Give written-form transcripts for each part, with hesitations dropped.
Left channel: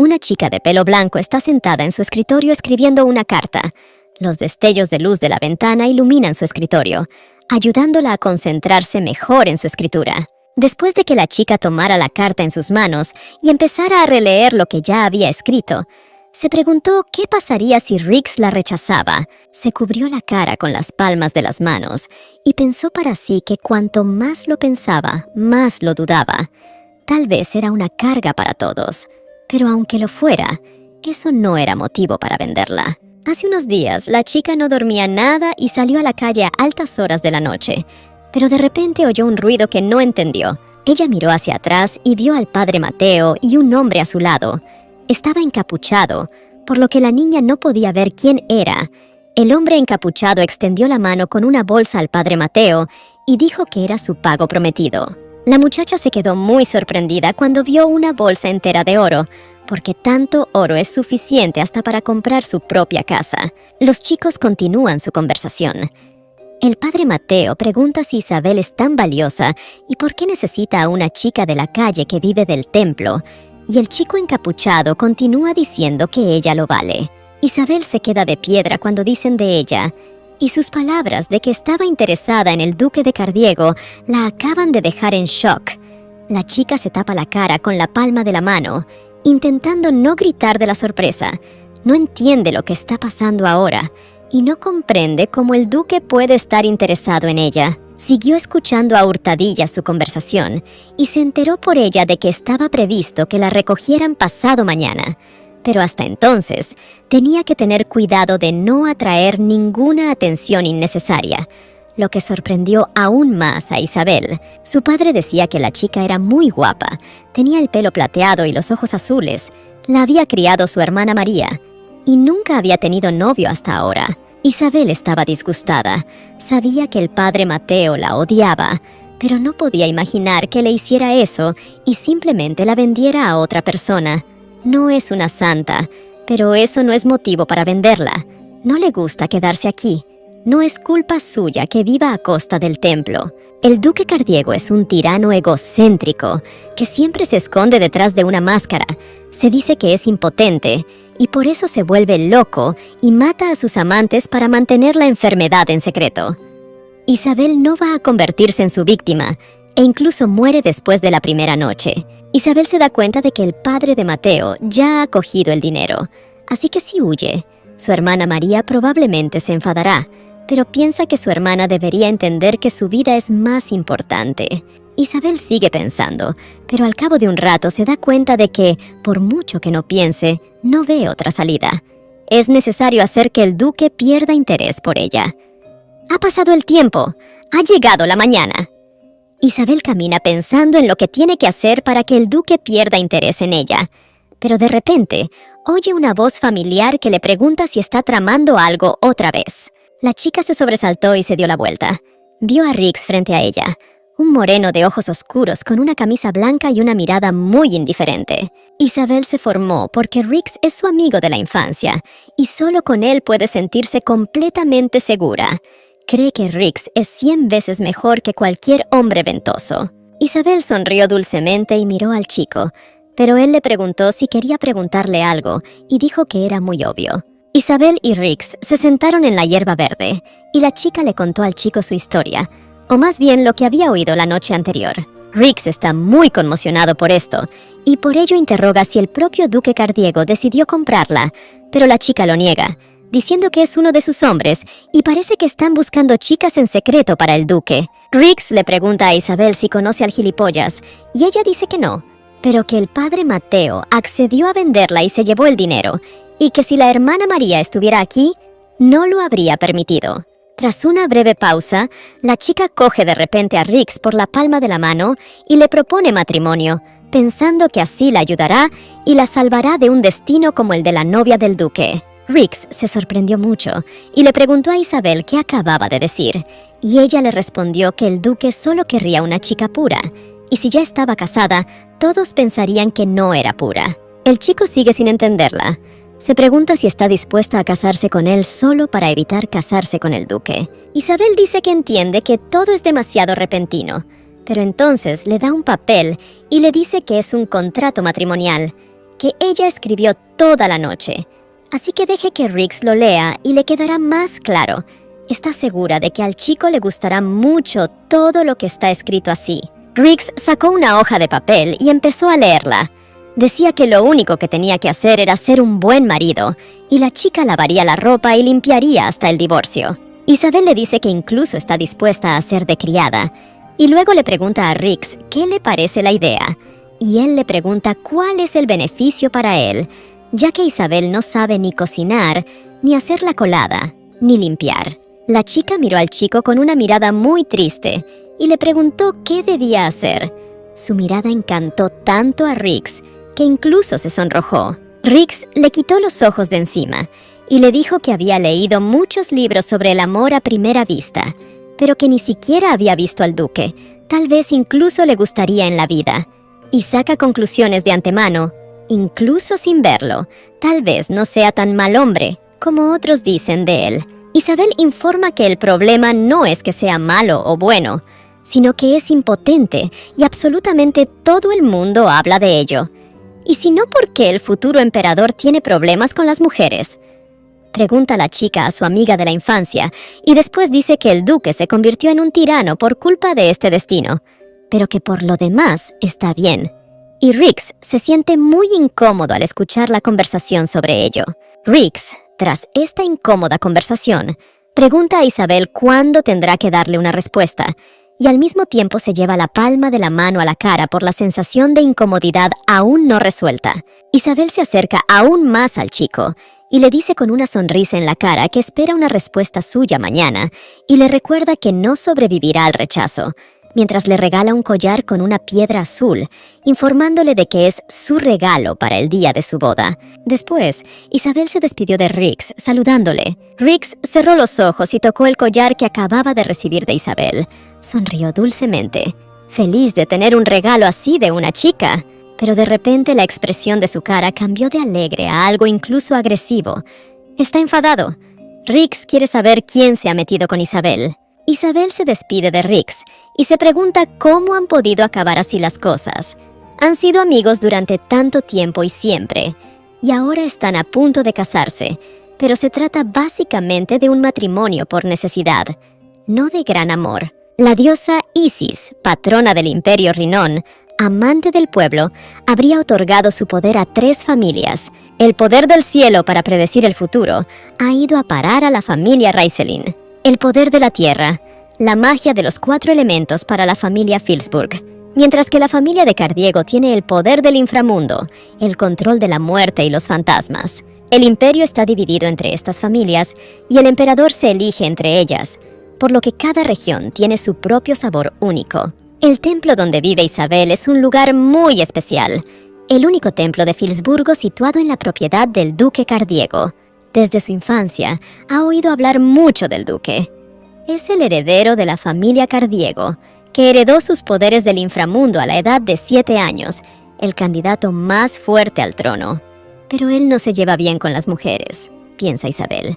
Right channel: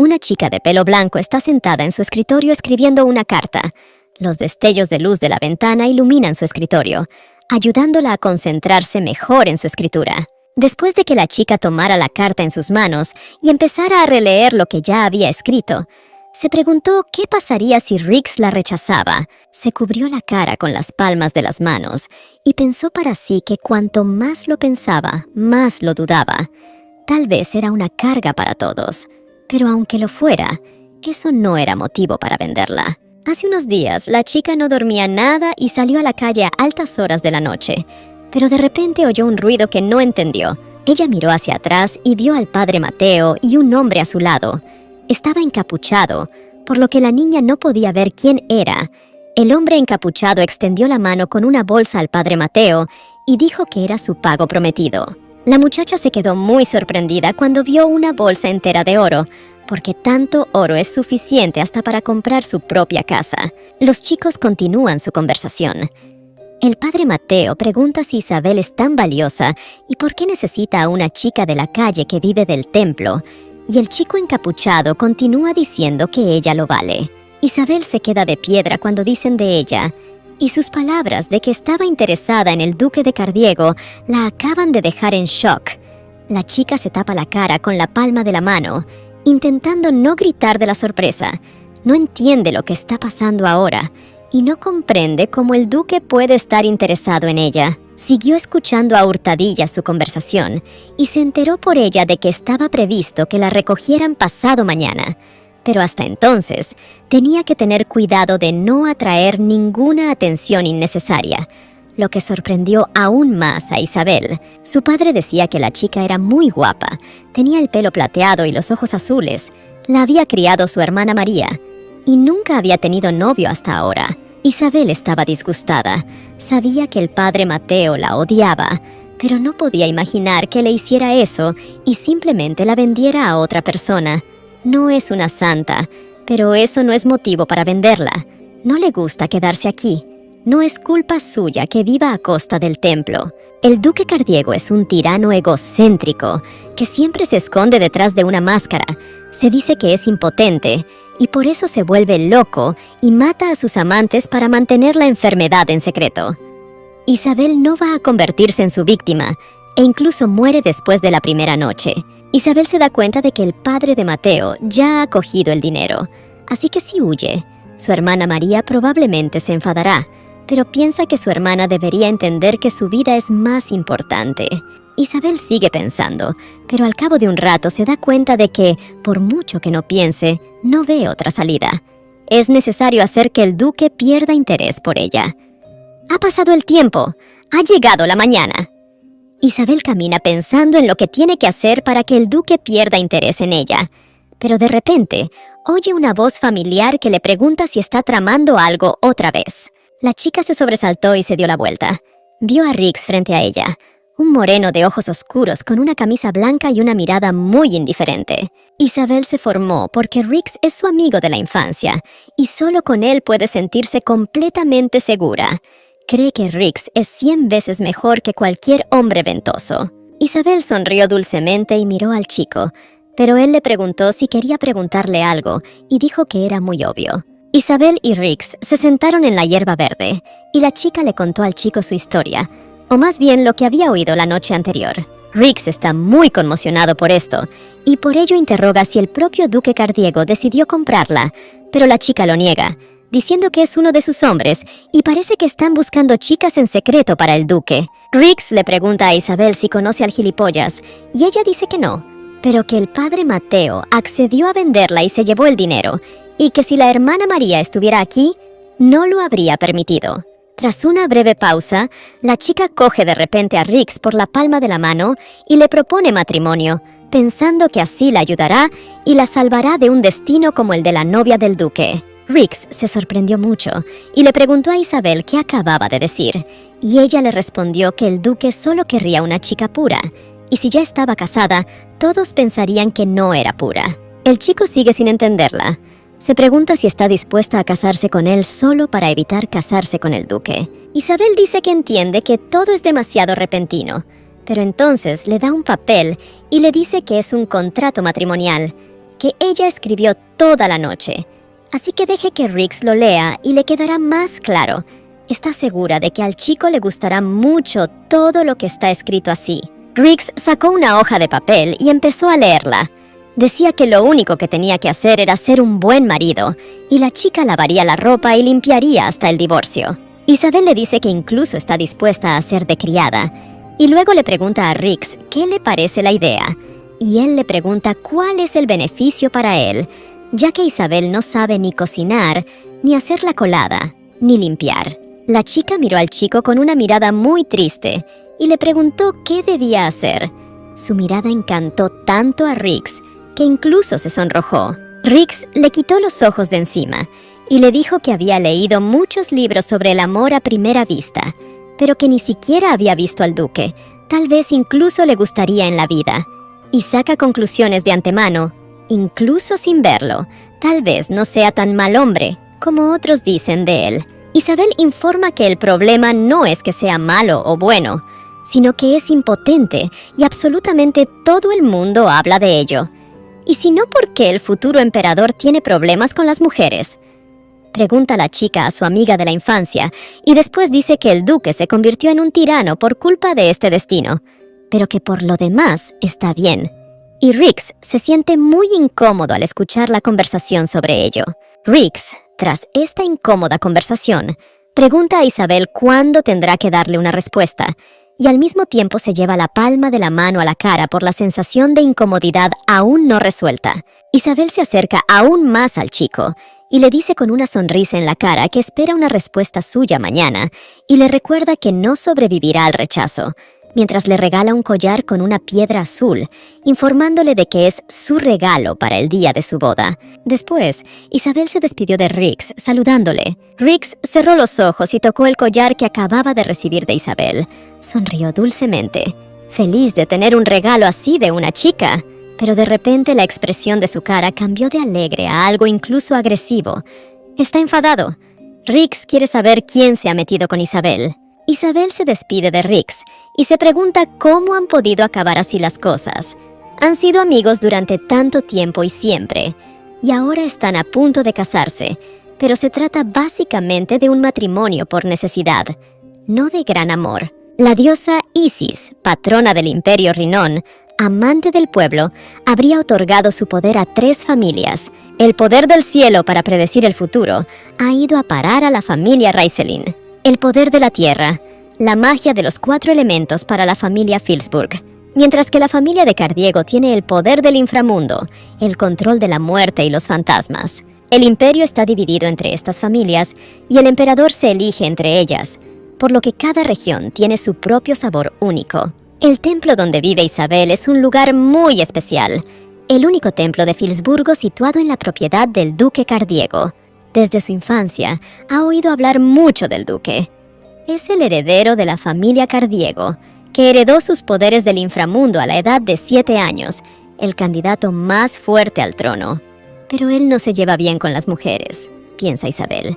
Una chica de pelo blanco está sentada en su escritorio escribiendo una carta. Los destellos de luz de la ventana iluminan su escritorio, ayudándola a concentrarse mejor en su escritura. Después de que la chica tomara la carta en sus manos y empezara a releer lo que ya había escrito, se preguntó qué pasaría si Riggs la rechazaba. Se cubrió la cara con las palmas de las manos y pensó para sí que cuanto más lo pensaba, más lo dudaba. Tal vez era una carga para todos, pero aunque lo fuera, eso no era motivo para venderla. Hace unos días, la chica no dormía nada y salió a la calle a altas horas de la noche, pero de repente oyó un ruido que no entendió. Ella miró hacia atrás y vio al padre Mateo y un hombre a su lado. Estaba encapuchado, por lo que la niña no podía ver quién era. El hombre encapuchado extendió la mano con una bolsa al padre Mateo y dijo que era su pago prometido. La muchacha se quedó muy sorprendida cuando vio una bolsa entera de oro, porque tanto oro es suficiente hasta para comprar su propia casa. Los chicos continúan su conversación. El padre Mateo pregunta si Isabel es tan valiosa y por qué necesita a una chica de la calle que vive del templo, y el chico encapuchado continúa diciendo que ella lo vale. Isabel se queda de piedra cuando dicen de ella, y sus palabras de que estaba interesada en el duque de Cardiego la acaban de dejar en shock. La chica se tapa la cara con la palma de la mano, intentando no gritar de la sorpresa. No entiende lo que está pasando ahora y no comprende cómo el duque puede estar interesado en ella. Siguió escuchando a hurtadillas su conversación y se enteró por ella de que estaba previsto que la recogieran pasado mañana. Pero hasta entonces, tenía que tener cuidado de no atraer ninguna atención innecesaria, lo que sorprendió aún más a Isabel. Su padre decía que la chica era muy guapa, tenía el pelo plateado y los ojos azules. La había criado su hermana María y nunca había tenido novio hasta ahora. Isabel estaba disgustada. Sabía que el padre Mateo la odiaba, pero no podía imaginar que le hiciera eso y simplemente la vendiera a otra persona. No es una santa, pero eso no es motivo para venderla. No le gusta quedarse aquí. No es culpa suya que viva a costa del templo. El duque Cardiego es un tirano egocéntrico que siempre se esconde detrás de una máscara. Se dice que es impotente y por eso se vuelve loco y mata a sus amantes para mantener la enfermedad en secreto. Isabel no va a convertirse en su víctima e incluso muere después de la primera noche. Isabel se da cuenta de que el padre de Mateo ya ha cogido el dinero, así que si huye, su hermana María probablemente se enfadará, pero piensa que su hermana debería entender que su vida es más importante. Isabel sigue pensando, pero al cabo de un rato se da cuenta de que, por mucho que no piense, no ve otra salida. Es necesario hacer que el duque pierda interés por ella. Ha pasado el tiempo, ha llegado la mañana. Isabel camina pensando en lo que tiene que hacer para que el duque pierda interés en ella. Pero de repente, oye una voz familiar que le pregunta si está tramando algo otra vez. La chica se sobresaltó y se dio la vuelta. Vio a Riggs frente a ella, un moreno de ojos oscuros con una camisa blanca y una mirada muy indiferente. Isabel se formó porque Riggs es su amigo de la infancia y solo con él puede sentirse completamente segura. Cree que Riggs es 100 veces mejor que cualquier hombre ventoso. Isabel sonrió dulcemente y miró al chico, pero él le preguntó si quería preguntarle algo y dijo que era muy obvio. Isabel y Riggs se sentaron en la hierba verde y la chica le contó al chico su historia, o más bien lo que había oído la noche anterior. Riggs está muy conmocionado por esto y por ello interroga si el propio duque Cardiego decidió comprarla, pero la chica lo niega, diciendo que es uno de sus hombres y parece que están buscando chicas en secreto para el duque. Riggs le pregunta a Isabel si conoce al gilipollas y ella dice que no, pero que el padre Mateo accedió a venderla y se llevó el dinero y que si la hermana María estuviera aquí, no lo habría permitido. Tras una breve pausa, la chica coge de repente a Riggs por la palma de la mano y le propone matrimonio, pensando que así la ayudará y la salvará de un destino como el de la novia del duque. Riggs se sorprendió mucho y le preguntó a Isabel qué acababa de decir, y ella le respondió que el duque solo querría una chica pura, y si ya estaba casada, todos pensarían que no era pura. El chico sigue sin entenderla. Se pregunta si está dispuesta a casarse con él solo para evitar casarse con el duque. Isabel dice que entiende que todo es demasiado repentino, pero entonces le da un papel y le dice que es un contrato matrimonial. que ella escribió toda la noche. Así que deje que Riggs lo lea y le quedará más claro. Está segura de que al chico le gustará mucho todo lo que está escrito así. Riggs sacó una hoja de papel y empezó a leerla. Decía que lo único que tenía que hacer era ser un buen marido, y la chica lavaría la ropa y limpiaría hasta el divorcio. Isabel le dice que incluso está dispuesta a ser de criada, y luego le pregunta a Riggs qué le parece la idea, y él le pregunta cuál es el beneficio para él, ya que Isabel no sabe ni cocinar, ni hacer la colada, ni limpiar. La chica miró al chico con una mirada muy triste y le preguntó qué debía hacer. Su mirada encantó tanto a Riggs que incluso se sonrojó. Riggs le quitó los ojos de encima y le dijo que había leído muchos libros sobre el amor a primera vista, pero que ni siquiera había visto al duque. Tal vez incluso le gustaría en la vida. Y saca conclusiones de antemano, incluso sin verlo. Tal vez no sea tan mal hombre como otros dicen de él. Isabel informa que el problema no es que sea malo o bueno, sino que es impotente y absolutamente todo el mundo habla de ello. ¿Y si no, por qué el futuro emperador tiene problemas con las mujeres? Pregunta la chica a su amiga de la infancia y después dice que el duque se convirtió en un tirano por culpa de este destino, pero que por lo demás está bien. Y Riggs se siente muy incómodo al escuchar la conversación sobre ello. Riggs, tras esta incómoda conversación, pregunta a Isabel cuándo tendrá que darle una respuesta, y al mismo tiempo se lleva la palma de la mano a la cara por la sensación de incomodidad aún no resuelta. Isabel se acerca aún más al chico y le dice con una sonrisa en la cara que espera una respuesta suya mañana y le recuerda que no sobrevivirá al rechazo, mientras le regala un collar con una piedra azul, informándole de que es su regalo para el día de su boda. Después, Isabel se despidió de Riggs, saludándole. Riggs cerró los ojos y tocó el collar que acababa de recibir de Isabel. Sonrió dulcemente, feliz de tener un regalo así de una chica. Pero de repente la expresión de su cara cambió de alegre a algo incluso agresivo. Está enfadado. Riggs quiere saber quién se ha metido con Isabel. Isabel se despide de Riggs y se pregunta cómo han podido acabar así las cosas. Han sido amigos durante tanto tiempo y siempre, y ahora están a punto de casarse, pero se trata básicamente de un matrimonio por necesidad, no de gran amor. La diosa Isis, patrona del Imperio Rinón, amante del pueblo, habría otorgado su poder a 3 familias. El poder del cielo para predecir el futuro ha ido a parar a la familia Raiselin. El poder de la tierra, la magia de los 4 elementos para la familia Filsburg, mientras que la familia de Cardiego tiene el poder del inframundo, el control de la muerte y los fantasmas. El imperio está dividido entre estas familias y el emperador se elige entre ellas, por lo que cada región tiene su propio sabor único. El templo donde vive Isabel es un lugar muy especial, el único templo de Filsburgo situado en la propiedad del duque Cardiego. Desde su infancia, ha oído hablar mucho del duque. Es el heredero de la familia Cardiego, que heredó sus poderes del inframundo a la edad de 7 años, el candidato más fuerte al trono. Pero él no se lleva bien con las mujeres, piensa Isabel,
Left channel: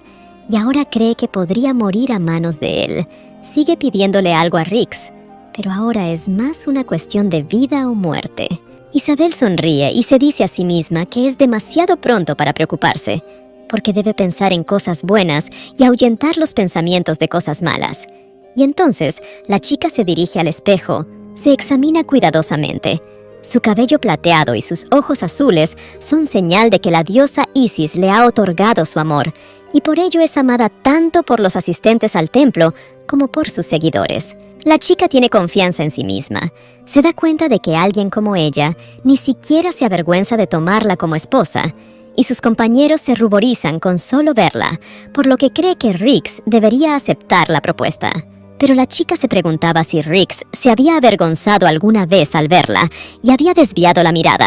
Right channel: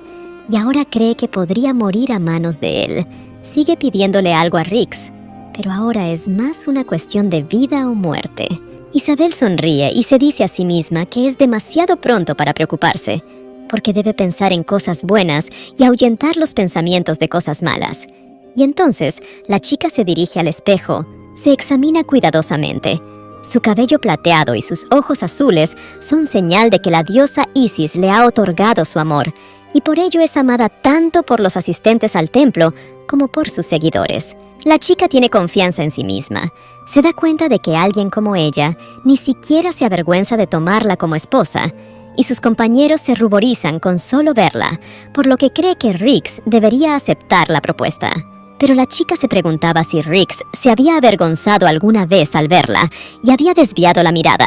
y ahora cree que podría morir a manos de él. Sigue pidiéndole algo a Riggs, pero ahora es más una cuestión de vida o muerte. Isabel sonríe y se dice a sí misma que es demasiado pronto para preocuparse, porque debe pensar en cosas buenas y ahuyentar los pensamientos de cosas malas. Y entonces, la chica se dirige al espejo, se examina cuidadosamente. Su cabello plateado y sus ojos azules son señal de que la diosa Isis le ha otorgado su amor, y por ello es amada tanto por los asistentes al templo como por sus seguidores. La chica tiene confianza en sí misma. Se da cuenta de que alguien como ella ni siquiera se avergüenza de tomarla como esposa, y sus compañeros se ruborizan con solo verla, por lo que cree que Riggs debería aceptar la propuesta. Pero la chica se preguntaba si Riggs se había avergonzado alguna vez al verla y había desviado la mirada,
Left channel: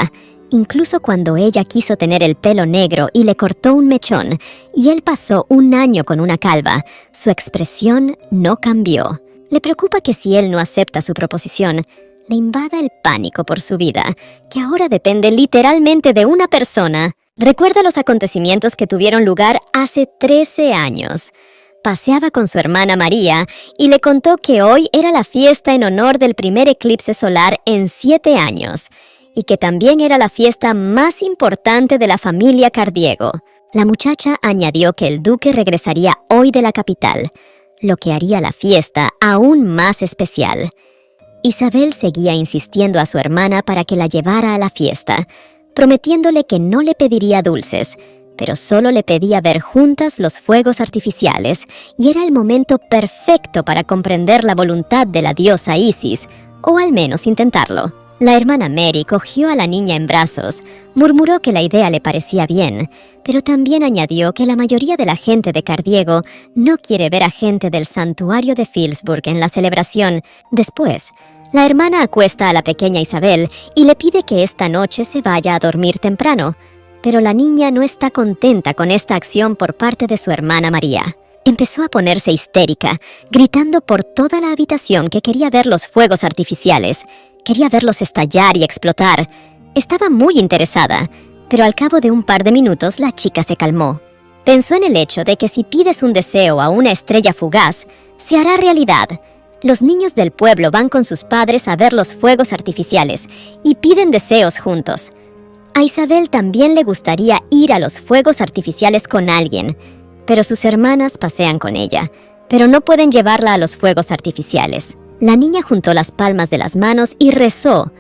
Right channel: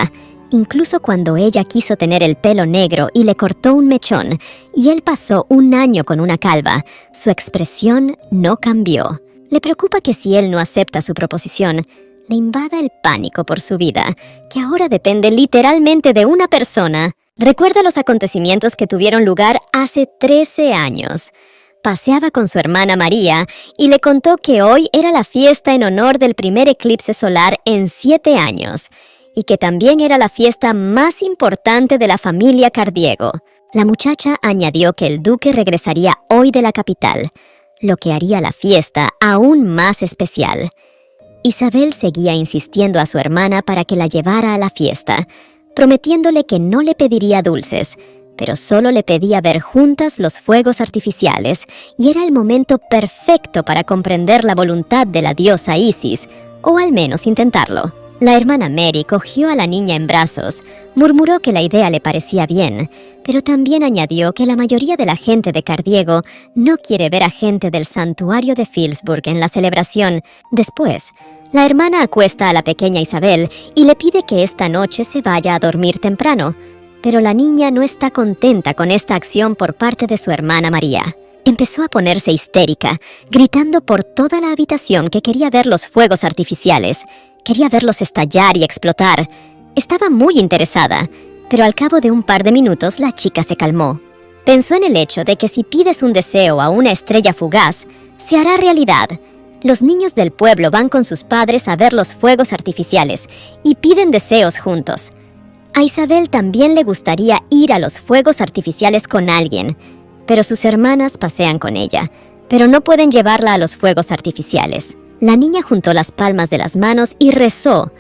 incluso cuando ella quiso tener el pelo negro y le cortó un mechón, y él pasó un año con una calva. Su expresión no cambió. Le preocupa que si él no acepta su proposición, le invada el pánico por su vida, que ahora depende literalmente de una persona. Recuerda los acontecimientos que tuvieron lugar hace 13 años. Paseaba con su hermana María y le contó que hoy era la fiesta en honor del primer eclipse solar en 7 años. y que también era la fiesta más importante de la familia Cardiego. La muchacha añadió que el duque regresaría hoy de la capital, lo que haría la fiesta aún más especial. Isabel seguía insistiendo a su hermana para que la llevara a la fiesta, prometiéndole que no le pediría dulces, pero solo le pedía ver juntas los fuegos artificiales, y era el momento perfecto para comprender la voluntad de la diosa Isis, o al menos intentarlo. La hermana Mary cogió a la niña en brazos, murmuró que la idea le parecía bien, pero también añadió que la mayoría de la gente de Cardiego no quiere ver a gente del santuario de Philipsburg en la celebración. Después, la hermana acuesta a la pequeña Isabel y le pide que esta noche se vaya a dormir temprano, pero la niña no está contenta con esta acción por parte de su hermana María. Empezó a ponerse histérica, gritando por toda la habitación que quería ver los fuegos artificiales. Quería verlos estallar y explotar. Estaba muy interesada, pero al cabo de un par de minutos la chica se calmó. Pensó en el hecho de que si pides un deseo a una estrella fugaz, se hará realidad. Los niños del pueblo van con sus padres a ver los fuegos artificiales y piden deseos juntos. A Isabel también le gustaría ir a los fuegos artificiales con alguien, pero sus hermanas pasean con ella, pero no pueden llevarla a los fuegos artificiales. La niña juntó las palmas de las manos y rezó.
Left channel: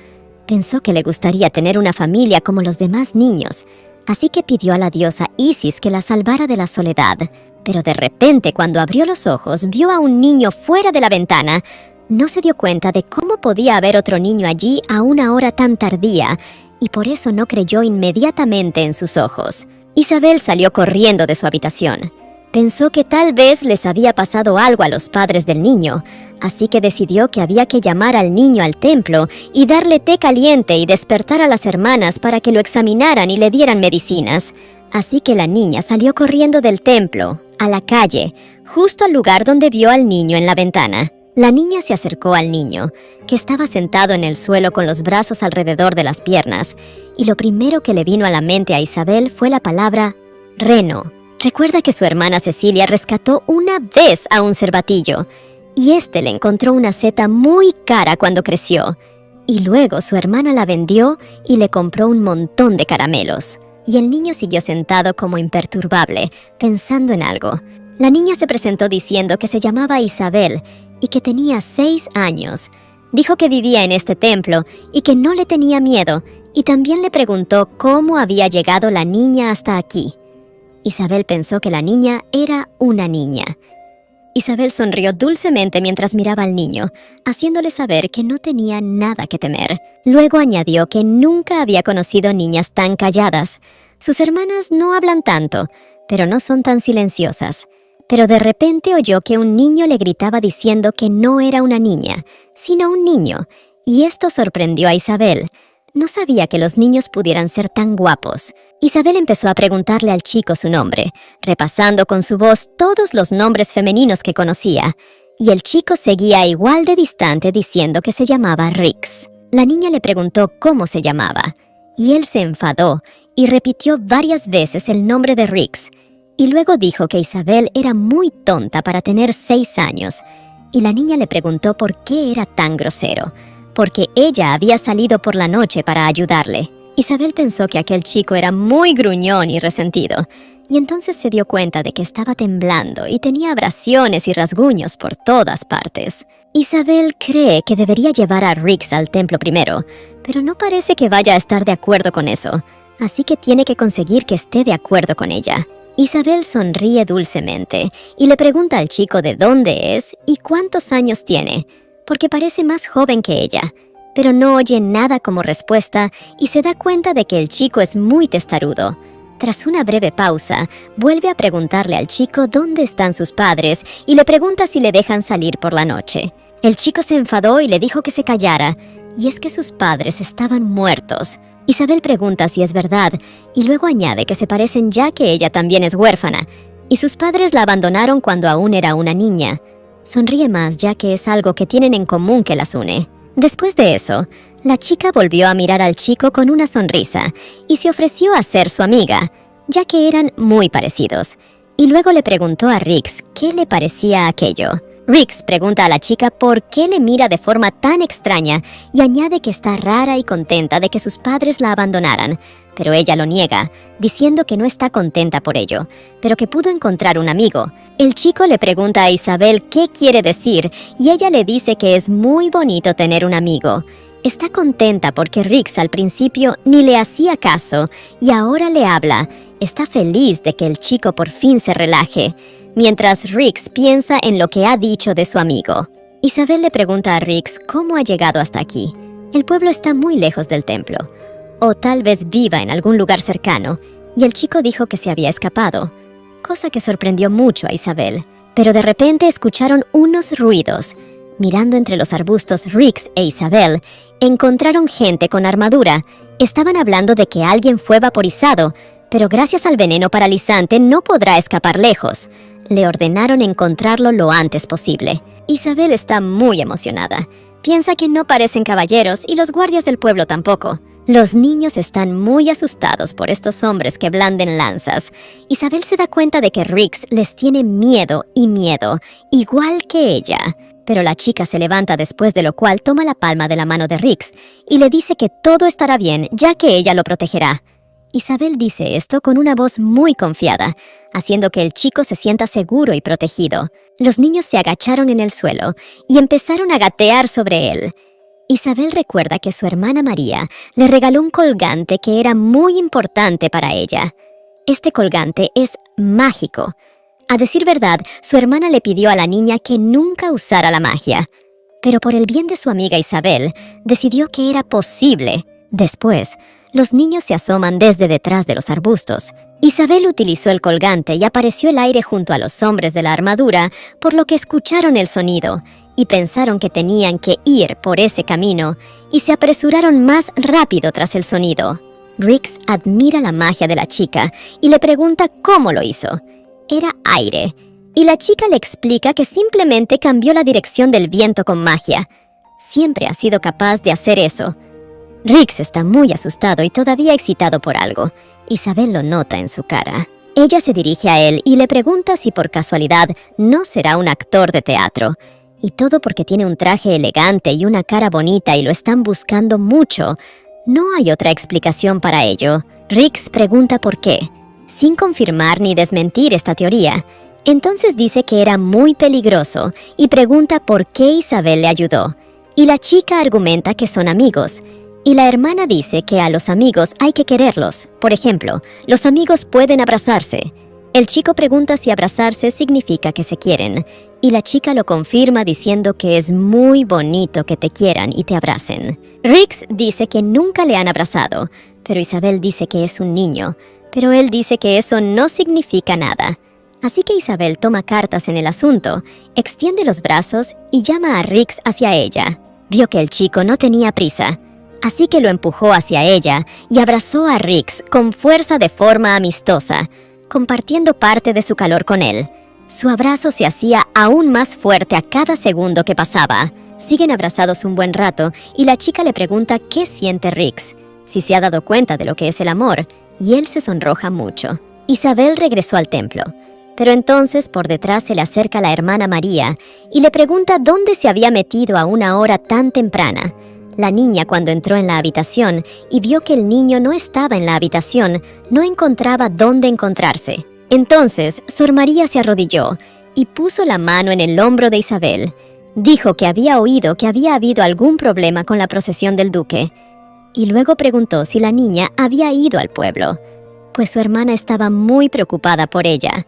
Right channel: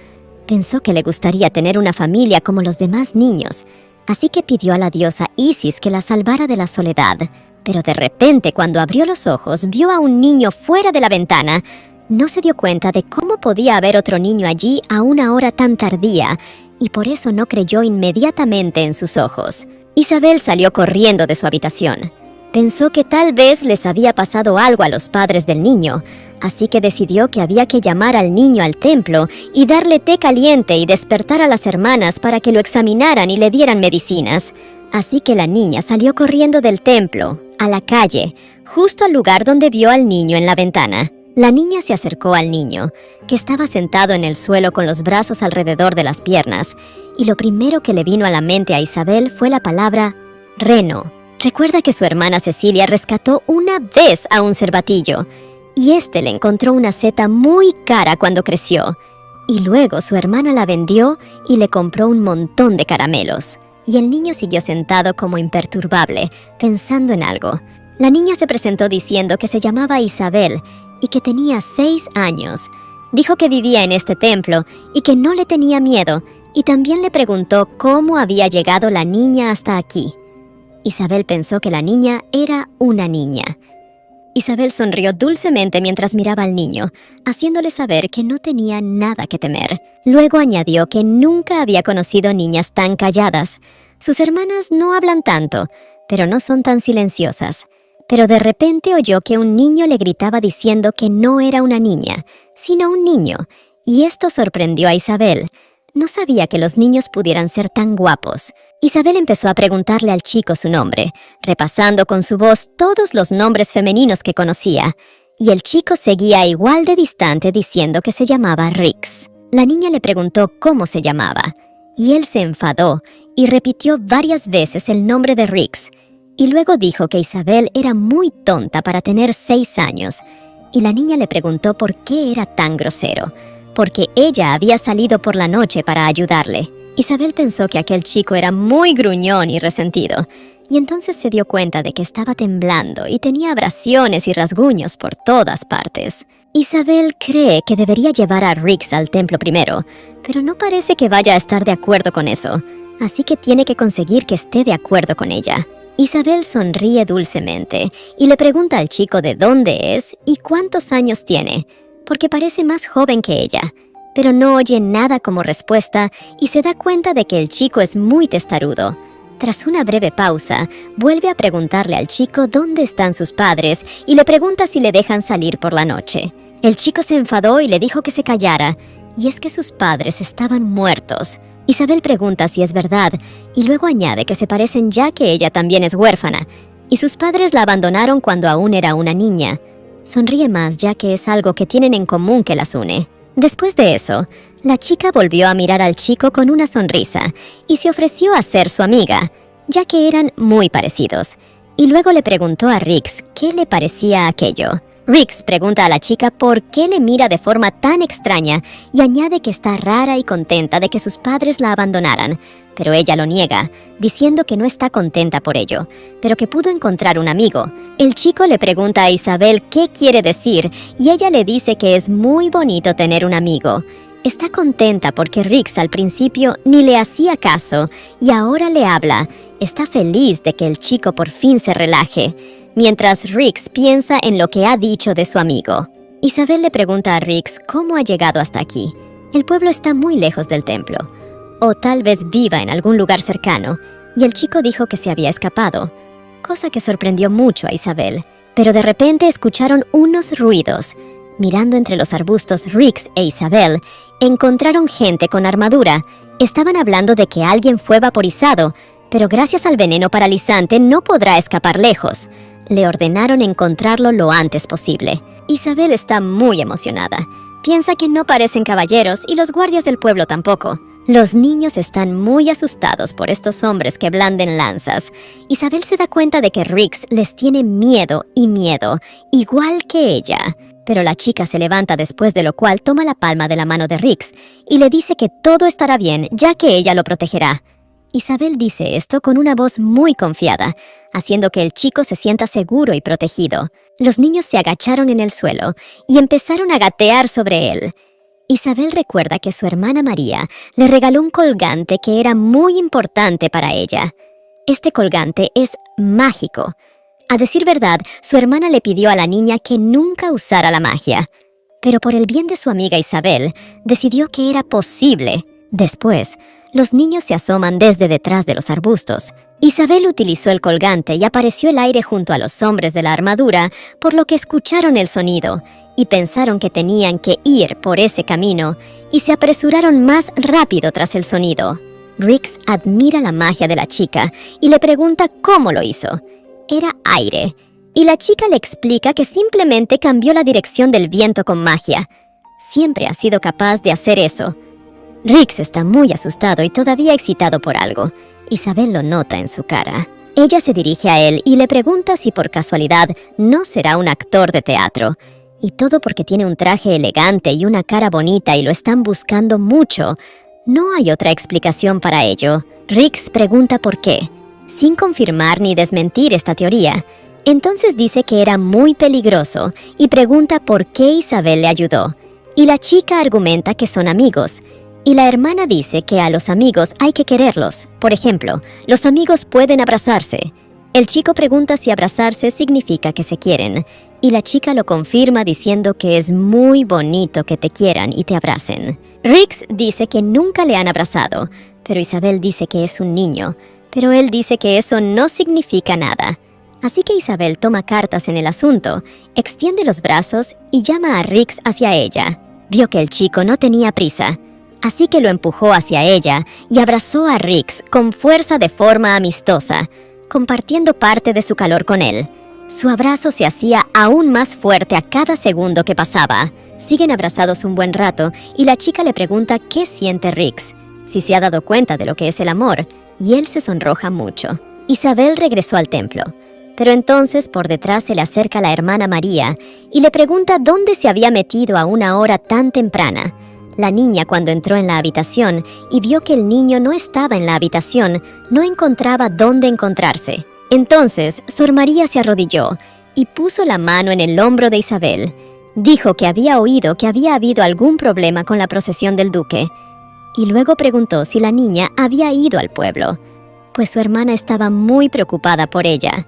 Pensó que le gustaría tener una familia como los demás niños, así que pidió a la diosa Isis que la salvara de la soledad. Pero de repente, cuando abrió los ojos, vio a un niño fuera de la ventana. No se dio cuenta de cómo podía haber otro niño allí a una hora tan tardía, y por eso no creyó inmediatamente en sus ojos. Isabel salió corriendo de su habitación. Pensó que tal vez les había pasado algo a los padres del niño, así que decidió que había que llamar al niño al templo y darle té caliente y despertar a las hermanas para que lo examinaran y le dieran medicinas. Así que la niña salió corriendo del templo, a la calle, justo al lugar donde vio al niño en la ventana. La niña se acercó al niño, que estaba sentado en el suelo con los brazos alrededor de las piernas, y lo primero que le vino a la mente a Isabel fue la palabra reno. Recuerda que su hermana Cecilia rescató una vez a un cervatillo, y este le encontró una seta muy cara cuando creció, y luego su hermana la vendió y le compró un montón de caramelos. Y el niño siguió sentado como imperturbable, pensando en algo. La niña se presentó diciendo que se llamaba Isabel y que tenía 6 años. Dijo que vivía en este templo y que no le tenía miedo, y también le preguntó cómo había llegado la niña hasta aquí. Isabel pensó que la niña era una niña. Isabel sonrió dulcemente mientras miraba al niño, haciéndole saber que no tenía nada que temer. Luego añadió que nunca había conocido niñas tan calladas. Sus hermanas no hablan tanto, pero no son tan silenciosas. Pero de repente oyó que un niño le gritaba diciendo que no era una niña, sino un niño, y esto sorprendió a Isabel. No sabía que los niños pudieran ser tan guapos. Isabel empezó a preguntarle al chico su nombre, repasando con su voz todos los nombres femeninos que conocía, y el chico seguía igual de distante diciendo que se llamaba Rix. La niña le preguntó cómo se llamaba, y él se enfadó y repitió varias veces el nombre de Rix, y luego dijo que Isabel era muy tonta para tener 6 años, y la niña le preguntó por qué era tan grosero, porque ella había salido por la noche para ayudarle. Isabel pensó que aquel chico era muy gruñón y resentido, y entonces se dio cuenta de que estaba temblando y tenía abrasiones y rasguños por todas partes. Isabel cree que debería llevar a Rix al templo primero, pero no parece que vaya a estar de acuerdo con eso, así que tiene que conseguir que esté de acuerdo con ella. Isabel sonríe dulcemente y le pregunta al chico de dónde es y cuántos años tiene, porque parece más joven que ella, pero no oye nada como respuesta y se da cuenta de que el chico es muy testarudo. Tras una breve pausa, vuelve a preguntarle al chico dónde están sus padres y le pregunta si le dejan salir por la noche. El chico se enfadó y le dijo que se callara, y es que sus padres estaban muertos. Isabel pregunta si es verdad, y luego añade que se parecen ya que ella también es huérfana, y sus padres la abandonaron cuando aún era una niña. Sonríe más ya que es algo que tienen en común que las une. Después de eso, la chica volvió a mirar al chico con una sonrisa, y se ofreció a ser su amiga, ya que eran muy parecidos, y luego le preguntó a Rix qué le parecía aquello. Rix pregunta a la chica por qué le mira de forma tan extraña y añade que está rara y contenta de que sus padres la abandonaran, pero ella lo niega, diciendo que no está contenta por ello, pero que pudo encontrar un amigo. El chico le pregunta a Isabel qué quiere decir y ella le dice que es muy bonito tener un amigo. Está contenta porque Rix al principio ni le hacía caso y ahora le habla. Está feliz de que el chico por fin se relaje, mientras Rix piensa en lo que ha dicho de su amigo. Isabel le pregunta a Rix cómo ha llegado hasta aquí. El pueblo está muy lejos del templo, o tal vez viva en algún lugar cercano, y el chico dijo que se había escapado, cosa que sorprendió mucho a Isabel. Pero de repente escucharon unos ruidos. Mirando entre los arbustos, Rix e Isabel encontraron gente con armadura. Estaban hablando de que alguien fue vaporizado, pero gracias al veneno paralizante no podrá escapar lejos. Le ordenaron encontrarlo lo antes posible. Isabel está muy emocionada. Piensa que no parecen caballeros y los guardias del pueblo tampoco. Los niños están muy asustados por estos hombres que blanden lanzas. Isabel se da cuenta de que Rix les tiene miedo, igual que ella. Pero la chica se levanta después de lo cual toma la palma de la mano de Rix y le dice que todo estará bien, ya que ella lo protegerá. Isabel dice esto con una voz muy confiada, haciendo que el chico se sienta seguro y protegido. Los niños se agacharon en el suelo y empezaron a gatear sobre él. Isabel recuerda que su hermana María le regaló un colgante que era muy importante para ella. Este colgante es mágico. A decir verdad, su hermana le pidió a la niña que nunca usara la magia, pero por el bien de su amiga Isabel, decidió que era posible. Después, los niños se asoman desde detrás de los arbustos. Isabel utilizó el colgante y apareció el aire junto a los hombres de la armadura, por lo que escucharon el sonido y pensaron que tenían que ir por ese camino y se apresuraron más rápido tras el sonido. Rix admira la magia de la chica y le pregunta cómo lo hizo. Era aire, y la chica le explica que simplemente cambió la dirección del viento con magia. Siempre ha sido capaz de hacer eso. Rix está muy asustado y todavía excitado por algo. Isabel lo nota en su cara. Ella se dirige a él y le pregunta si por casualidad no será un actor de teatro. Y todo porque tiene un traje elegante y una cara bonita y lo están buscando mucho. No hay otra explicación para ello. Rix pregunta por qué, sin confirmar ni desmentir esta teoría. Entonces dice que era muy peligroso y pregunta por qué Isabel le ayudó. Y la chica argumenta que son amigos. Y la hermana dice que a los amigos hay que quererlos. Por ejemplo, los amigos pueden abrazarse. El chico pregunta si abrazarse significa que se quieren. Y la chica lo confirma diciendo que es muy bonito que te quieran y te abracen. Rix dice que nunca le han abrazado, pero Isabel dice que es un niño. Pero él dice que eso no significa nada. Así que Isabel toma cartas en el asunto, extiende los brazos y llama a Rix hacia ella. Vio que el chico no tenía prisa, así que lo empujó hacia ella y abrazó a Rix con fuerza de forma amistosa, compartiendo parte de su calor con él. Su abrazo se hacía aún más fuerte a cada segundo que pasaba. Siguen abrazados un buen rato y la chica le pregunta qué siente Rix, si se ha dado cuenta de lo que es el amor, y él se sonroja mucho. Isabel regresó al templo, pero entonces por detrás se le acerca la hermana María y le pregunta dónde se había metido a una hora tan temprana. La niña, cuando entró en la habitación y vio que el niño no estaba en la habitación, no encontraba dónde encontrarse. Entonces, Sor María se arrodilló y puso la mano en el hombro de Isabel. Dijo que había oído que había habido algún problema con la procesión del duque, y luego preguntó si la niña había ido al pueblo, pues su hermana estaba muy preocupada por ella.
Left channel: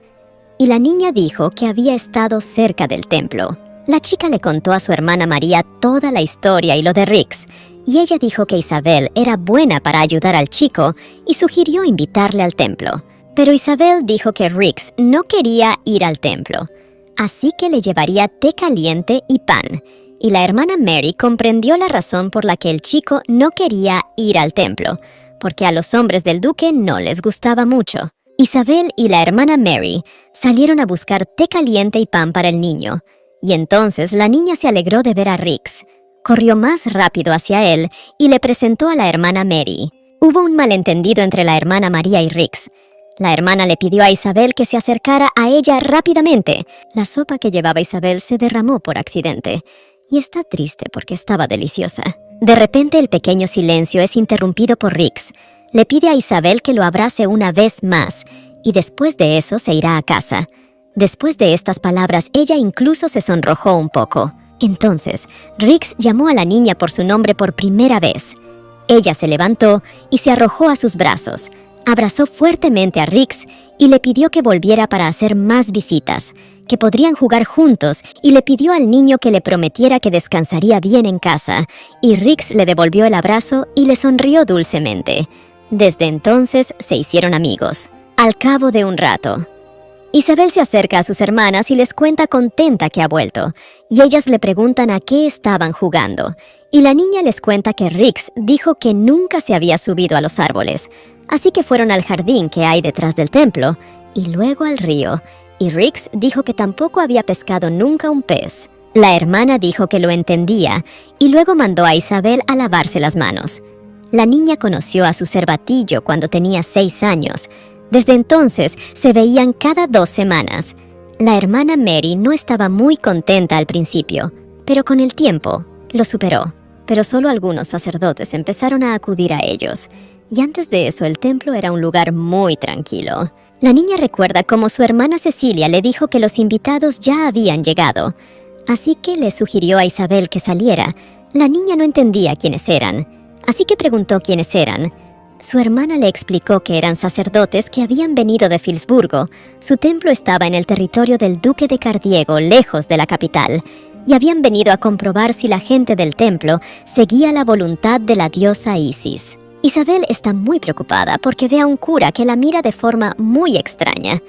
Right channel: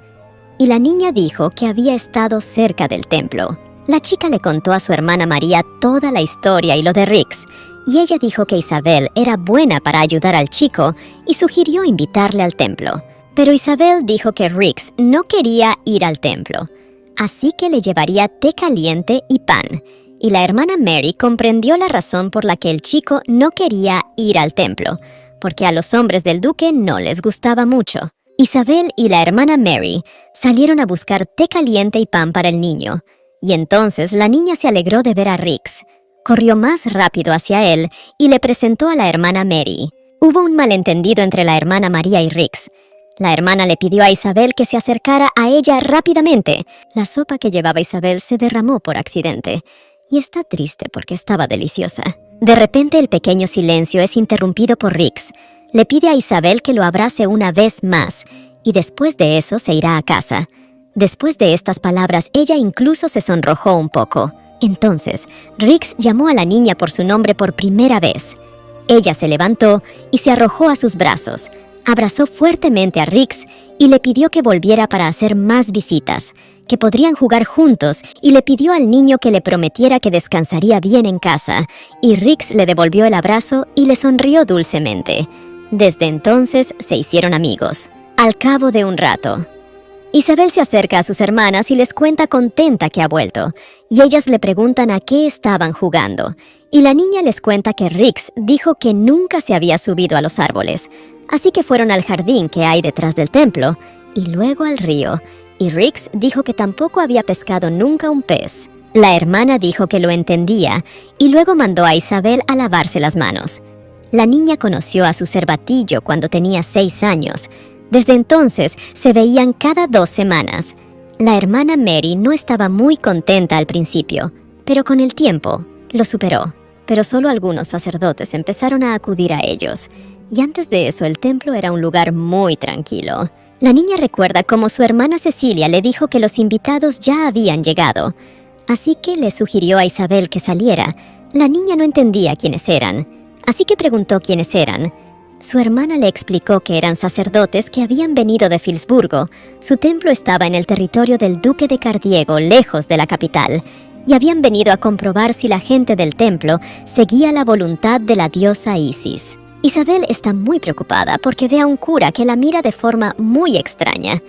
Y la niña dijo que había estado cerca del templo. La chica le contó a su hermana María toda la historia y lo de Rix, y ella dijo que Isabel era buena para ayudar al chico y sugirió invitarle al templo. Pero Isabel dijo que Rix no quería ir al templo, así que le llevaría té caliente y pan. Y la hermana Mary comprendió la razón por la que el chico no quería ir al templo, porque a los hombres del duque no les gustaba mucho. Isabel y la hermana Mary salieron a buscar té caliente y pan para el niño, y entonces la niña se alegró de ver a Rix. Corrió más rápido hacia él y le presentó a la hermana Mary. Hubo un malentendido entre la hermana María y Rix. La hermana le pidió a Isabel que se acercara a ella rápidamente. La sopa que llevaba Isabel se derramó por accidente. Y está triste porque estaba deliciosa. De repente el pequeño silencio es interrumpido por Riggs. Le pide a Isabel que lo abrace una vez más, y después de eso se irá a casa. Después de estas palabras, ella incluso se sonrojó un poco. Entonces, Riggs llamó a la niña por su nombre por primera vez. Ella se levantó y se arrojó a sus brazos. Abrazó fuertemente a Riggs y le pidió que volviera para hacer más visitas, que podrían jugar juntos, y le pidió al niño que le prometiera que descansaría bien en casa, y Riggs le devolvió el abrazo y le sonrió dulcemente. Desde entonces se hicieron amigos. Al cabo de un rato, Isabel se acerca a sus hermanas y les cuenta contenta que ha vuelto, y ellas le preguntan a qué estaban jugando, y la niña les cuenta que Riggs dijo que nunca se había subido a los árboles, así que fueron al jardín que hay detrás del templo, y luego al río, y Riggs dijo que tampoco había pescado nunca un pez. La hermana dijo que lo entendía, y luego mandó a Isabel a lavarse las manos. La niña conoció a su cervatillo cuando tenía 6 años. Desde entonces se veían cada 2 semanas. La hermana Mary no estaba muy contenta al principio, pero con el tiempo lo superó. Pero solo algunos sacerdotes empezaron a acudir a ellos, y antes de eso el templo era un lugar muy tranquilo. La niña recuerda cómo su hermana Cecilia le dijo que los invitados ya habían llegado, así que le sugirió a Isabel que saliera. La niña no entendía quiénes eran, así que preguntó quiénes eran. Su hermana le explicó que eran sacerdotes que habían venido de Filsburgo. Su templo estaba en el territorio del duque de Cardiego, lejos de la capital, y habían venido a comprobar si la gente del templo seguía la voluntad de la diosa Isis. Isabel está muy preocupada porque ve a un cura que la mira de forma muy extraña,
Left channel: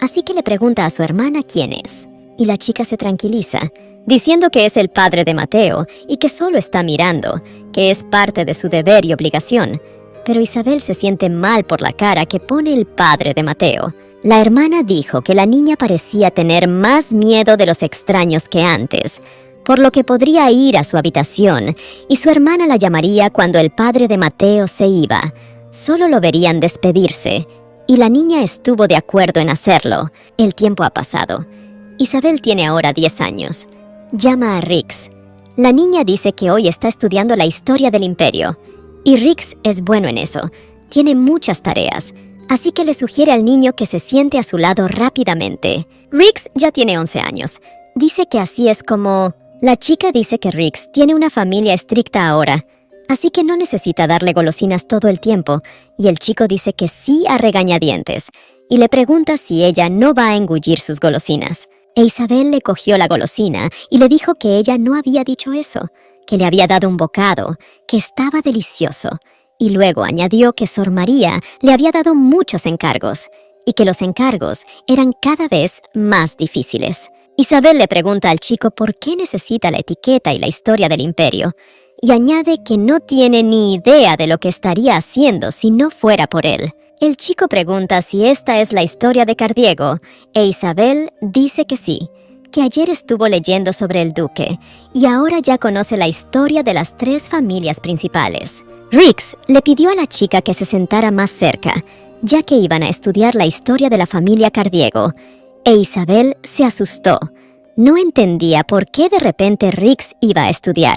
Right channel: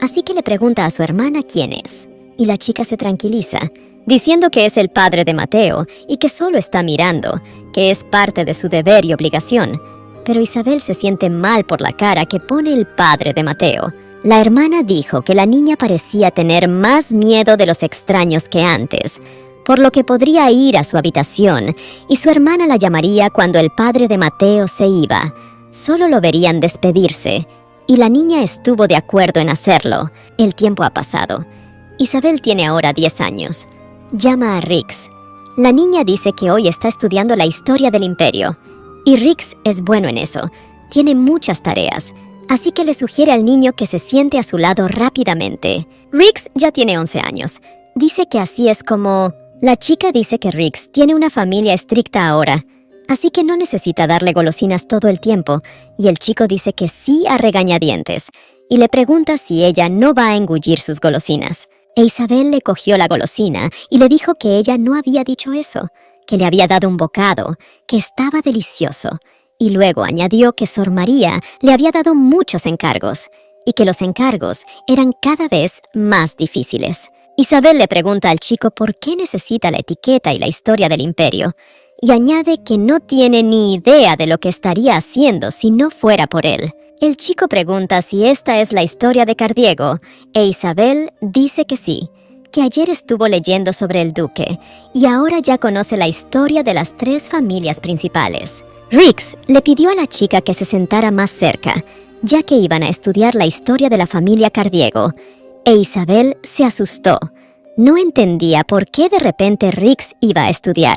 así que le pregunta a su hermana quién es, y la chica se tranquiliza, diciendo que es el padre de Mateo y que solo está mirando, que es parte de su deber y obligación. Pero Isabel se siente mal por la cara que pone el padre de Mateo. La hermana dijo que la niña parecía tener más miedo de los extraños que antes, por lo que podría ir a su habitación, y su hermana la llamaría cuando el padre de Mateo se iba. Solo lo verían despedirse, y la niña estuvo de acuerdo en hacerlo. El tiempo ha pasado. Isabel tiene ahora 10 años. Llama a Riggs. La niña dice que hoy está estudiando la historia del imperio, y Riggs es bueno en eso. Tiene muchas tareas, así que le sugiere al niño que se siente a su lado rápidamente. Riggs ya tiene 11 años. Dice que así es como... La chica dice que Riggs tiene una familia estricta ahora, así que no necesita darle golosinas todo el tiempo, y el chico dice que sí a regañadientes, y le pregunta si ella no va a engullir sus golosinas. E Isabel le cogió la golosina y le dijo que ella no había dicho eso, que le había dado un bocado, que estaba delicioso, y luego añadió que Sor María le había dado muchos encargos, y que los encargos eran cada vez más difíciles. Isabel le pregunta al chico por qué necesita la etiqueta y la historia del imperio, y añade que no tiene ni idea de lo que estaría haciendo si no fuera por él. El chico pregunta si esta es la historia de Cardiego, e Isabel dice que sí, que ayer estuvo leyendo sobre el duque, y ahora ya conoce la historia de las 3 familias principales. Riggs le pidió a la chica que se sentara más cerca, ya que iban a estudiar la historia de la familia Cardiego, e Isabel se asustó. No entendía por qué de repente Riggs iba a estudiar,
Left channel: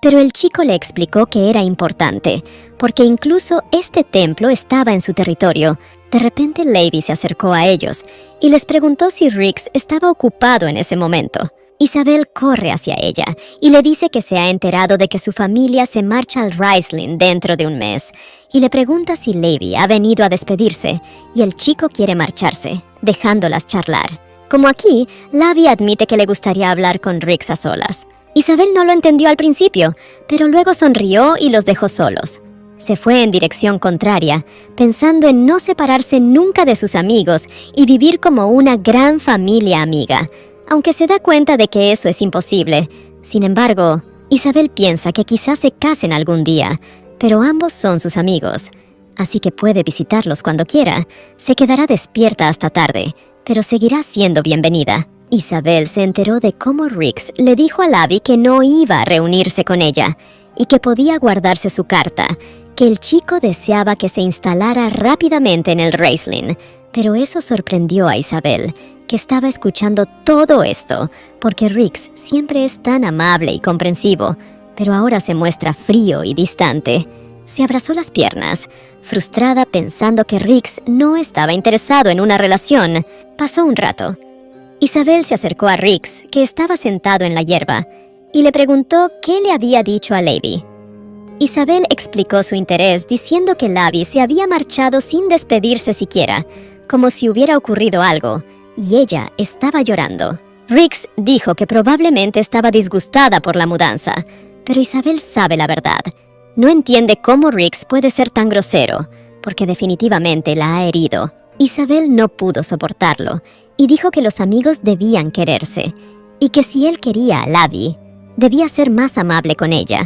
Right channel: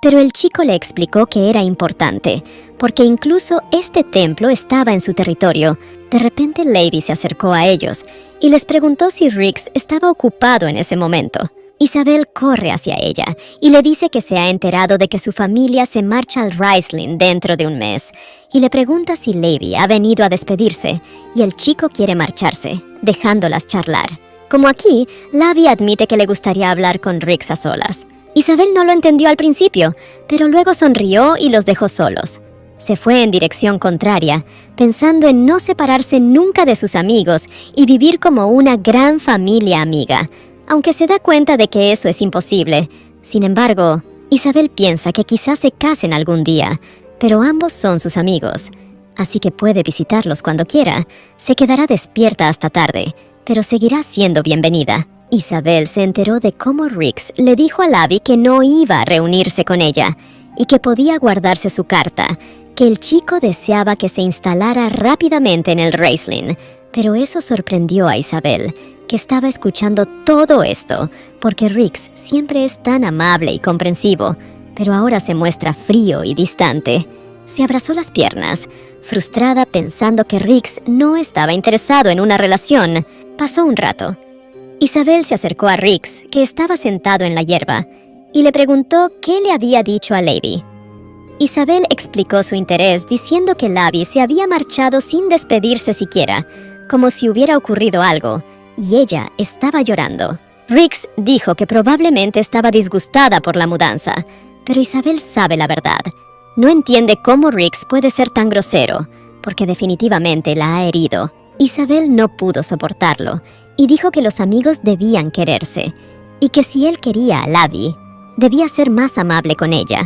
pero el chico le explicó que era importante, porque incluso este templo estaba en su territorio. De repente Levi se acercó a ellos y les preguntó si Riggs estaba ocupado en ese momento. Isabel corre hacia ella y le dice que se ha enterado de que su familia se marcha al Riesling dentro de un mes, y le pregunta si Levi ha venido a despedirse, y el chico quiere marcharse, dejándolas charlar. Como aquí, Lavi admite que le gustaría hablar con Riggs a solas. Isabel no lo entendió al principio, pero luego sonrió y los dejó solos. Se fue en dirección contraria, pensando en no separarse nunca de sus amigos y vivir como una gran familia amiga, aunque se da cuenta de que eso es imposible. Sin embargo, Isabel piensa que quizás se casen algún día, pero ambos son sus amigos, así que puede visitarlos cuando quiera. Se quedará despierta hasta tarde, pero seguirá siendo bienvenida. Isabel se enteró de cómo Riggs le dijo a Lavi que no iba a reunirse con ella y que podía guardarse su carta, que el chico deseaba que se instalara rápidamente en el Raceland, pero eso sorprendió a Isabel, que estaba escuchando todo esto, porque Riggs siempre es tan amable y comprensivo, pero ahora se muestra frío y distante. Se abrazó las piernas, frustrada pensando que Riggs no estaba interesado en una relación. Pasó un rato. Isabel se acercó a Riggs, que estaba sentado en la hierba, y le preguntó qué le había dicho a Levi. Isabel explicó su interés diciendo que Levi se había marchado sin despedirse siquiera, como si hubiera ocurrido algo, y ella estaba llorando. Riggs dijo que probablemente estaba disgustada por la mudanza, pero Isabel sabe la verdad. No entiende cómo Riggs puede ser tan grosero, porque definitivamente la ha herido. Isabel no pudo soportarlo, y dijo que los amigos debían quererse, y que si él quería a Levi, debía ser más amable con ella.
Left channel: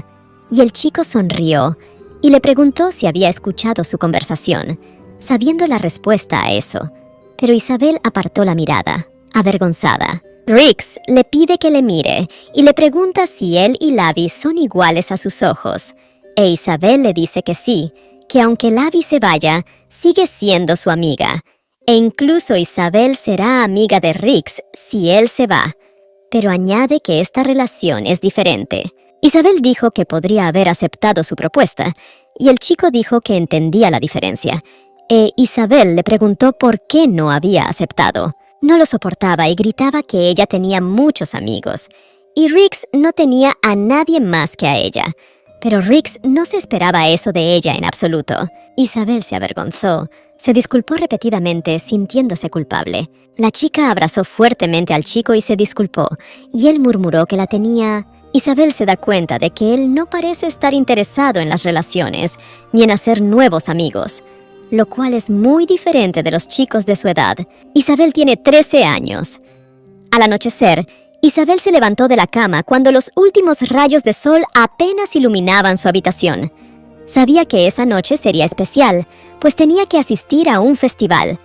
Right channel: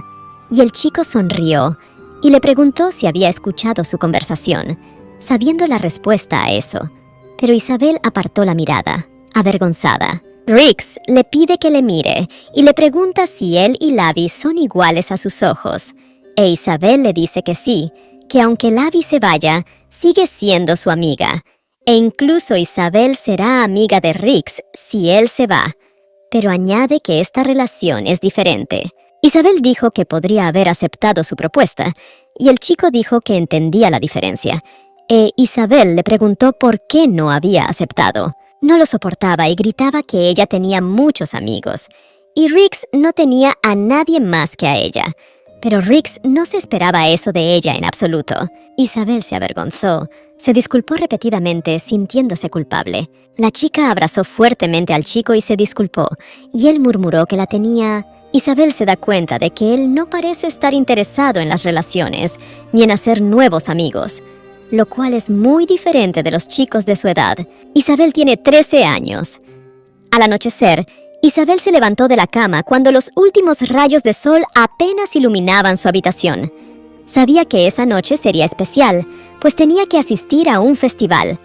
Y el chico sonrió, y le preguntó si había escuchado su conversación, sabiendo la respuesta a eso. Pero Isabel apartó la mirada, avergonzada. Riggs le pide que le mire, y le pregunta si él y Levi son iguales a sus ojos. E Isabel le dice que sí, que aunque Levi se vaya, sigue siendo su amiga. E incluso Isabel será amiga de Riggs si él se va. Pero añade que esta relación es diferente. Isabel dijo que podría haber aceptado su propuesta, y el chico dijo que entendía la diferencia. E Isabel le preguntó por qué no había aceptado. No lo soportaba y gritaba que ella tenía muchos amigos, y Riggs no tenía a nadie más que a ella. Pero Riggs no se esperaba eso de ella en absoluto. Isabel se avergonzó, se disculpó repetidamente, sintiéndose culpable. La chica abrazó fuertemente al chico y se disculpó, y él murmuró que la tenía. Isabel se da cuenta de que él no parece estar interesado en las relaciones, ni en hacer nuevos amigos, lo cual es muy diferente de los chicos de su edad. Isabel tiene 13 años. Al anochecer, Isabel se levantó de la cama cuando los últimos rayos de sol apenas iluminaban su habitación. Sabía que esa noche sería especial, pues tenía que asistir a un festival.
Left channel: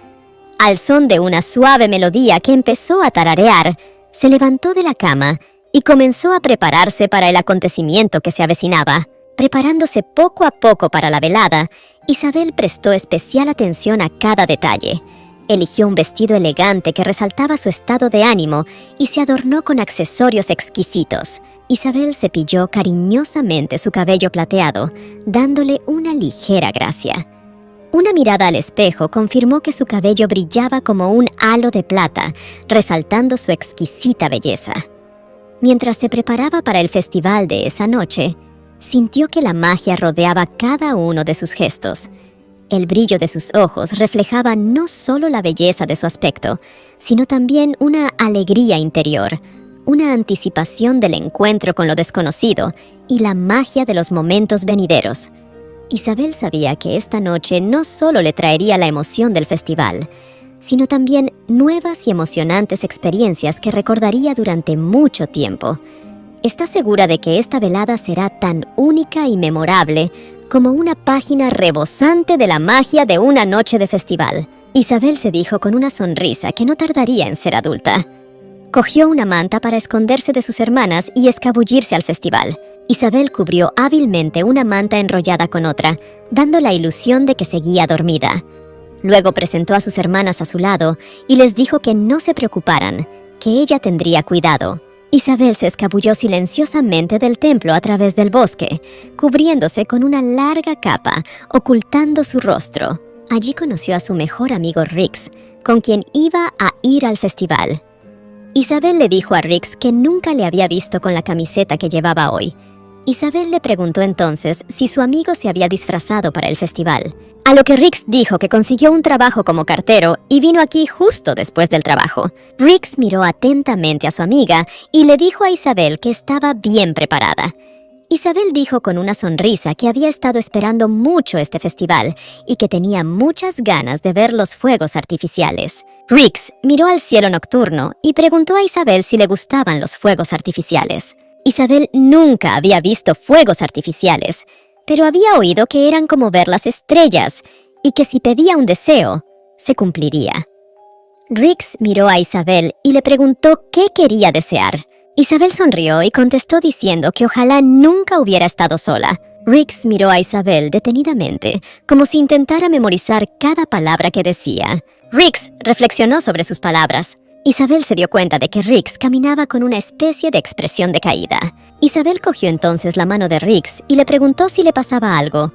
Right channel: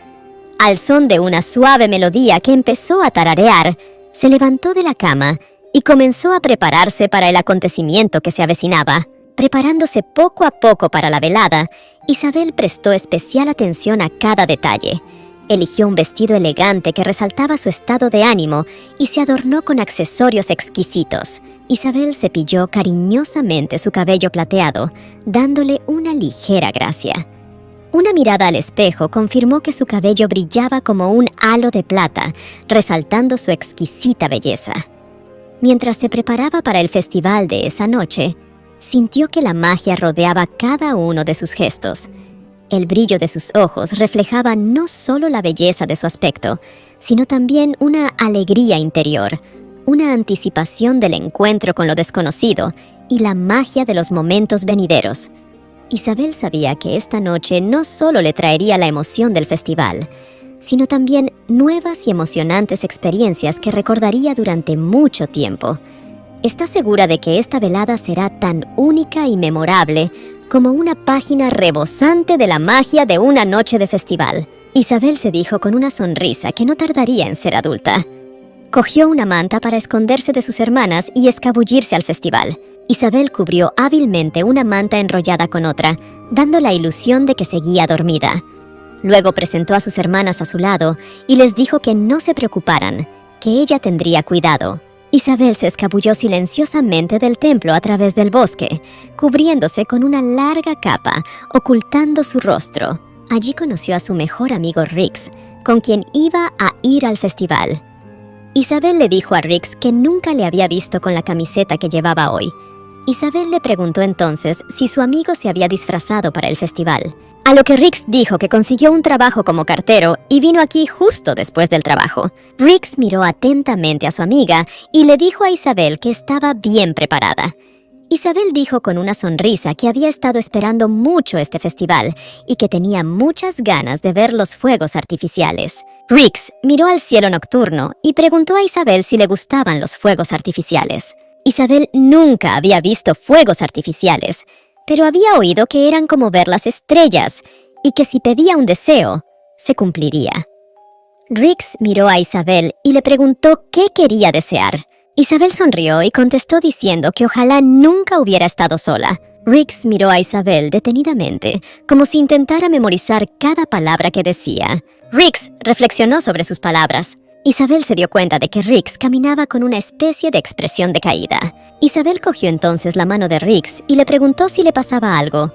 Al son de una suave melodía que empezó a tararear, se levantó de la cama y comenzó a prepararse para el acontecimiento que se avecinaba. Preparándose poco a poco para la velada, Isabel prestó especial atención a cada detalle. Eligió un vestido elegante que resaltaba su estado de ánimo y se adornó con accesorios exquisitos. Isabel cepilló cariñosamente su cabello plateado, dándole una ligera gracia. Una mirada al espejo confirmó que su cabello brillaba como un halo de plata, resaltando su exquisita belleza. Mientras se preparaba para el festival de esa noche, sintió que la magia rodeaba cada uno de sus gestos. El brillo de sus ojos reflejaba no solo la belleza de su aspecto, sino también una alegría interior, una anticipación del encuentro con lo desconocido y la magia de los momentos venideros. Isabel sabía que esta noche no solo le traería la emoción del festival, sino también nuevas y emocionantes experiencias que recordaría durante mucho tiempo. Está segura de que esta velada será tan única y memorable como una página rebosante de la magia de una noche de festival. Isabel se dijo con una sonrisa que no tardaría en ser adulta. Cogió una manta para esconderse de sus hermanas y escabullirse al festival. Isabel cubrió hábilmente una manta enrollada con otra, dando la ilusión de que seguía dormida. Luego presentó a sus hermanas a su lado y les dijo que no se preocuparan, que ella tendría cuidado. Isabel se escabulló silenciosamente del templo a través del bosque, cubriéndose con una larga capa, ocultando su rostro. Allí conoció a su mejor amigo Riggs, con quien iba a ir al festival. Isabel le dijo a Riggs que nunca le había visto con la camiseta que llevaba hoy. Isabel le preguntó entonces si su amigo se había disfrazado para el festival, a lo que Riggs dijo que consiguió un trabajo como cartero y vino aquí justo después del trabajo. Riggs miró atentamente a su amiga y le dijo a Isabel que estaba bien preparada. Isabel dijo con una sonrisa que había estado esperando mucho este festival y que tenía muchas ganas de ver los fuegos artificiales. Riggs miró al cielo nocturno y preguntó a Isabel si le gustaban los fuegos artificiales. Isabel nunca había visto fuegos artificiales, pero había oído que eran como ver las estrellas y que si pedía un deseo, se cumpliría. Riggs miró a Isabel y le preguntó qué quería desear. Isabel sonrió y contestó diciendo que ojalá nunca hubiera estado sola. Riggs miró a Isabel detenidamente, como si intentara memorizar cada palabra que decía. Riggs reflexionó sobre sus palabras. Isabel se dio cuenta de que Riggs caminaba con una especie de expresión decaída. Isabel cogió entonces la mano de Riggs y le preguntó si le pasaba algo.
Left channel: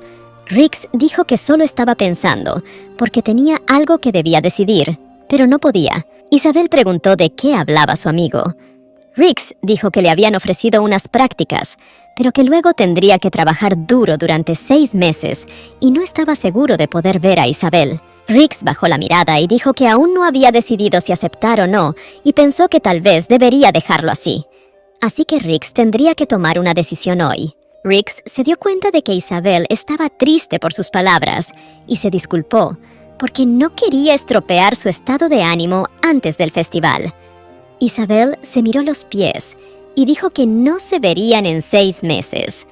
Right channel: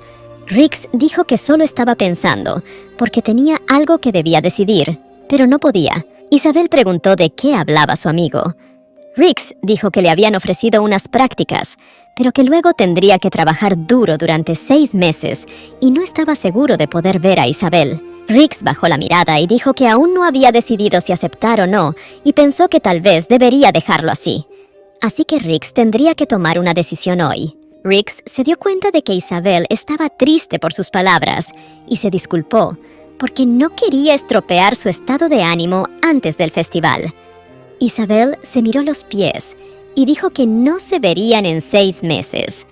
Riggs dijo que solo estaba pensando, porque tenía algo que debía decidir, pero no podía. Isabel preguntó de qué hablaba su amigo. Riggs dijo que le habían ofrecido unas prácticas, pero que luego tendría que trabajar duro durante 6 meses y no estaba seguro de poder ver a Isabel. Riggs bajó la mirada y dijo que aún no había decidido si aceptar o no, y pensó que tal vez debería dejarlo así. Así que Riggs tendría que tomar una decisión hoy. Riggs se dio cuenta de que Isabel estaba triste por sus palabras y se disculpó, porque no quería estropear su estado de ánimo antes del festival. Isabel se miró los pies y dijo que no se verían en 6 meses.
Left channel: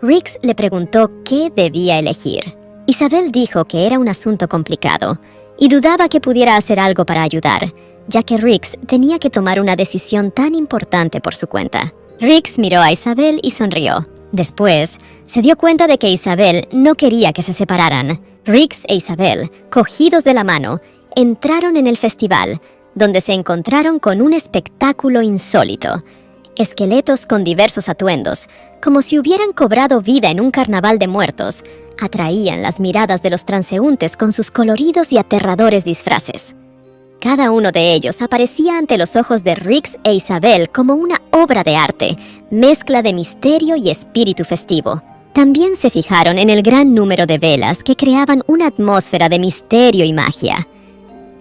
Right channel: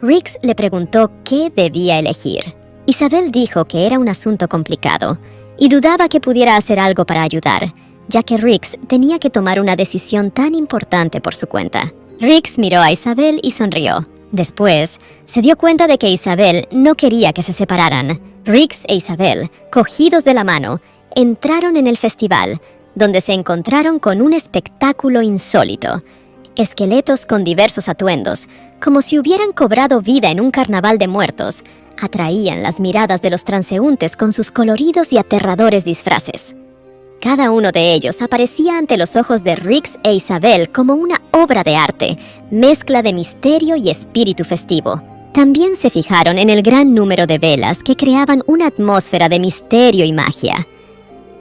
Riggs le preguntó qué debía elegir. Isabel dijo que era un asunto complicado y dudaba que pudiera hacer algo para ayudar, ya que Riggs tenía que tomar una decisión tan importante por su cuenta. Riggs miró a Isabel y sonrió. Después, se dio cuenta de que Isabel no quería que se separaran. Riggs e Isabel, cogidos de la mano, entraron en el festival, donde se encontraron con un espectáculo insólito. Esqueletos con diversos atuendos, como si hubieran cobrado vida en un carnaval de muertos, atraían las miradas de los transeúntes con sus coloridos y aterradores disfraces. Cada uno de ellos aparecía ante los ojos de Riggs e Isabel como una obra de arte, mezcla de misterio y espíritu festivo. También se fijaron en el gran número de velas que creaban una atmósfera de misterio y magia.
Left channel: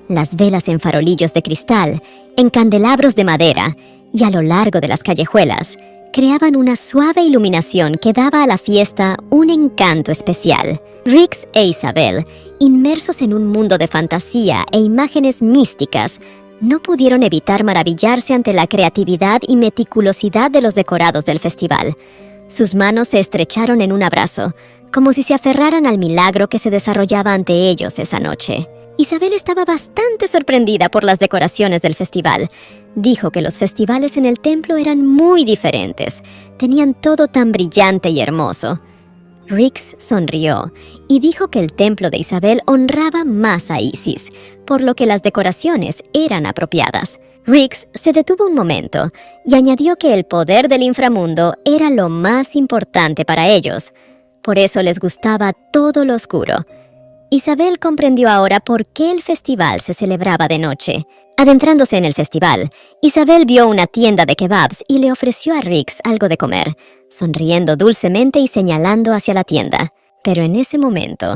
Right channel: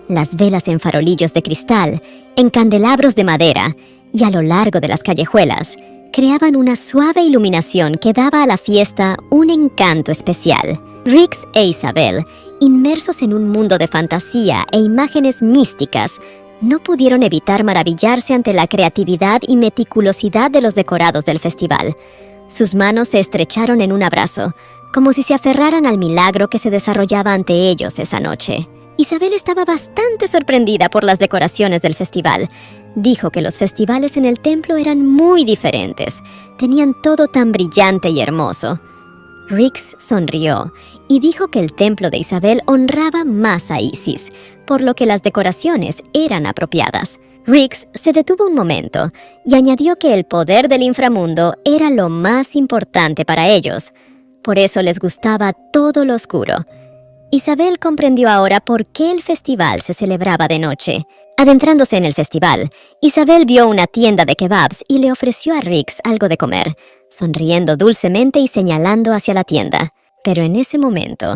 Las velas en farolillos de cristal, en candelabros de madera y a lo largo de las callejuelas, creaban una suave iluminación que daba a la fiesta un encanto especial. Riggs e Isabel, inmersos en un mundo de fantasía e imágenes místicas, no pudieron evitar maravillarse ante la creatividad y meticulosidad de los decorados del festival. Sus manos se estrecharon en un abrazo, como si se aferraran al milagro que se desarrollaba ante ellos esa noche. Isabel estaba bastante sorprendida por las decoraciones del festival. Dijo que los festivales en el templo eran muy diferentes. Tenían todo tan brillante y hermoso. Riggs sonrió y dijo que el templo de Isabel honraba más a Isis, por lo que las decoraciones eran apropiadas. Riggs se detuvo un momento y añadió que el poder del inframundo era lo más importante para ellos. Por eso les gustaba todo lo oscuro. Isabel comprendió ahora por qué el festival se celebraba de noche. Adentrándose en el festival, Isabel vio una tienda de kebabs y le ofreció a Riggs algo de comer, sonriendo dulcemente y señalando hacia la tienda. Pero en ese momento,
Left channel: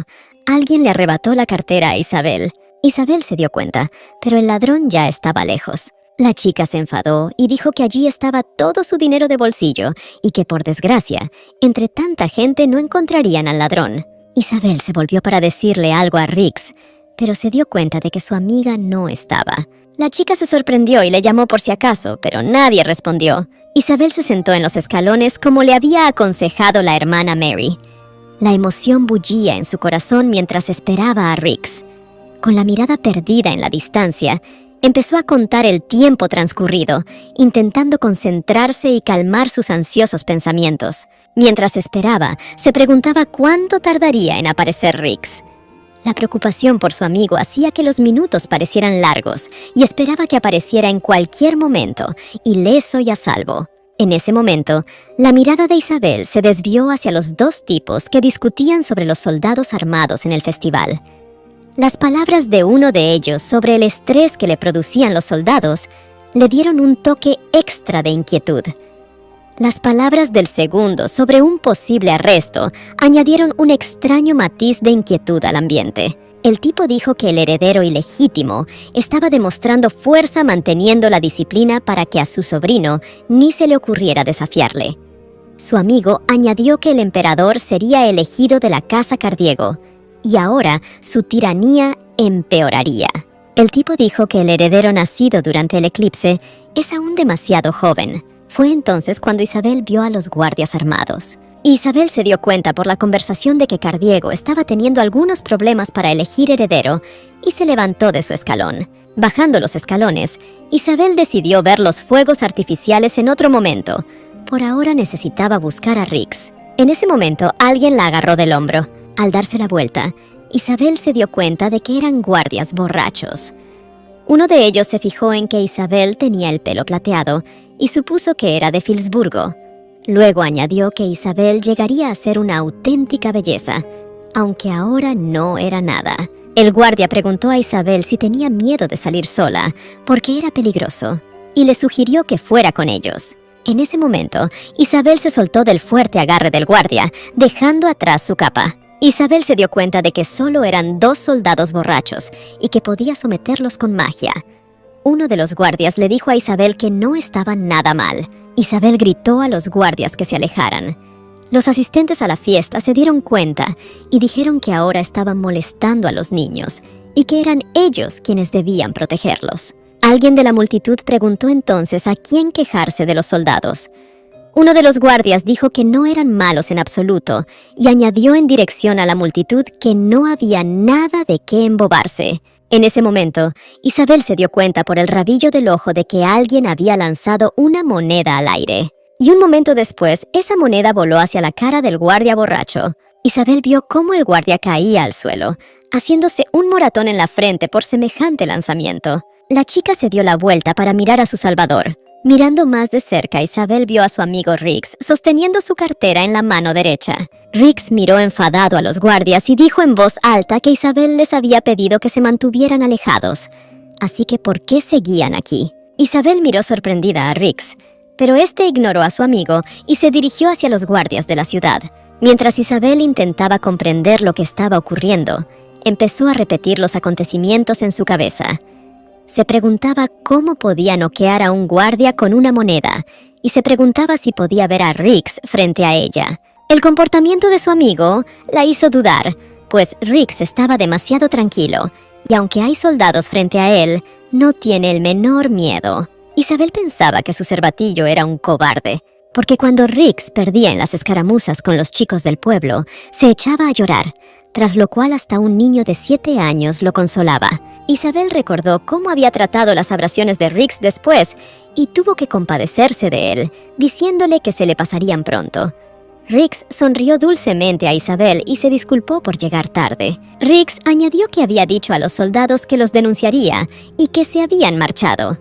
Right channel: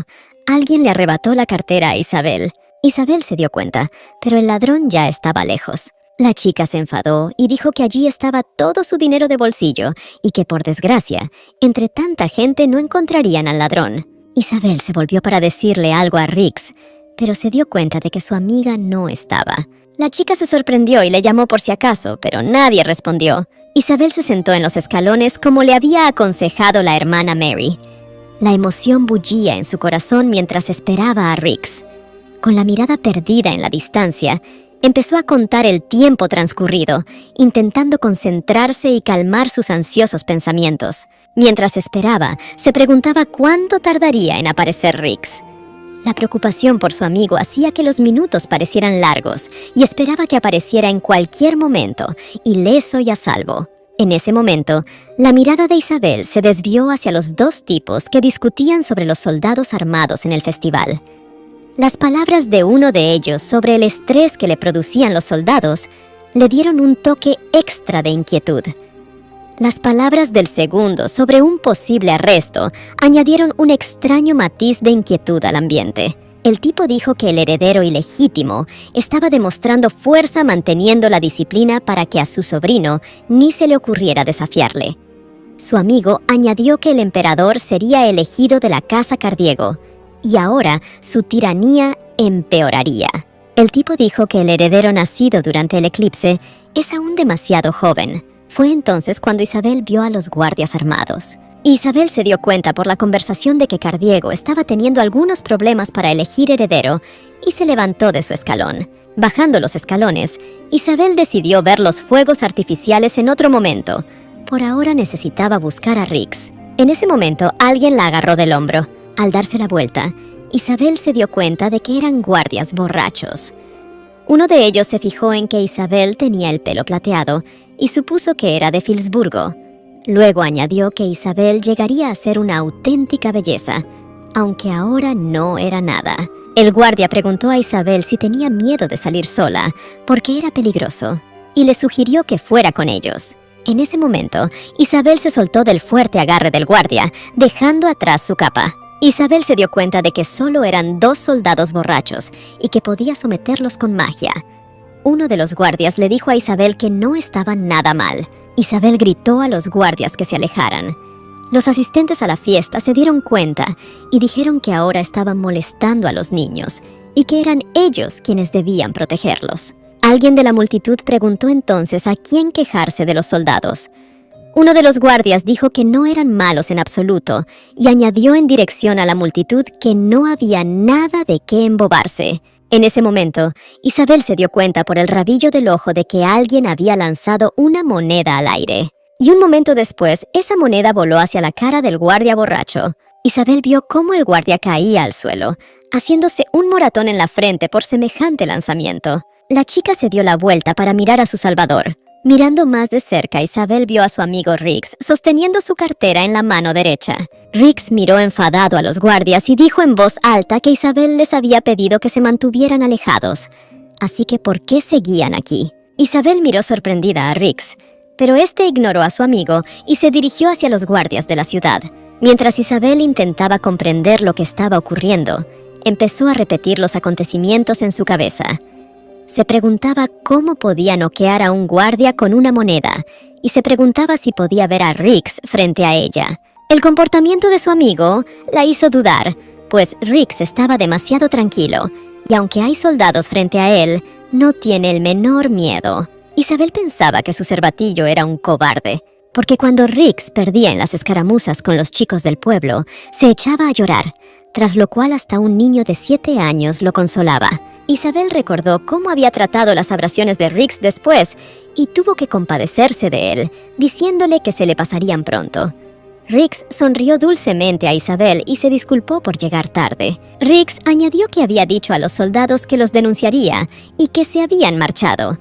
alguien le arrebató la cartera a Isabel. Isabel se dio cuenta, pero el ladrón ya estaba lejos. La chica se enfadó y dijo que allí estaba todo su dinero de bolsillo y que, por desgracia, entre tanta gente no encontrarían al ladrón. Isabel se volvió para decirle algo a Riggs, pero se dio cuenta de que su amiga no estaba. La chica se sorprendió y le llamó por si acaso, pero nadie respondió. Isabel se sentó en los escalones como le había aconsejado la hermana Mary. La emoción bullía en su corazón mientras esperaba a Riggs. Con la mirada perdida en la distancia, empezó a contar el tiempo transcurrido, intentando concentrarse y calmar sus ansiosos pensamientos. Mientras esperaba, se preguntaba cuánto tardaría en aparecer Riggs. La preocupación por su amigo hacía que los minutos parecieran largos y esperaba que apareciera en cualquier momento, ileso y a salvo. En ese momento, la mirada de Isabel se desvió hacia los 2 tipos que discutían sobre los soldados armados en el festival. Las palabras de uno de ellos sobre el estrés que le producían los soldados le dieron un toque extra de inquietud. Las palabras del segundo sobre un posible arresto añadieron un extraño matiz de inquietud al ambiente. El tipo dijo que el heredero ilegítimo estaba demostrando fuerza manteniendo la disciplina para que a su sobrino ni se le ocurriera desafiarle. Su amigo añadió que el emperador sería elegido de la casa Cardiego, y ahora su tiranía empeoraría. El tipo dijo que el heredero nacido durante el eclipse es aún demasiado joven. Fue entonces cuando Isabel vio a los guardias armados. Isabel se dio cuenta por la conversación de que Cardiego estaba teniendo algunos problemas para elegir heredero y se levantó de su escalón. Bajando los escalones, Isabel decidió ver los fuegos artificiales en otro momento. Por ahora necesitaba buscar a Riggs. En ese momento, alguien la agarró del hombro. Al darse la vuelta, Isabel se dio cuenta de que eran guardias borrachos. Uno de ellos se fijó en que Isabel tenía el pelo plateado y supuso que era de Filsburgo. Luego añadió que Isabel llegaría a ser una auténtica belleza, aunque ahora no era nada. El guardia preguntó a Isabel si tenía miedo de salir sola, porque era peligroso, y le sugirió que fuera con ellos. En ese momento, Isabel se soltó del fuerte agarre del guardia, dejando atrás su capa. Isabel se dio cuenta de que solo eran 2 soldados borrachos y que podía someterlos con magia. Uno de los guardias le dijo a Isabel que no estaban nada mal. Isabel gritó a los guardias que se alejaran. Los asistentes a la fiesta se dieron cuenta y dijeron que ahora estaban molestando a los niños y que eran ellos quienes debían protegerlos. Alguien de la multitud preguntó entonces a quién quejarse de los soldados. Uno de los guardias dijo que no eran malos en absoluto y añadió en dirección a la multitud que no había nada de qué embobarse. En ese momento, Isabel se dio cuenta por el rabillo del ojo de que alguien había lanzado una moneda al aire. Y un momento después, esa moneda voló hacia la cara del guardia borracho. Isabel vio cómo el guardia caía al suelo, haciéndose un moratón en la frente por semejante lanzamiento. La chica se dio la vuelta para mirar a su salvador. Mirando más de cerca, Isabel vio a su amigo Riggs sosteniendo su cartera en la mano derecha. Riggs miró enfadado a los guardias y dijo en voz alta que Isabel les había pedido que se mantuvieran alejados. Así que, ¿por qué seguían aquí? Isabel miró sorprendida a Riggs, pero este ignoró a su amigo y se dirigió hacia los guardias de la ciudad. Mientras Isabel intentaba comprender lo que estaba ocurriendo, empezó a repetir los acontecimientos en su cabeza. Se preguntaba cómo podía noquear a un guardia con una moneda y se preguntaba si podía ver a Riggs frente a ella. El comportamiento de su amigo la hizo dudar, pues Riggs estaba demasiado tranquilo y aunque hay soldados frente a él, no tiene el menor miedo. Isabel pensaba que su cervatillo era un cobarde, porque cuando Riggs perdía en las escaramuzas con los chicos del pueblo, se echaba a llorar, tras lo cual hasta un niño de 7 años lo consolaba. Isabel recordó cómo había tratado las abrasiones de Riggs después y tuvo que compadecerse de él, diciéndole que se le pasarían pronto. Riggs sonrió dulcemente a Isabel y se disculpó por llegar tarde. Riggs añadió que había dicho a los soldados que los denunciaría y que se habían marchado.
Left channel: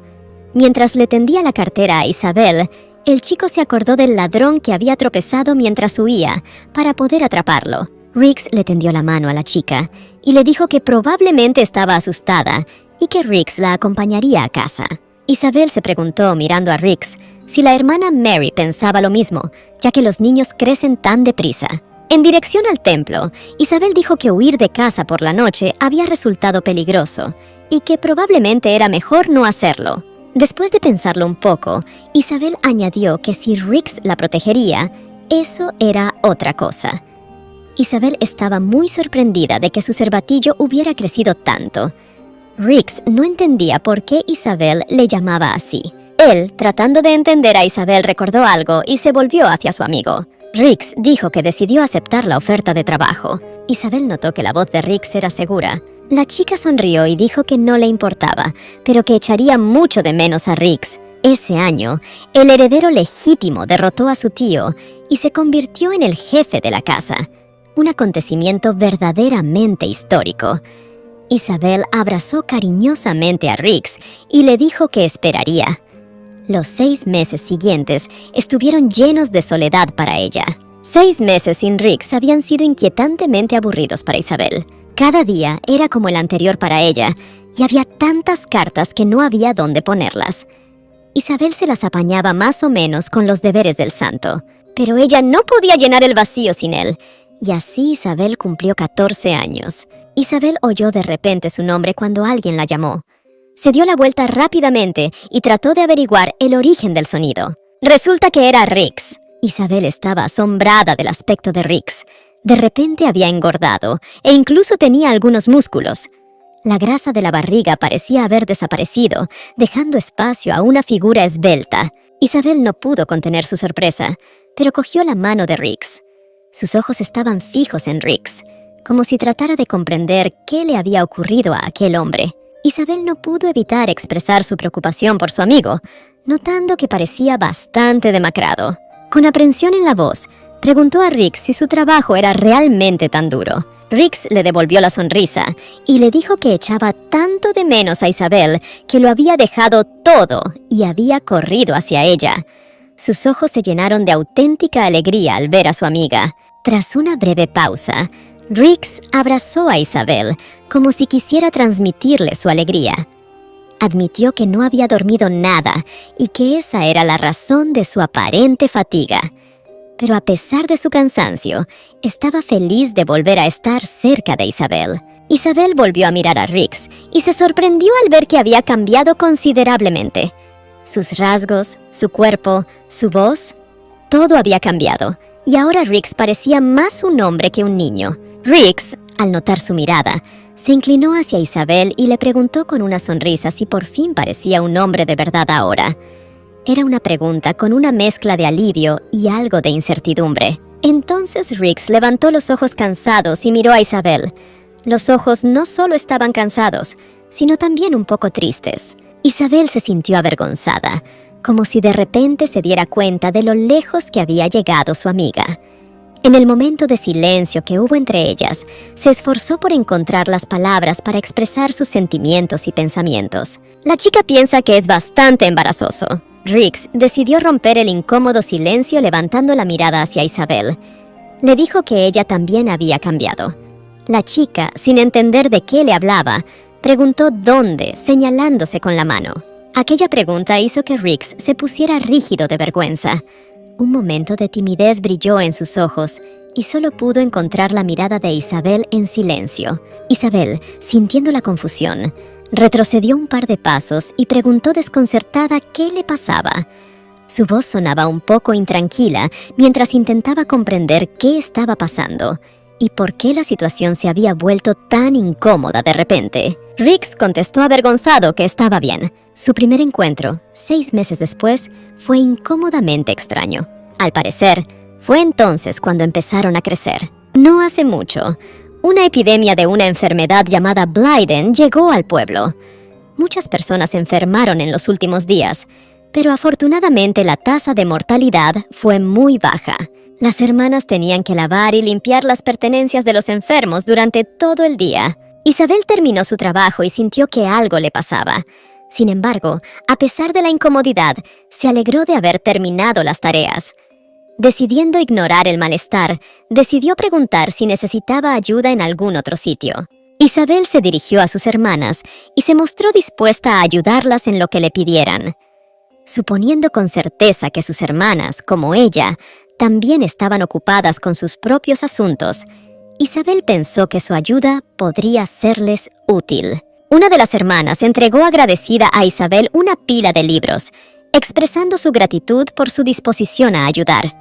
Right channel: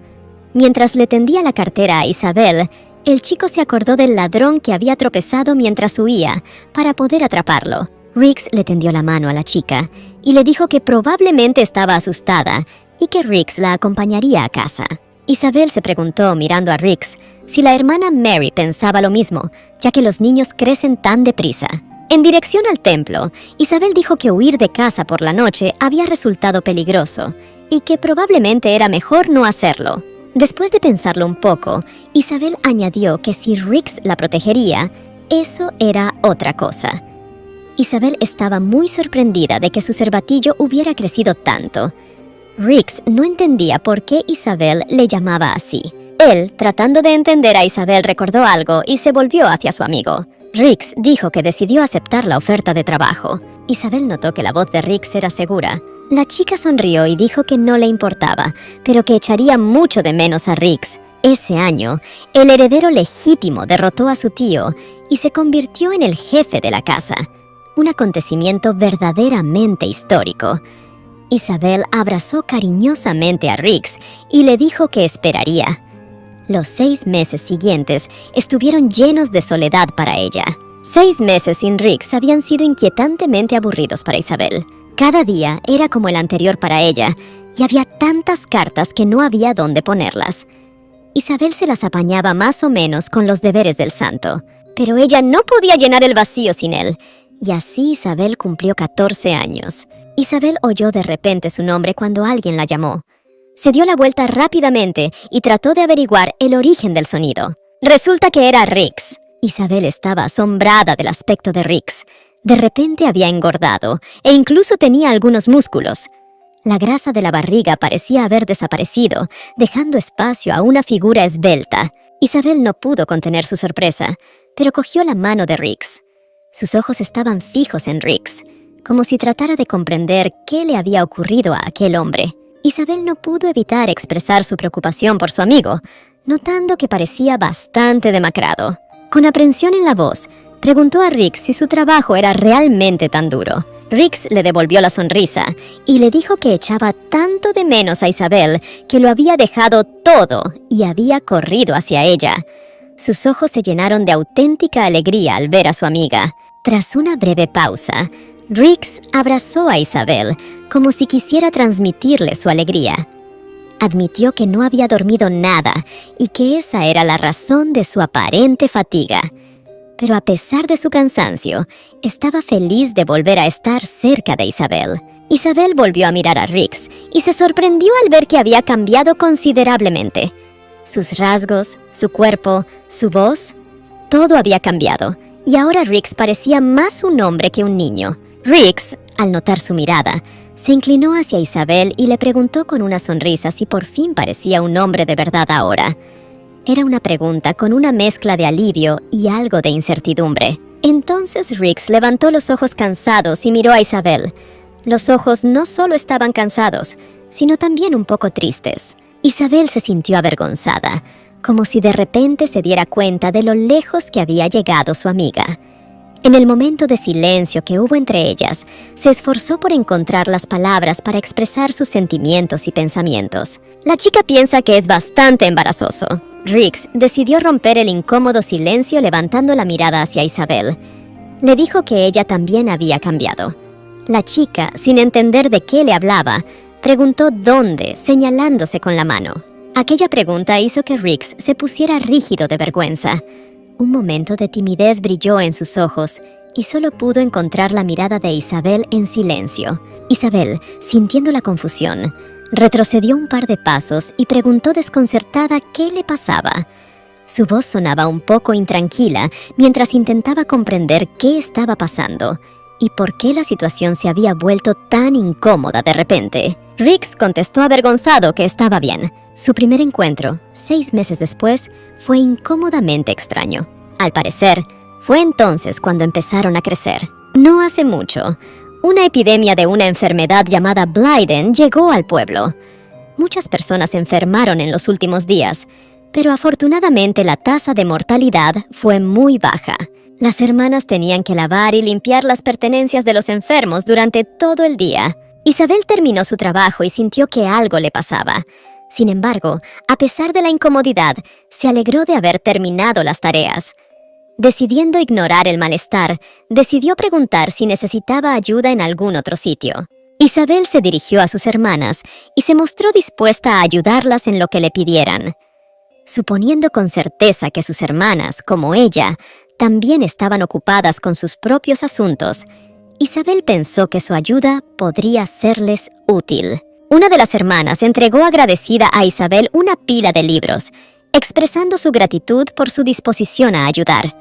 Mientras le tendía la cartera a Isabel, el chico se acordó del ladrón que había tropezado mientras huía para poder atraparlo. Riggs le tendió la mano a la chica y le dijo que probablemente estaba asustada y que Riggs la acompañaría a casa. Isabel se preguntó mirando a Riggs si la hermana Mary pensaba lo mismo, ya que los niños crecen tan deprisa. En dirección al templo, Isabel dijo que huir de casa por la noche había resultado peligroso y que probablemente era mejor no hacerlo. Después de pensarlo un poco, Isabel añadió que si Riggs la protegería, eso era otra cosa. Isabel estaba muy sorprendida de que su cervatillo hubiera crecido tanto. Riggs no entendía por qué Isabel le llamaba así. Él, tratando de entender a Isabel, recordó algo y se volvió hacia su amigo. Riggs dijo que decidió aceptar la oferta de trabajo. Isabel notó que la voz de Riggs era segura. La chica sonrió y dijo que no le importaba, pero que echaría mucho de menos a Riggs. Ese año, el heredero legítimo derrotó a su tío y se convirtió en el jefe de la casa. Un acontecimiento verdaderamente histórico. Isabel abrazó cariñosamente a Riggs y le dijo que esperaría. Los 6 meses siguientes estuvieron llenos de soledad para ella. 6 meses sin Riggs habían sido inquietantemente aburridos para Isabel. Cada día era como el anterior para ella, y había tantas cartas que no había dónde ponerlas. Isabel se las apañaba más o menos con los deberes del santo, pero ella no podía llenar el vacío sin él, y así Isabel cumplió 14 años. Isabel oyó de repente su nombre cuando alguien la llamó. Se dio la vuelta rápidamente y trató de averiguar el origen del sonido. Resulta que era Riggs. Isabel estaba asombrada del aspecto de Riggs. De repente había engordado e incluso tenía algunos músculos. La grasa de la barriga parecía haber desaparecido, dejando espacio a una figura esbelta. Isabel no pudo contener su sorpresa, pero cogió la mano de Riggs. Sus ojos estaban fijos en Riggs, como si tratara de comprender qué le había ocurrido a aquel hombre. Isabel no pudo evitar expresar su preocupación por su amigo, notando que parecía bastante demacrado. Con aprensión en la voz, Preguntó a Rix si su trabajo era realmente tan duro. Rix le devolvió la sonrisa y le dijo que echaba tanto de menos a Isabel que lo había dejado todo y había corrido hacia ella. Sus ojos se llenaron de auténtica alegría al ver a su amiga. Tras una breve pausa, Rix abrazó a Isabel como si quisiera transmitirle su alegría. Admitió que no había dormido nada y que esa era la razón de su aparente fatiga. Pero a pesar de su cansancio, estaba feliz de volver a estar cerca de Isabel. Isabel volvió a mirar a Rix y se sorprendió al ver que había cambiado considerablemente. Sus rasgos, su cuerpo, su voz, todo había cambiado, y ahora Rix parecía más un hombre que un niño. Rix, al notar su mirada, se inclinó hacia Isabel y le preguntó con una sonrisa si por fin parecía un hombre de verdad ahora. Era una pregunta con una mezcla de alivio y algo de incertidumbre. Entonces Rix levantó los ojos cansados y miró a Isabel. Los ojos no solo estaban cansados, sino también un poco tristes. Isabel se sintió avergonzada, como si de repente se diera cuenta de lo lejos que había llegado su amiga. En el momento de silencio que hubo entre ellas, se esforzó por encontrar las palabras para expresar sus sentimientos y pensamientos. La chica piensa que es bastante embarazoso. Rix decidió romper el incómodo silencio levantando la mirada hacia Isabel. Le dijo que ella también había cambiado. La chica, sin entender de qué le hablaba, preguntó dónde, señalándose con la mano. Aquella pregunta hizo que Rix se pusiera rígido de vergüenza. Un momento de timidez brilló en sus ojos y solo pudo encontrar la mirada de Isabel en silencio. Isabel, sintiendo la confusión, retrocedió un par de pasos y preguntó desconcertada qué le pasaba. Su voz sonaba un poco intranquila mientras intentaba comprender qué estaba pasando y por qué la situación se había vuelto tan incómoda de repente. Rix contestó avergonzado que estaba bien. Su primer encuentro, 6 meses después, fue incómodamente extraño. Al parecer, fue entonces cuando empezaron a crecer. No hace mucho, una epidemia de una enfermedad llamada Blyden llegó al pueblo. Muchas personas se enfermaron en los últimos días, pero afortunadamente la tasa de mortalidad fue muy baja. Las hermanas tenían que lavar y limpiar las pertenencias de los enfermos durante todo el día. Isabel terminó su trabajo y sintió que algo le pasaba. Sin embargo, a pesar de la incomodidad, se alegró de haber terminado las tareas. Decidiendo ignorar el malestar, decidió preguntar si necesitaba ayuda en algún otro sitio. Isabel se dirigió a sus hermanas y se mostró dispuesta a ayudarlas en lo que le pidieran. Suponiendo con certeza que sus hermanas, como ella, también estaban ocupadas con sus propios asuntos, Isabel pensó que su ayuda podría serles útil. Una de las hermanas entregó agradecida a Isabel una pila de libros, expresando su gratitud por su disposición a ayudar.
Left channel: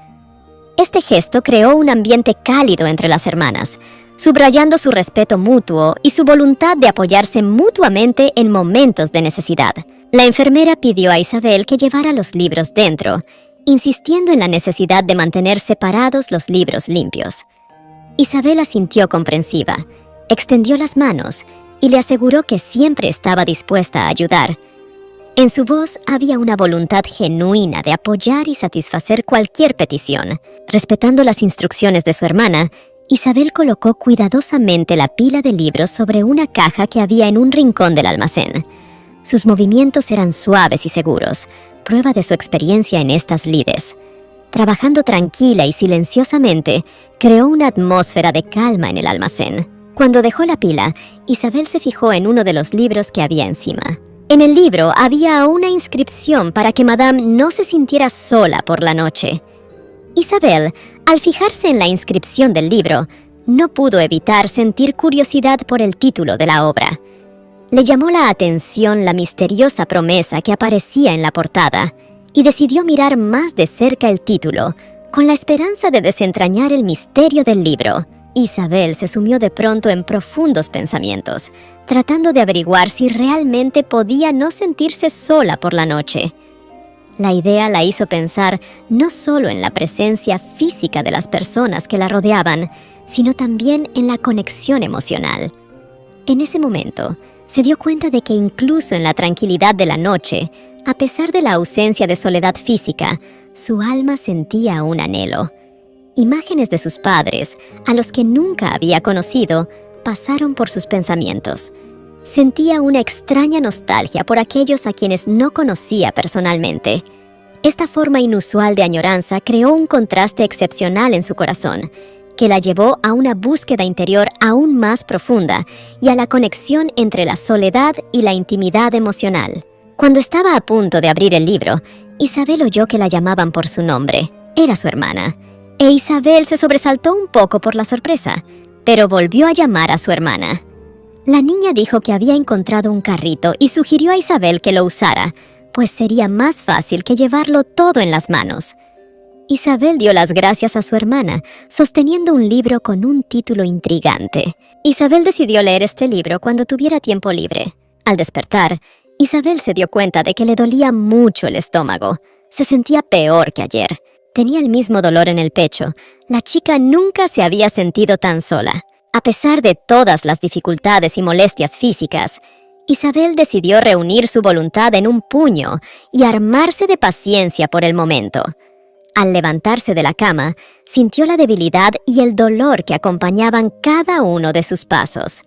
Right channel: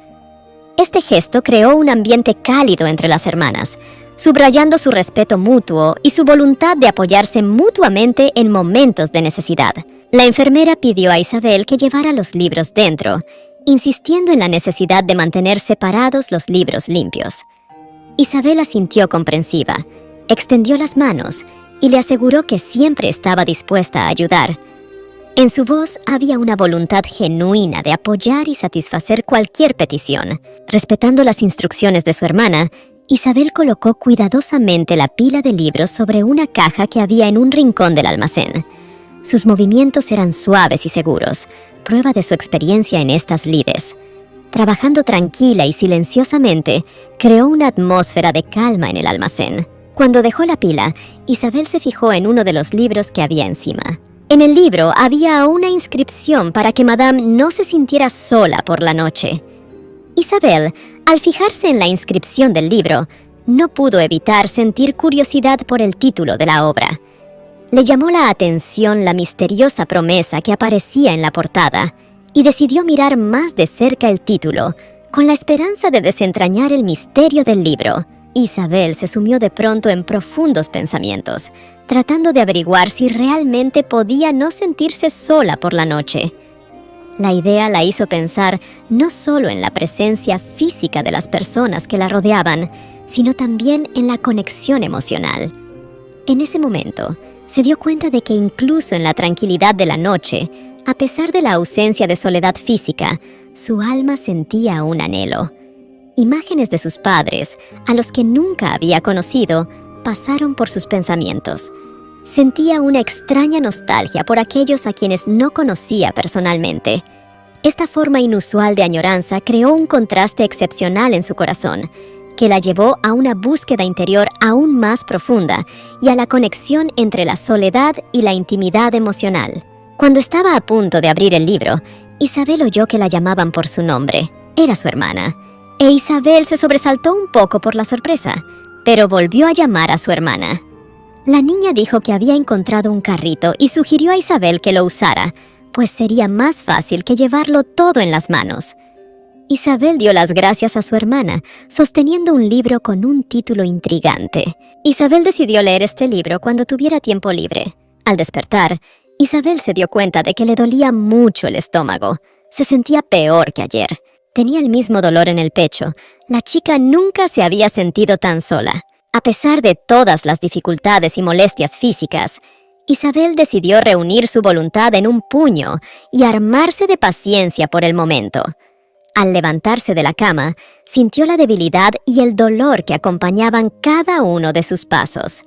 Este gesto creó un ambiente cálido entre las hermanas, subrayando su respeto mutuo y su voluntad de apoyarse mutuamente en momentos de necesidad. La enfermera pidió a Isabel que llevara los libros dentro, insistiendo en la necesidad de mantener separados los libros limpios. Isabel asintió comprensiva, extendió las manos y le aseguró que siempre estaba dispuesta a ayudar. En su voz había una voluntad genuina de apoyar y satisfacer cualquier petición. Respetando las instrucciones de su hermana, Isabel colocó cuidadosamente la pila de libros sobre una caja que había en un rincón del almacén. Sus movimientos eran suaves y seguros, prueba de su experiencia en estas lides. Trabajando tranquila y silenciosamente, creó una atmósfera de calma en el almacén. Cuando dejó la pila, Isabel se fijó en uno de los libros que había encima. En el libro había una inscripción para que Madame no se sintiera sola por la noche. Isabel, al fijarse en la inscripción del libro, no pudo evitar sentir curiosidad por el título de la obra. Le llamó la atención la misteriosa promesa que aparecía en la portada y decidió mirar más de cerca el título, con la esperanza de desentrañar el misterio del libro. Isabel se sumió de pronto en profundos pensamientos, tratando de averiguar si realmente podía no sentirse sola por la noche. La idea la hizo pensar no solo en la presencia física de las personas que la rodeaban, sino también en la conexión emocional. En ese momento, se dio cuenta de que incluso en la tranquilidad de la noche, a pesar de la ausencia de soledad física, su alma sentía un anhelo. Imágenes de sus padres, a los que nunca había conocido, pasaron por sus pensamientos. Sentía una extraña nostalgia por aquellos a quienes no conocía personalmente. Esta forma inusual de añoranza creó un contraste excepcional en su corazón, que la llevó a una búsqueda interior aún más profunda y a la conexión entre la soledad y la intimidad emocional. Cuando estaba a punto de abrir el libro, Isabel oyó que la llamaban por su nombre. Era su hermana, e Isabel se sobresaltó un poco por la sorpresa, pero volvió a llamar a su hermana. La niña dijo que había encontrado un carrito y sugirió a Isabel que lo usara, pues sería más fácil que llevarlo todo en las manos. Isabel dio las gracias a su hermana, sosteniendo un libro con un título intrigante. Isabel decidió leer este libro cuando tuviera tiempo libre. Al despertar, Isabel se dio cuenta de que le dolía mucho el estómago. Se sentía peor que ayer. Tenía el mismo dolor en el pecho. La chica nunca se había sentido tan sola. A pesar de todas las dificultades y molestias físicas, Isabel decidió reunir su voluntad en un puño y armarse de paciencia por el momento. Al levantarse de la cama, sintió la debilidad y el dolor que acompañaban cada uno de sus pasos.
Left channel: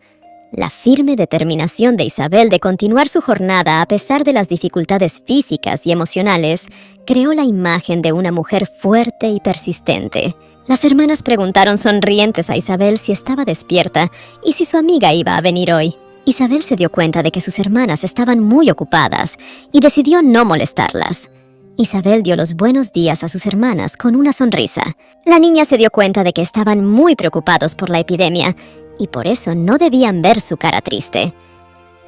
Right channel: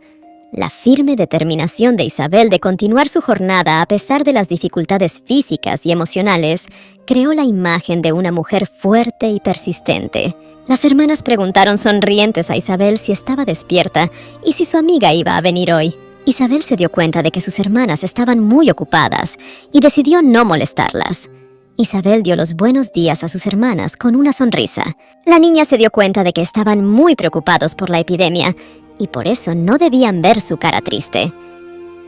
La firme determinación de Isabel de continuar su jornada a pesar de las dificultades físicas y emocionales creó la imagen de una mujer fuerte y persistente. Las hermanas preguntaron sonrientes a Isabel si estaba despierta y si su amiga iba a venir hoy. Isabel se dio cuenta de que sus hermanas estaban muy ocupadas y decidió no molestarlas. Isabel dio los buenos días a sus hermanas con una sonrisa. La niña se dio cuenta de que estaban muy preocupados por la epidemia y por eso no debían ver su cara triste.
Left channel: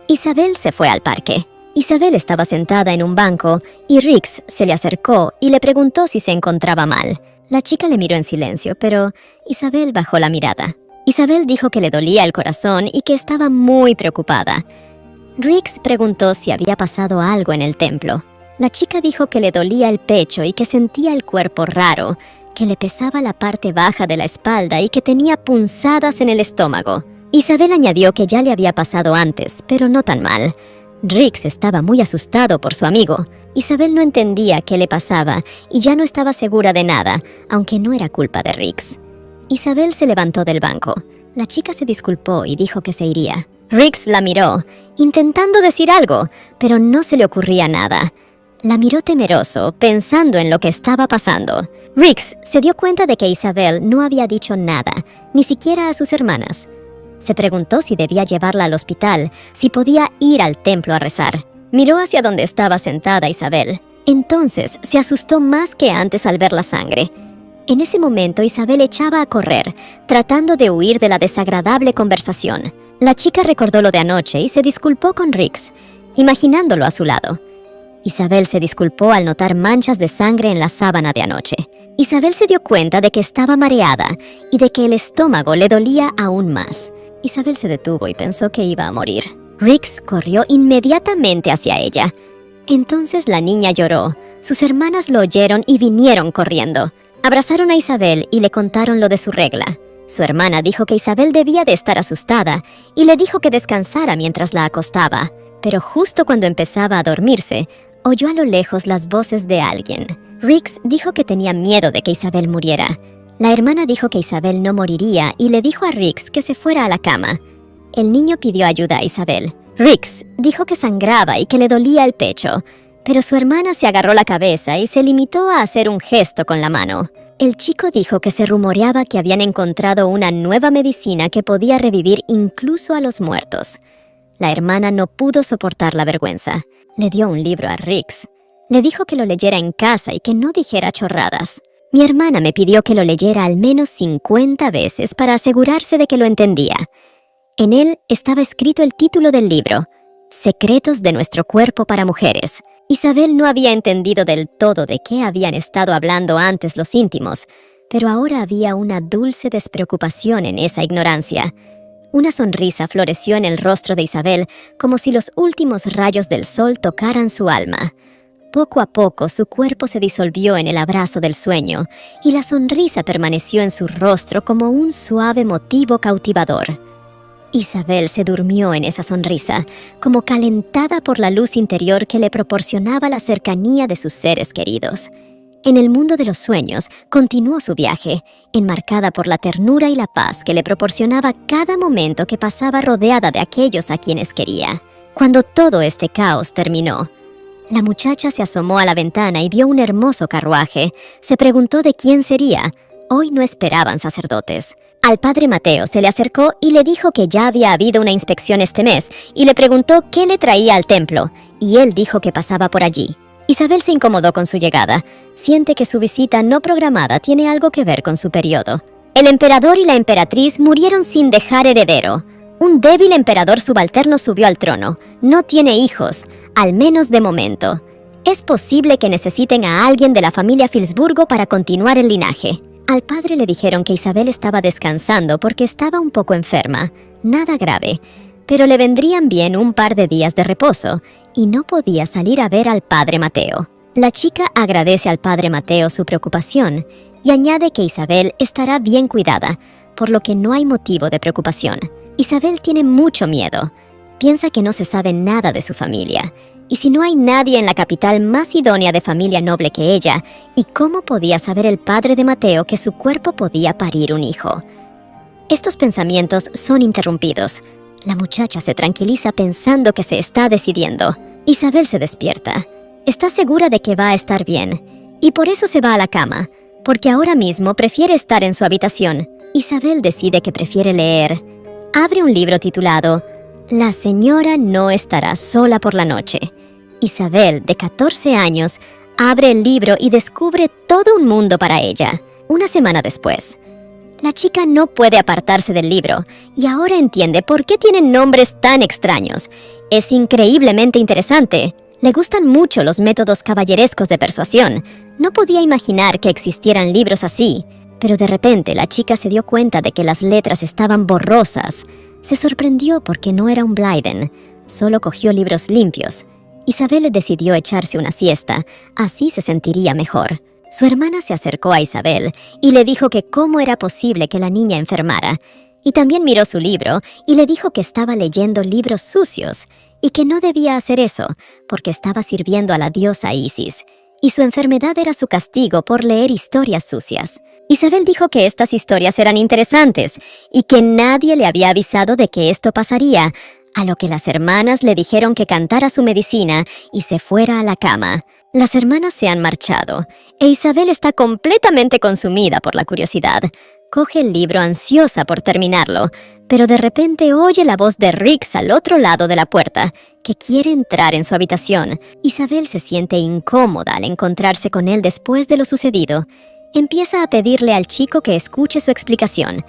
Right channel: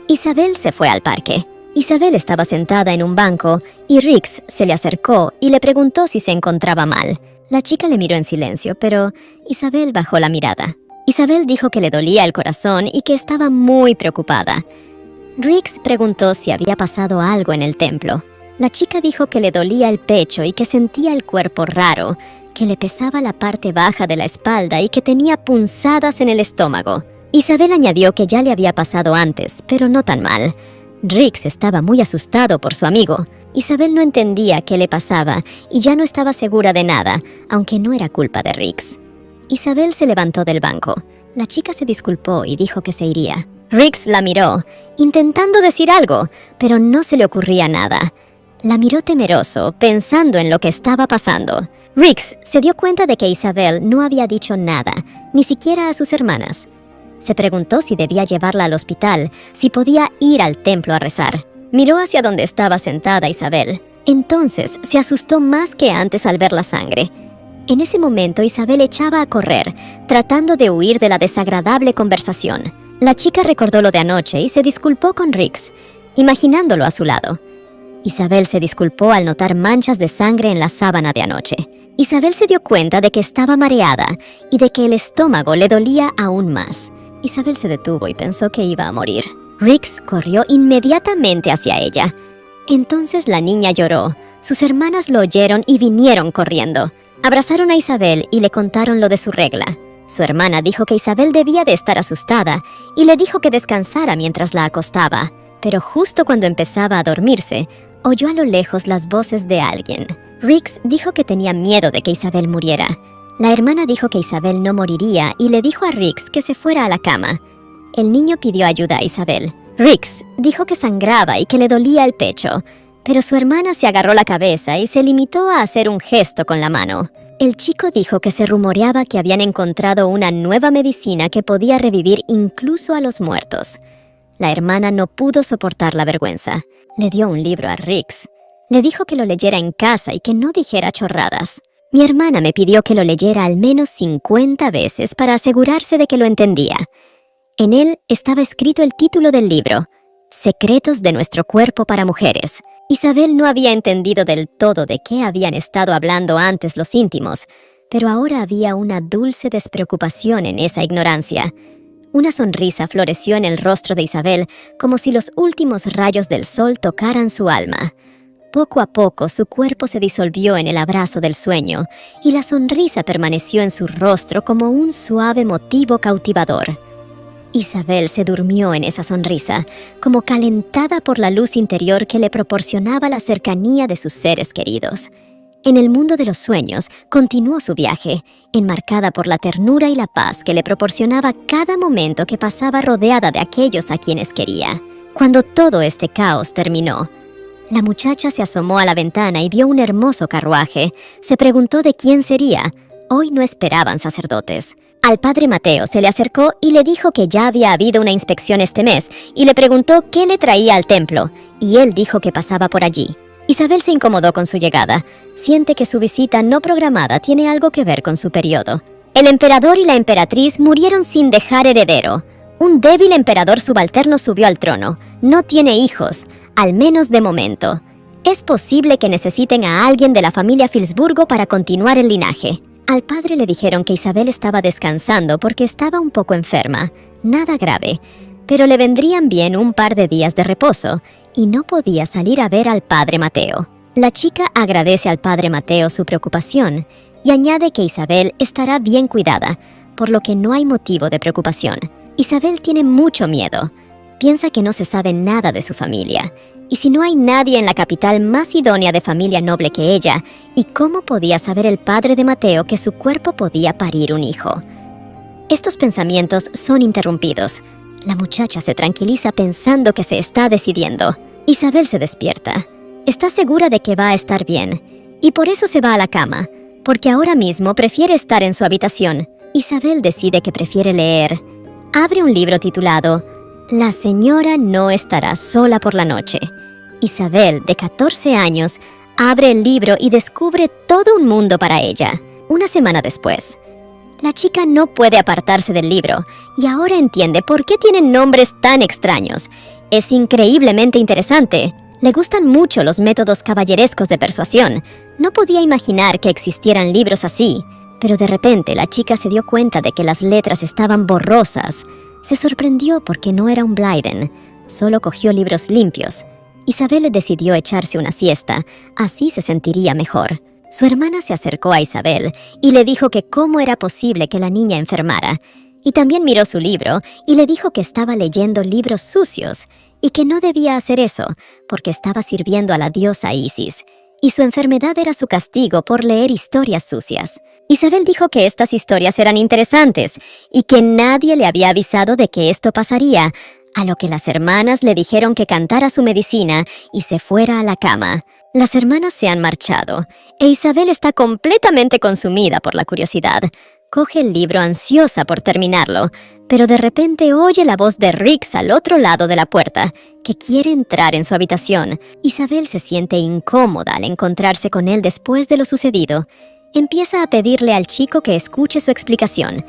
Isabel se fue al parque. Isabel estaba sentada en un banco y Rix se le acercó y le preguntó si se encontraba mal. La chica le miró en silencio, pero Isabel bajó la mirada. Isabel dijo que le dolía el corazón y que estaba muy preocupada. Rix preguntó si había pasado algo en el templo. La chica dijo que le dolía el pecho y que sentía el cuerpo raro, que le pesaba la parte baja de la espalda y que tenía punzadas en el estómago. Isabel añadió que ya le había pasado antes, pero no tan mal. Rix estaba muy asustado por su amigo. Isabel no entendía qué le pasaba y ya no estaba segura de nada, aunque no era culpa de Rix. Isabel se levantó del banco. La chica se disculpó y dijo que se iría. Rix la miró, intentando decir algo, pero no se le ocurría nada. La miró temeroso, pensando en lo que estaba pasando. Rix se dio cuenta de que Isabel no había dicho nada, ni siquiera a sus hermanas. Se preguntó si debía llevarla al hospital, si podía ir al templo a rezar. Miró hacia donde estaba sentada Isabel. Entonces se asustó más que antes al ver la sangre. En ese momento Isabel echaba a correr, tratando de huir de la desagradable conversación. La chica recordó lo de anoche y se disculpó con Rix, imaginándolo a su lado. Isabel se disculpó al notar manchas de sangre en la sábana de anoche. Isabel se dio cuenta de que estaba mareada y de que el estómago le dolía aún más. Isabel se detuvo y pensó que iba a morir. Rix corrió inmediatamente hacia ella. Entonces la niña lloró. Sus hermanas lo oyeron y vinieron corriendo. Abrazaron a Isabel y le contaron lo de su regla. Su hermana dijo que Isabel debía de estar asustada y le dijo que descansara mientras la acostaba. Pero justo cuando empezaba a dormirse, oyó a lo lejos las voces de alguien. Rix dijo que tenía miedo de que Isabel muriera. La hermana dijo que Isabel no moriría y le dijo a Rix que se fuera a la cama. El niño pidió ayuda a Isabel. Rix dijo que sangraba y que le dolía el pecho, pero su hermana se agarró la cabeza y se limitó a hacer un gesto con la mano. El chico dijo que se rumoreaba que habían encontrado una nueva medicina que podía revivir incluso a los muertos. La hermana no pudo soportar la vergüenza. Le dio un libro a Rix. Le dijo que lo leyera en casa y que no dijera chorradas. Mi hermana me pidió que lo leyera al menos 50 veces para asegurarse de que lo entendía. En él estaba escrito el título del libro, Secretos de nuestro cuerpo para mujeres. Isabel no había entendido del todo de qué habían estado hablando antes los íntimos, pero ahora había una dulce despreocupación en esa ignorancia. Una sonrisa floreció en el rostro de Isabel, como si los últimos rayos del sol tocaran su alma. Poco a poco su cuerpo se disolvió en el abrazo del sueño, y la sonrisa permaneció en su rostro como un suave motivo cautivador. Isabel se durmió en esa sonrisa, como calentada por la luz interior que le proporcionaba la cercanía de sus seres queridos. En el mundo de los sueños, continuó su viaje, enmarcada por la ternura y la paz que le proporcionaba cada momento que pasaba rodeada de aquellos a quienes quería. Cuando todo este caos terminó, la muchacha se asomó a la ventana y vio un hermoso carruaje. Se preguntó de quién sería. Hoy no esperaban sacerdotes. Al padre Mateo se le acercó y le dijo que ya había habido una inspección este mes y le preguntó qué le traía al templo, y él dijo que pasaba por allí. Isabel se incomodó con su llegada. Siente que su visita no programada tiene algo que ver con su periodo. El emperador y la emperatriz murieron sin dejar heredero. Un débil emperador subalterno subió al trono. No tiene hijos, al menos de momento. Es posible que necesiten a alguien de la familia Filsburgo para continuar el linaje. Al padre le dijeron que Isabel estaba descansando porque estaba un poco enferma. Nada grave, pero le vendrían bien un par de días de reposo, y no podía salir a ver al padre Mateo. La chica agradece al padre Mateo su preocupación y añade que Isabel estará bien cuidada, por lo que no hay motivo de preocupación. Isabel tiene mucho miedo. Piensa que no se sabe nada de su familia, y si no hay nadie en la capital más idónea de familia noble que ella, ¿y cómo podía saber el padre de Mateo que su cuerpo podía parir un hijo? Estos pensamientos son interrumpidos. La muchacha se tranquiliza pensando que se está decidiendo. Isabel se despierta. Está segura de que va a estar bien, y por eso se va a la cama, porque ahora mismo prefiere estar en su habitación. Isabel decide que prefiere leer. Abre un libro titulado La señora no estará sola por la noche. Isabel, de 14 años, abre el libro y descubre todo un mundo para ella. Una semana después, la chica no puede apartarse del libro y ahora entiende por qué tienen nombres tan extraños. Es increíblemente interesante. Le gustan mucho los métodos caballerescos de persuasión. No podía imaginar que existieran libros así, pero de repente la chica se dio cuenta de que las letras estaban borrosas. Se sorprendió porque no era un Blyden, solo cogió libros limpios. Isabel decidió echarse una siesta, así se sentiría mejor. Su hermana se acercó a Isabel y le dijo que cómo era posible que la niña enfermara. Y también miró su libro y le dijo que estaba leyendo libros sucios y que no debía hacer eso porque estaba sirviendo a la diosa Isis. Y su enfermedad era su castigo por leer historias sucias. Isabel dijo que estas historias eran interesantes y que nadie le había avisado de que esto pasaría, a lo que las hermanas le dijeron que cantara su medicina y se fuera a la cama. Las hermanas se han marchado e Isabel está completamente consumida por la curiosidad. Coge el libro ansiosa por terminarlo, pero de repente oye la voz de Rix al otro lado de la puerta, que quiere entrar en su habitación. Isabel se siente incómoda al encontrarse con él después de lo sucedido. Empieza a pedirle al chico que escuche su explicación,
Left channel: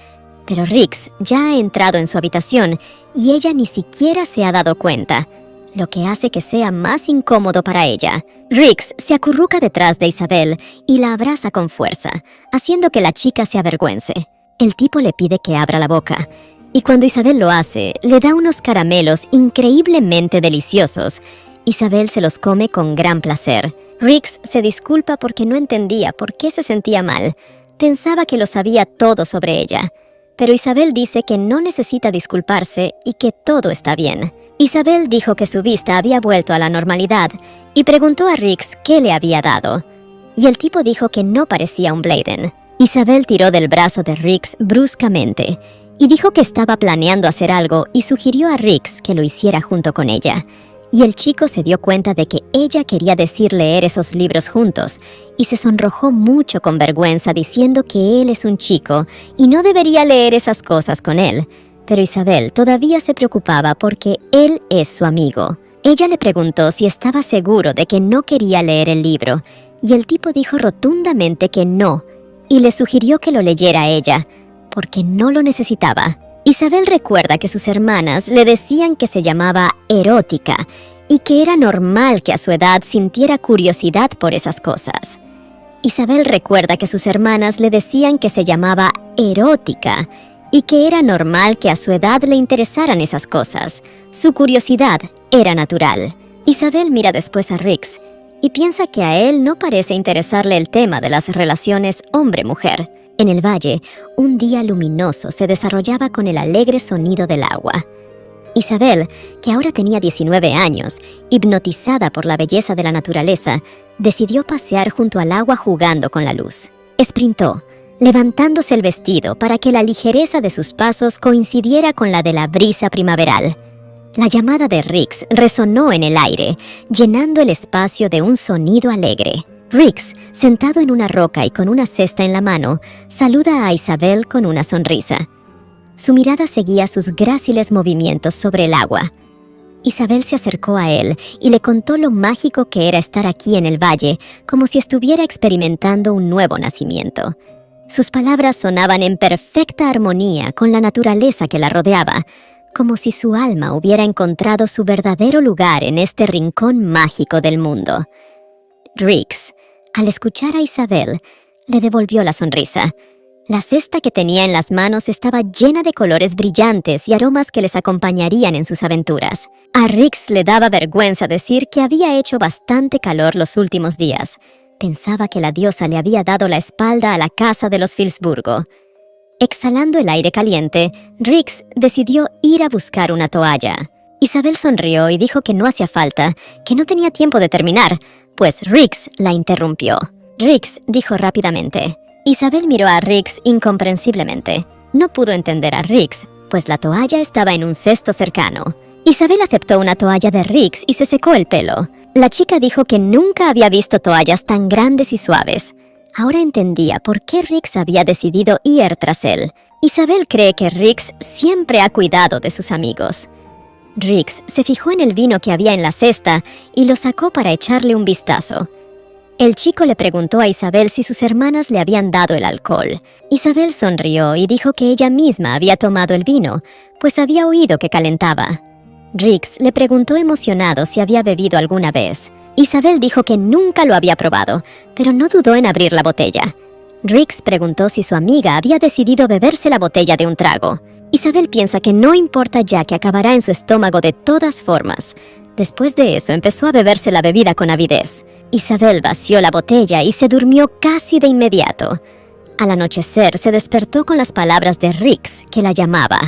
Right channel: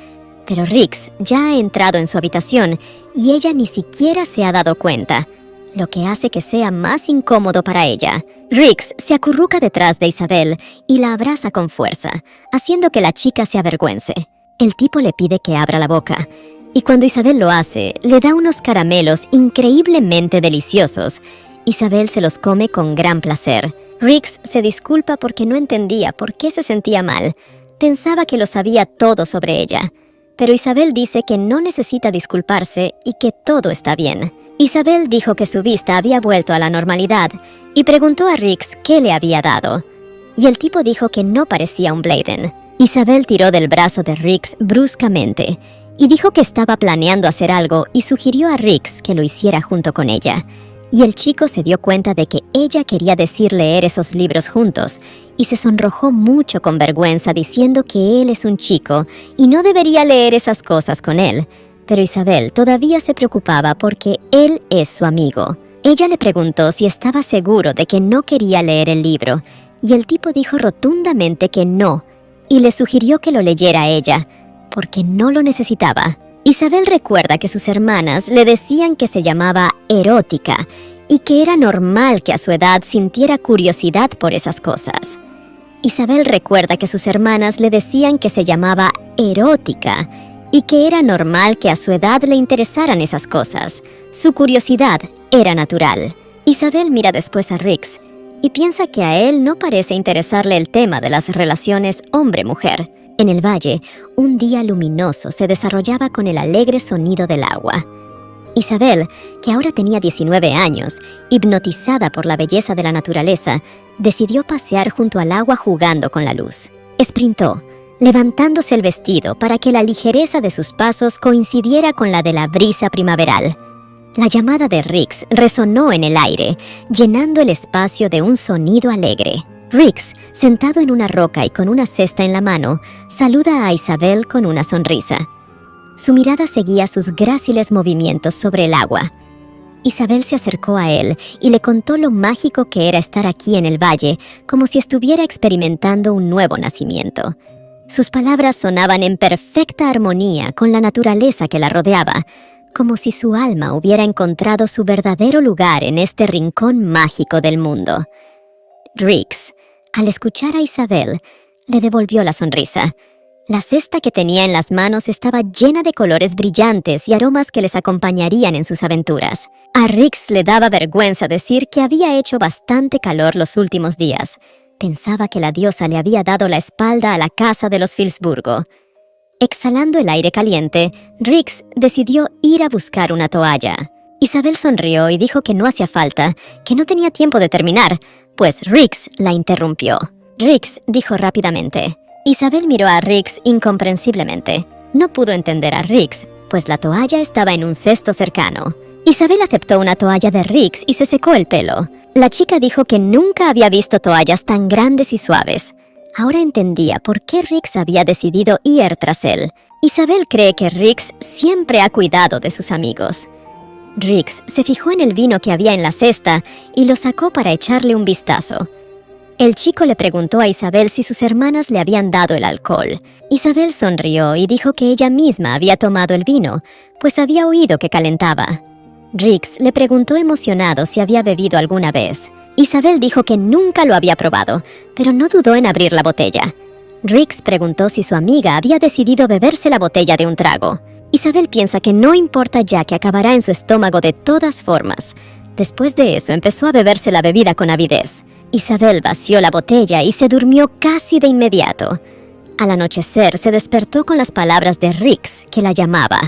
pero Rix ya ha entrado en su habitación y ella ni siquiera se ha dado cuenta, lo que hace que sea más incómodo para ella. Rix se acurruca detrás de Isabel y la abraza con fuerza, haciendo que la chica se avergüence. El tipo le pide que abra la boca, y cuando Isabel lo hace, le da unos caramelos increíblemente deliciosos. Isabel se los come con gran placer. Rix se disculpa porque no entendía por qué se sentía mal. Pensaba que lo sabía todo sobre ella. Pero Isabel dice que no necesita disculparse y que todo está bien. Isabel dijo que su vista había vuelto a la normalidad y preguntó a Rix qué le había dado. Y el tipo dijo que no parecía un Blyden. Isabel tiró del brazo de Rix bruscamente y dijo que estaba planeando hacer algo y sugirió a Rix que lo hiciera junto con ella. Y el chico se dio cuenta de que ella quería decir leer esos libros juntos y se sonrojó mucho con vergüenza diciendo que él es un chico y no debería leer esas cosas con él. Pero Isabel todavía se preocupaba porque él es su amigo. Ella le preguntó si estaba seguro de que no quería leer el libro y el tipo dijo rotundamente que no y le sugirió que lo leyera a ella porque no lo necesitaba. Isabel recuerda que sus hermanas le decían que se llamaba erótica y que era normal que a su edad sintiera curiosidad por esas cosas. Isabel recuerda que sus hermanas le decían que se llamaba erótica y que era normal que a su edad le interesaran esas cosas. Su curiosidad era natural. Isabel mira después a Rix y piensa que a él no parece interesarle el tema de las relaciones hombre-mujer. En el valle, un día luminoso se desarrollaba con el alegre sonido del agua. Isabel, que ahora tenía 19 años, hipnotizada por la belleza de la naturaleza, decidió pasear junto al agua jugando con la luz. Esprintó, levantándose el vestido para que la ligereza de sus pasos coincidiera con la de la brisa primaveral. La llamada de Rix resonó en el aire, llenando el espacio de un sonido alegre. Rix, sentado en una roca y con una cesta en la mano, saluda a Isabel con una sonrisa. Su mirada seguía sus gráciles movimientos sobre el agua. Isabel se acercó a él y le contó lo mágico que era estar aquí en el valle, como si estuviera experimentando un nuevo nacimiento. Sus palabras sonaban en perfecta armonía con la naturaleza que la rodeaba, como si su alma hubiera encontrado su verdadero lugar en este rincón mágico del mundo. Rix, al escuchar a Isabel, le devolvió la sonrisa. La cesta que tenía en las manos estaba llena de colores brillantes y aromas que les acompañarían en sus aventuras. A Rix le daba vergüenza decir que había hecho bastante calor los últimos días. Pensaba que la diosa le había dado la espalda a la casa de los Filsburgo. Exhalando el aire caliente, Rix decidió ir a buscar una toalla. Isabel sonrió y dijo que no hacía falta, que no tenía tiempo de terminar, pues Rix la interrumpió. Rix dijo rápidamente. Isabel miró a Rix incomprensiblemente. No pudo entender a Rix, pues la toalla estaba en un cesto cercano. Isabel aceptó una toalla de Rix y se secó el pelo. La chica dijo que nunca había visto toallas tan grandes y suaves. Ahora entendía por qué Rix había decidido ir tras él. Isabel cree que Rix siempre ha cuidado de sus amigos. Rix se fijó en el vino que había en la cesta y lo sacó para echarle un vistazo. El chico le preguntó a Isabel si sus hermanas le habían dado el alcohol. Isabel sonrió y dijo que ella misma había tomado el vino, pues había oído que calentaba. Rix le preguntó emocionado si había bebido alguna vez. Isabel dijo que nunca lo había probado, pero no dudó en abrir la botella. Rix preguntó si su amiga había decidido beberse la botella de un trago. Isabel piensa que no importa ya que acabará en su estómago de todas formas. Después de eso empezó a beberse la bebida con avidez. Isabel vació la botella y se durmió casi de inmediato. Al anochecer se despertó con las palabras de Rix, que la llamaba.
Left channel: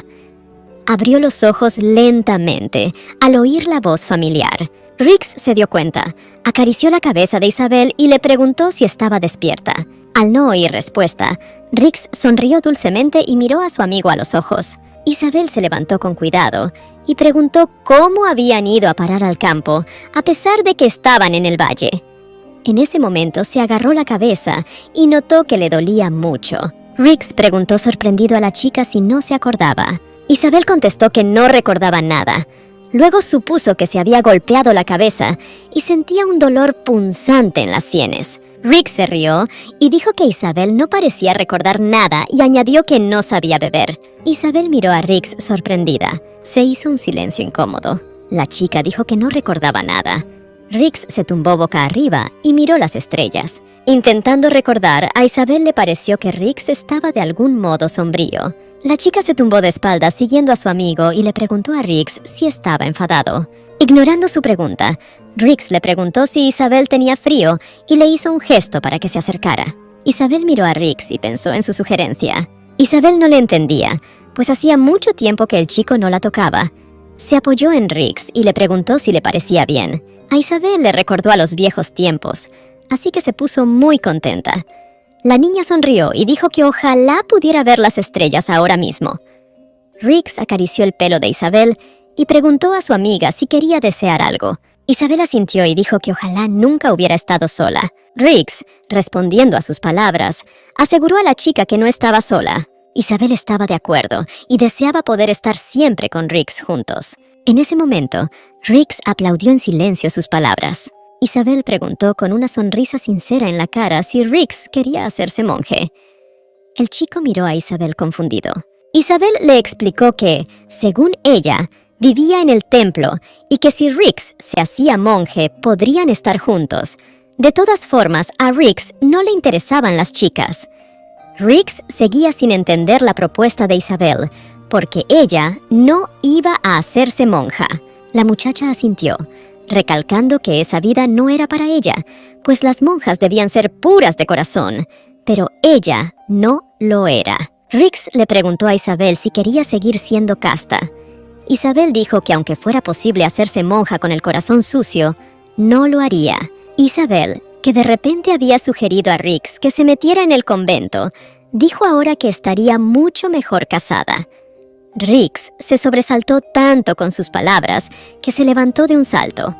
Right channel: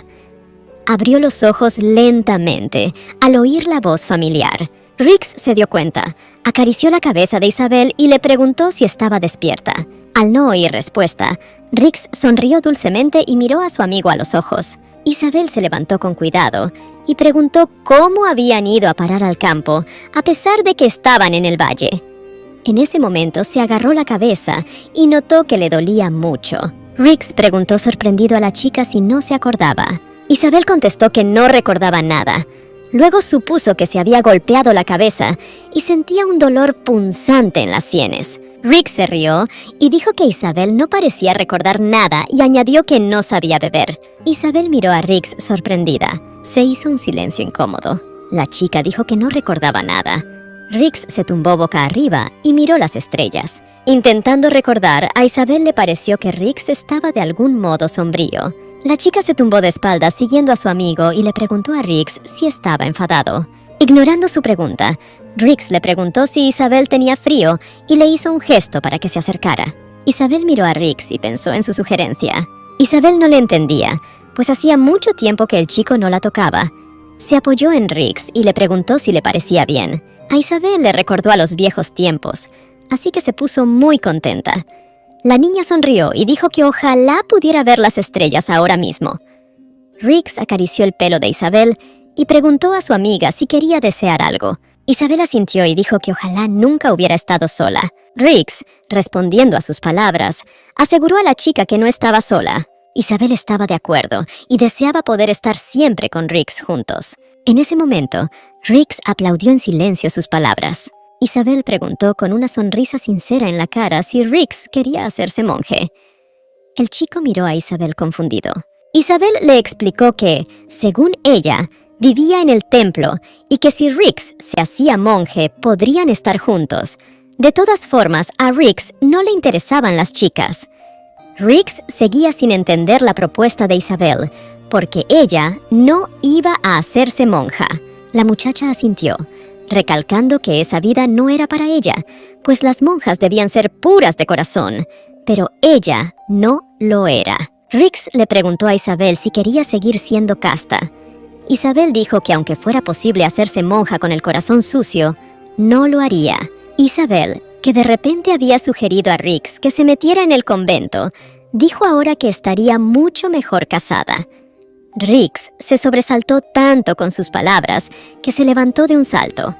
Abrió los ojos lentamente al oír la voz familiar. Rix se dio cuenta, acarició la cabeza de Isabel y le preguntó si estaba despierta. Al no oír respuesta, Rix sonrió dulcemente y miró a su amigo a los ojos. Isabel se levantó con cuidado y preguntó cómo habían ido a parar al campo, a pesar de que estaban en el valle. En ese momento se agarró la cabeza y notó que le dolía mucho. Rix preguntó sorprendido a la chica si no se acordaba. Isabel contestó que no recordaba nada. Luego supuso que se había golpeado la cabeza y sentía un dolor punzante en las sienes. Rix se rió y dijo que Isabel no parecía recordar nada y añadió que no sabía beber. Isabel miró a Rix sorprendida. Se hizo un silencio incómodo. La chica dijo que no recordaba nada. Rix se tumbó boca arriba y miró las estrellas. Intentando recordar, a Isabel le pareció que Rix estaba de algún modo sombrío. La chica se tumbó de espaldas siguiendo a su amigo y le preguntó a Rix si estaba enfadado. Ignorando su pregunta, Rix le preguntó si Isabel tenía frío y le hizo un gesto para que se acercara. Isabel miró a Rix y pensó en su sugerencia. Isabel no le entendía, pues hacía mucho tiempo que el chico no la tocaba. Se apoyó en Rix y le preguntó si le parecía bien. A Isabel le recordó a los viejos tiempos, así que se puso muy contenta. La niña sonrió y dijo que ojalá pudiera ver las estrellas ahora mismo. Rix acarició el pelo de Isabel y preguntó a su amiga si quería desear algo. Isabel asintió y dijo que ojalá nunca hubiera estado sola. Rix, respondiendo a sus palabras, aseguró a la chica que no estaba sola. Isabel estaba de acuerdo y deseaba poder estar siempre con Rix juntos. En ese momento, Rix aplaudió en silencio sus palabras. Isabel preguntó con una sonrisa sincera en la cara si Rix quería hacerse monje. El chico miró a Isabel confundido. Isabel le explicó que, según ella, vivía en el templo y que si Rix se hacía monje podrían estar juntos. De todas formas, a Rix no le interesaban las chicas. Rix seguía sin entender la propuesta de Isabel, porque ella no iba a hacerse monja. La muchacha asintió, recalcando que esa vida no era para ella, pues las monjas debían ser puras de corazón, pero ella no lo era. Rix le preguntó a Isabel si quería seguir siendo casta. Isabel dijo que aunque fuera posible hacerse monja con el corazón sucio, no lo haría. Isabel, que de repente había sugerido a Riggs que se metiera en el convento, dijo ahora que estaría mucho mejor casada. Riggs se sobresaltó tanto con sus palabras que se levantó de un salto.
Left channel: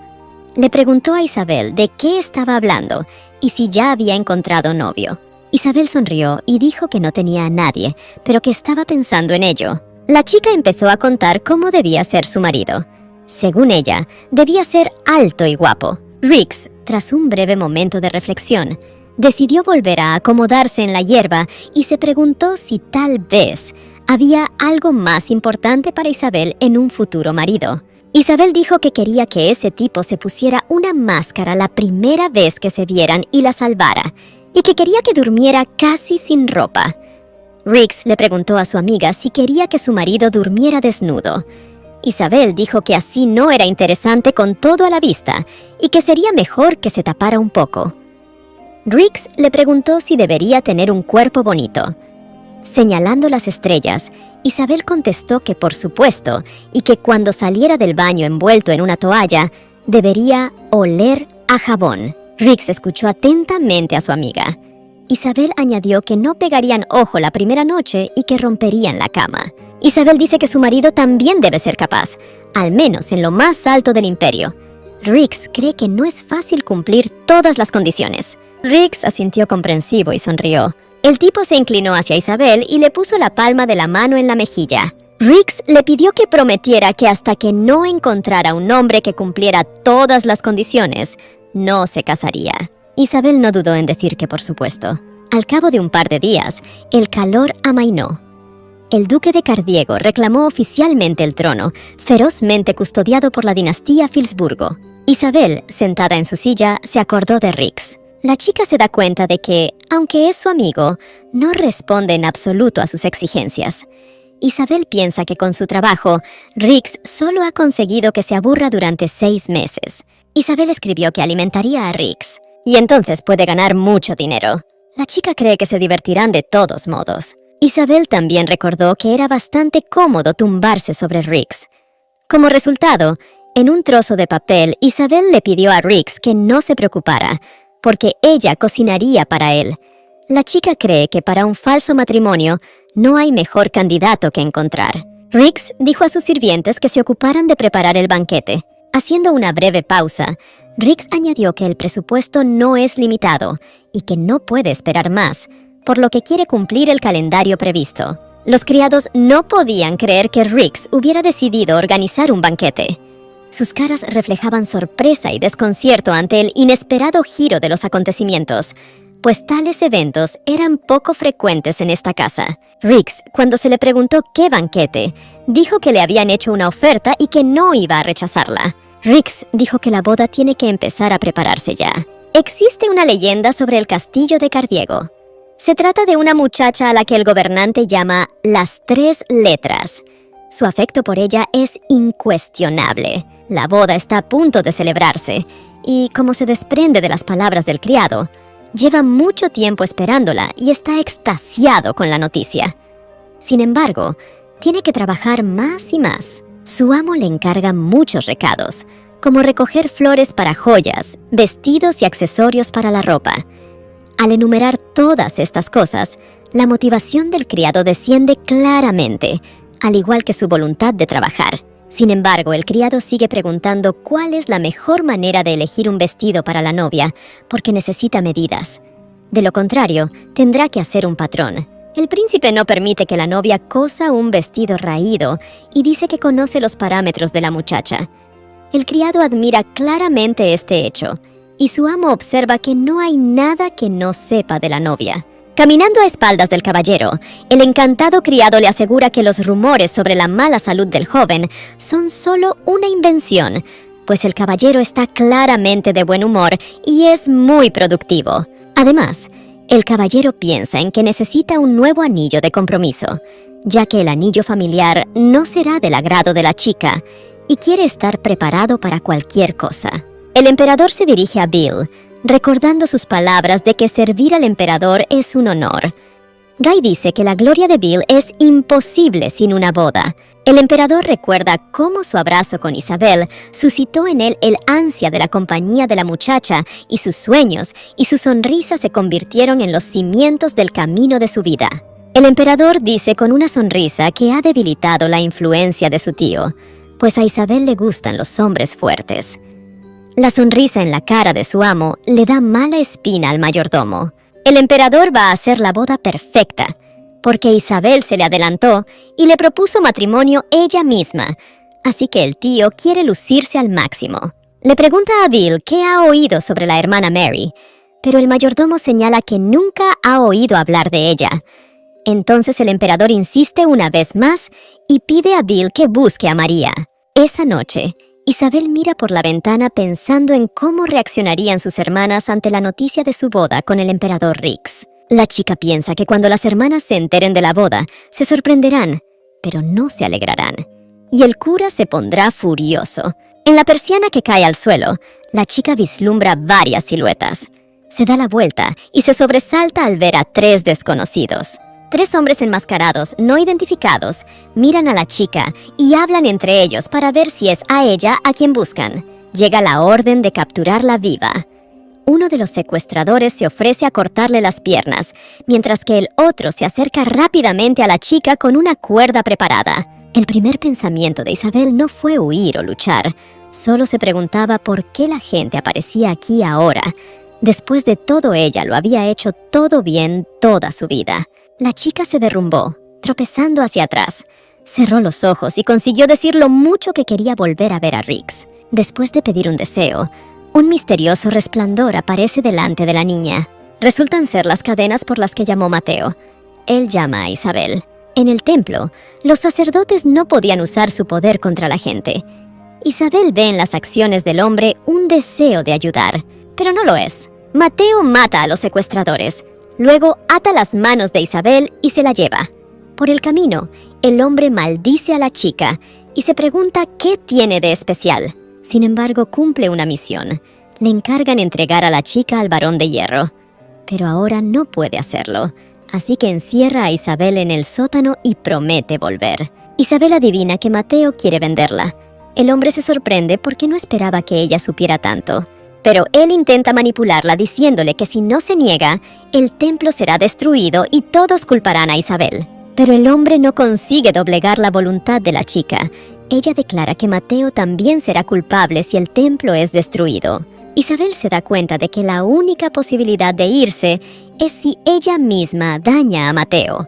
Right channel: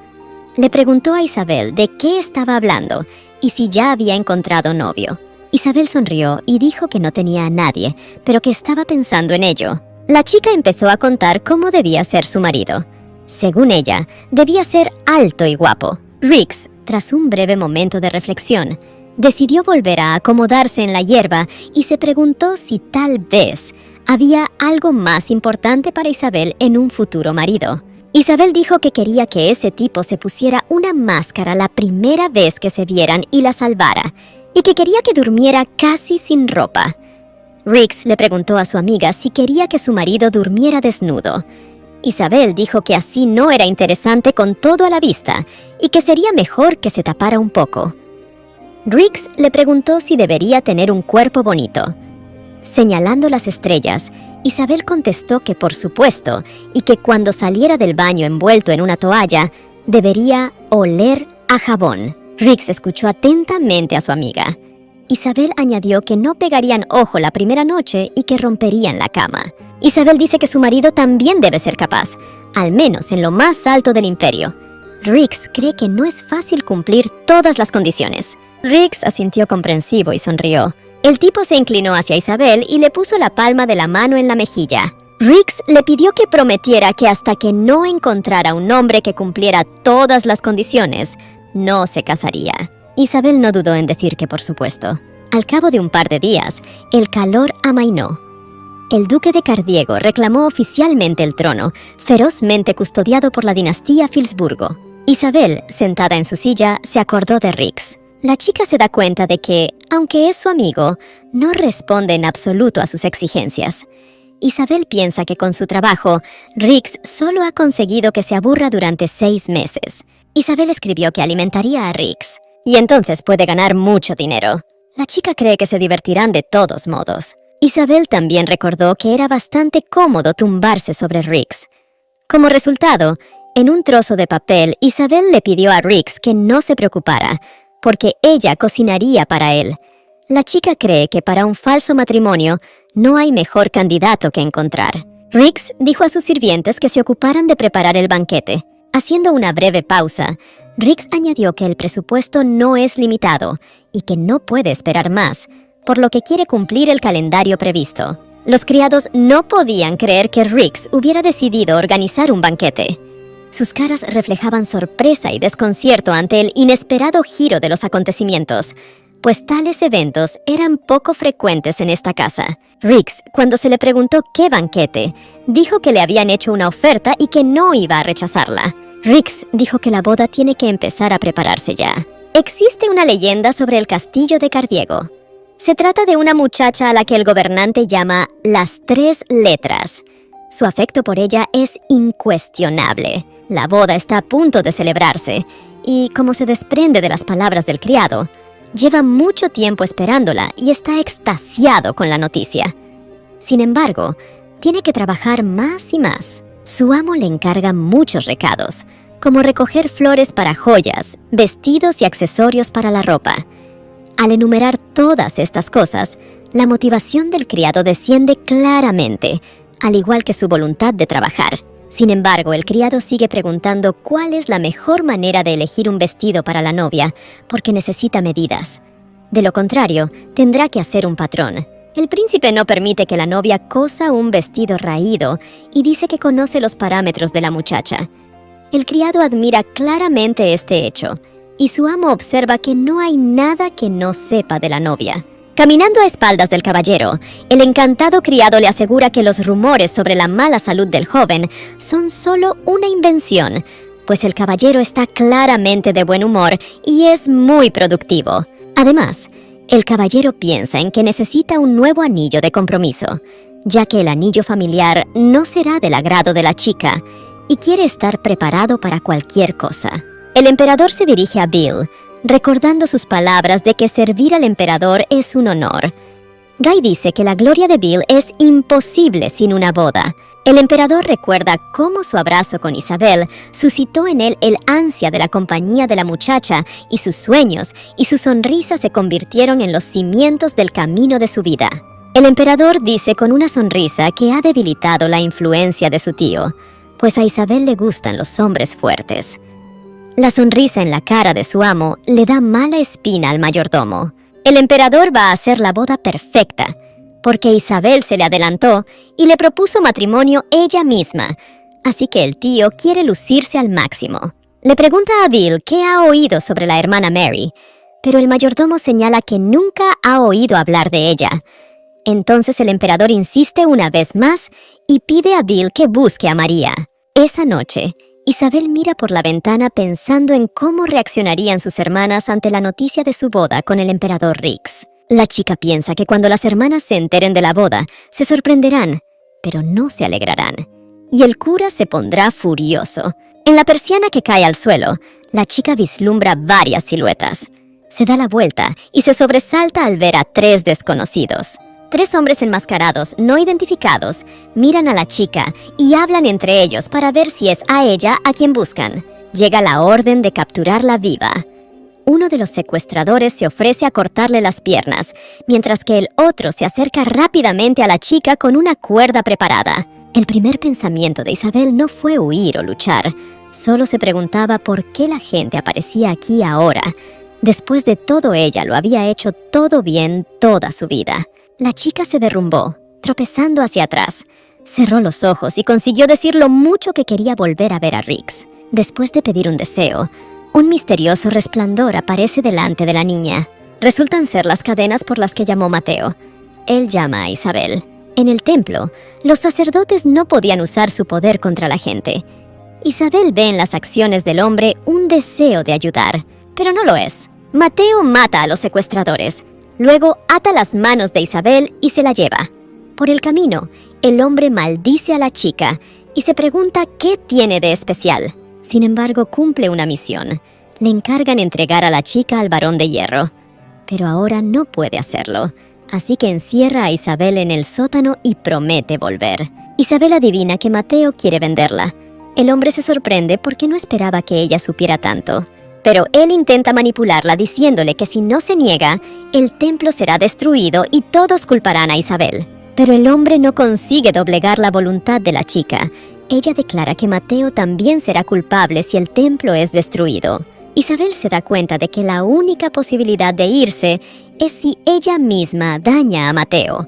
Le preguntó a Isabel de qué estaba hablando y si ya había encontrado novio. Isabel sonrió y dijo que no tenía a nadie, pero que estaba pensando en ello. La chica empezó a contar cómo debía ser su marido. Según ella, debía ser alto y guapo. Riggs, tras un breve momento de reflexión, decidió volver a acomodarse en la hierba y se preguntó si tal vez había algo más importante para Isabel en un futuro marido. Isabel dijo que quería que ese tipo se pusiera una máscara la primera vez que se vieran y la salvara, y que quería que durmiera casi sin ropa. Riggs le preguntó a su amiga si quería que su marido durmiera desnudo. Isabel dijo que así no era interesante con todo a la vista y que sería mejor que se tapara un poco. Riggs le preguntó si debería tener un cuerpo bonito. Señalando las estrellas, Isabel contestó que por supuesto y que cuando saliera del baño envuelto en una toalla, debería oler a jabón. Riggs escuchó atentamente a su amiga. Isabel añadió que no pegarían ojo la primera noche y que romperían la cama. Isabel dice que su marido también debe ser capaz, al menos en lo más alto del imperio. Riggs cree que no es fácil cumplir todas las condiciones. Riggs asintió comprensivo y sonrió. El tipo se inclinó hacia Isabel y le puso la palma de la mano en la mejilla. Riggs le pidió que prometiera que hasta que no encontrara un hombre que cumpliera todas las condiciones, no se casaría. Isabel no dudó en decir que por supuesto. Al cabo de un par de días, el calor amainó. El duque de Cardiego reclamó oficialmente el trono, ferozmente custodiado por la dinastía Filsburgo. Isabel, sentada en su silla, se acordó de Riggs. La chica se da cuenta de que, aunque es su amigo, no responde en absoluto a sus exigencias. Isabel piensa que con su trabajo, Riggs solo ha conseguido que se aburra durante 6 meses. Isabel escribió que alimentaría a Riggs, y entonces puede ganar mucho dinero. La chica cree que se divertirán de todos modos. Isabel también recordó que era bastante cómodo tumbarse sobre Riggs. Como resultado, en un trozo de papel, Isabel le pidió a Riggs que no se preocupara, porque ella cocinaría para él. La chica cree que para un falso matrimonio no hay mejor candidato que encontrar. Riggs dijo a sus sirvientes que se ocuparan de preparar el banquete. Haciendo una breve pausa, Riggs añadió que el presupuesto no es limitado y que no puede esperar más, por lo que quiere cumplir el calendario previsto. Los criados no podían creer que Riggs hubiera decidido organizar un banquete. Sus caras reflejaban sorpresa y desconcierto ante el inesperado giro de los acontecimientos, pues tales eventos eran poco frecuentes en esta casa. Riggs, cuando se le preguntó qué banquete, dijo que le habían hecho una oferta y que no iba a rechazarla. Riggs dijo que la boda tiene que empezar a prepararse ya. Existe una leyenda sobre el castillo de Cardiego. Se trata de una muchacha a la que el gobernante llama las 3 letras. Su afecto por ella es incuestionable. La boda está a punto de celebrarse y, como se desprende de las palabras del criado, lleva mucho tiempo esperándola y está extasiado con la noticia. Sin embargo, tiene que trabajar más y más. Su amo le encarga muchos recados, como recoger flores para joyas, vestidos y accesorios para la ropa. Al enumerar todas estas cosas, la motivación del criado desciende claramente, al igual que su voluntad de trabajar. Sin embargo, el criado sigue preguntando cuál es la mejor manera de elegir un vestido para la novia, porque necesita medidas. De lo contrario, tendrá que hacer un patrón. El príncipe no permite que la novia cosa un vestido raído y dice que conoce los parámetros de la muchacha. El criado admira claramente este hecho, y su amo observa que no hay nada que no sepa de la novia. Caminando a espaldas del caballero, el encantado criado le asegura que los rumores sobre la mala salud del joven son solo una invención, pues el caballero está claramente de buen humor y es muy productivo. Además, el caballero piensa en que necesita un nuevo anillo de compromiso, ya que el anillo familiar no será del agrado de la chica y quiere estar preparado para cualquier cosa. El emperador se dirige a Bill, recordando sus palabras de que servir al emperador es un honor. Guy dice que la gloria de Bill es imposible sin una boda. El emperador recuerda cómo su abrazo con Isabel suscitó en él el ansia de la compañía de la muchacha y sus sueños y su sonrisa se convirtieron en los cimientos del camino de su vida. El emperador dice con una sonrisa que ha debilitado la influencia de su tío, pues a Isabel le gustan los hombres fuertes. La sonrisa en la cara de su amo le da mala espina al mayordomo. El emperador va a hacer la boda perfecta, porque Isabel se le adelantó y le propuso matrimonio ella misma, así que el tío quiere lucirse al máximo. Le pregunta a Bill qué ha oído sobre la hermana Mary, pero el mayordomo señala que nunca ha oído hablar de ella. Entonces el emperador insiste una vez más y pide a Bill que busque a María. Esa noche, Isabel mira por la ventana pensando en cómo reaccionarían sus hermanas ante la noticia de su boda con el emperador Rix. La chica piensa que cuando las hermanas se enteren de la boda, se sorprenderán, pero no se alegrarán. Y el cura se pondrá furioso. En la persiana que cae al suelo, la chica vislumbra varias siluetas. Se da la vuelta y se sobresalta al ver a 3 desconocidos. 3 hombres enmascarados, no identificados, miran a la chica y hablan entre ellos para ver si es a ella a quien buscan. Llega la orden de capturarla viva. Uno de los secuestradores se ofrece a cortarle las piernas, mientras que el otro se acerca rápidamente a la chica con una cuerda preparada. El primer pensamiento de Isabel no fue huir o luchar, solo se preguntaba por qué la gente aparecía aquí ahora. Después de todo, ella lo había hecho todo bien toda su vida. La chica se derrumbó, tropezando hacia atrás. Cerró los ojos y consiguió decir lo mucho que quería volver a ver a Rix. Después de pedir un deseo, un misterioso resplandor aparece delante de la niña. Resultan ser las cadenas por las que llamó Mateo. Él llama a Isabel. En el templo, los sacerdotes no podían usar su poder contra la gente. Isabel ve en las acciones del hombre un deseo de ayudar, pero no lo es. Mateo mata a los secuestradores. Luego ata las manos de Isabel y se la lleva. Por el camino, el hombre maldice a la chica y se pregunta qué tiene de especial. Sin embargo, cumple una misión. Le encargan entregar a la chica al Barón de Hierro. Pero ahora no puede hacerlo, así que encierra a Isabel en el sótano y promete volver. Isabel adivina que Mateo quiere venderla. El hombre se sorprende porque no esperaba que ella supiera tanto. Pero él intenta manipularla diciéndole que si no se niega, el templo será destruido y todos culparán a Isabel. Pero el hombre no consigue doblegar la voluntad de la chica. Ella declara que Mateo también será culpable si el templo es destruido. Isabel se da cuenta de que la única posibilidad de irse es si ella misma daña a Mateo.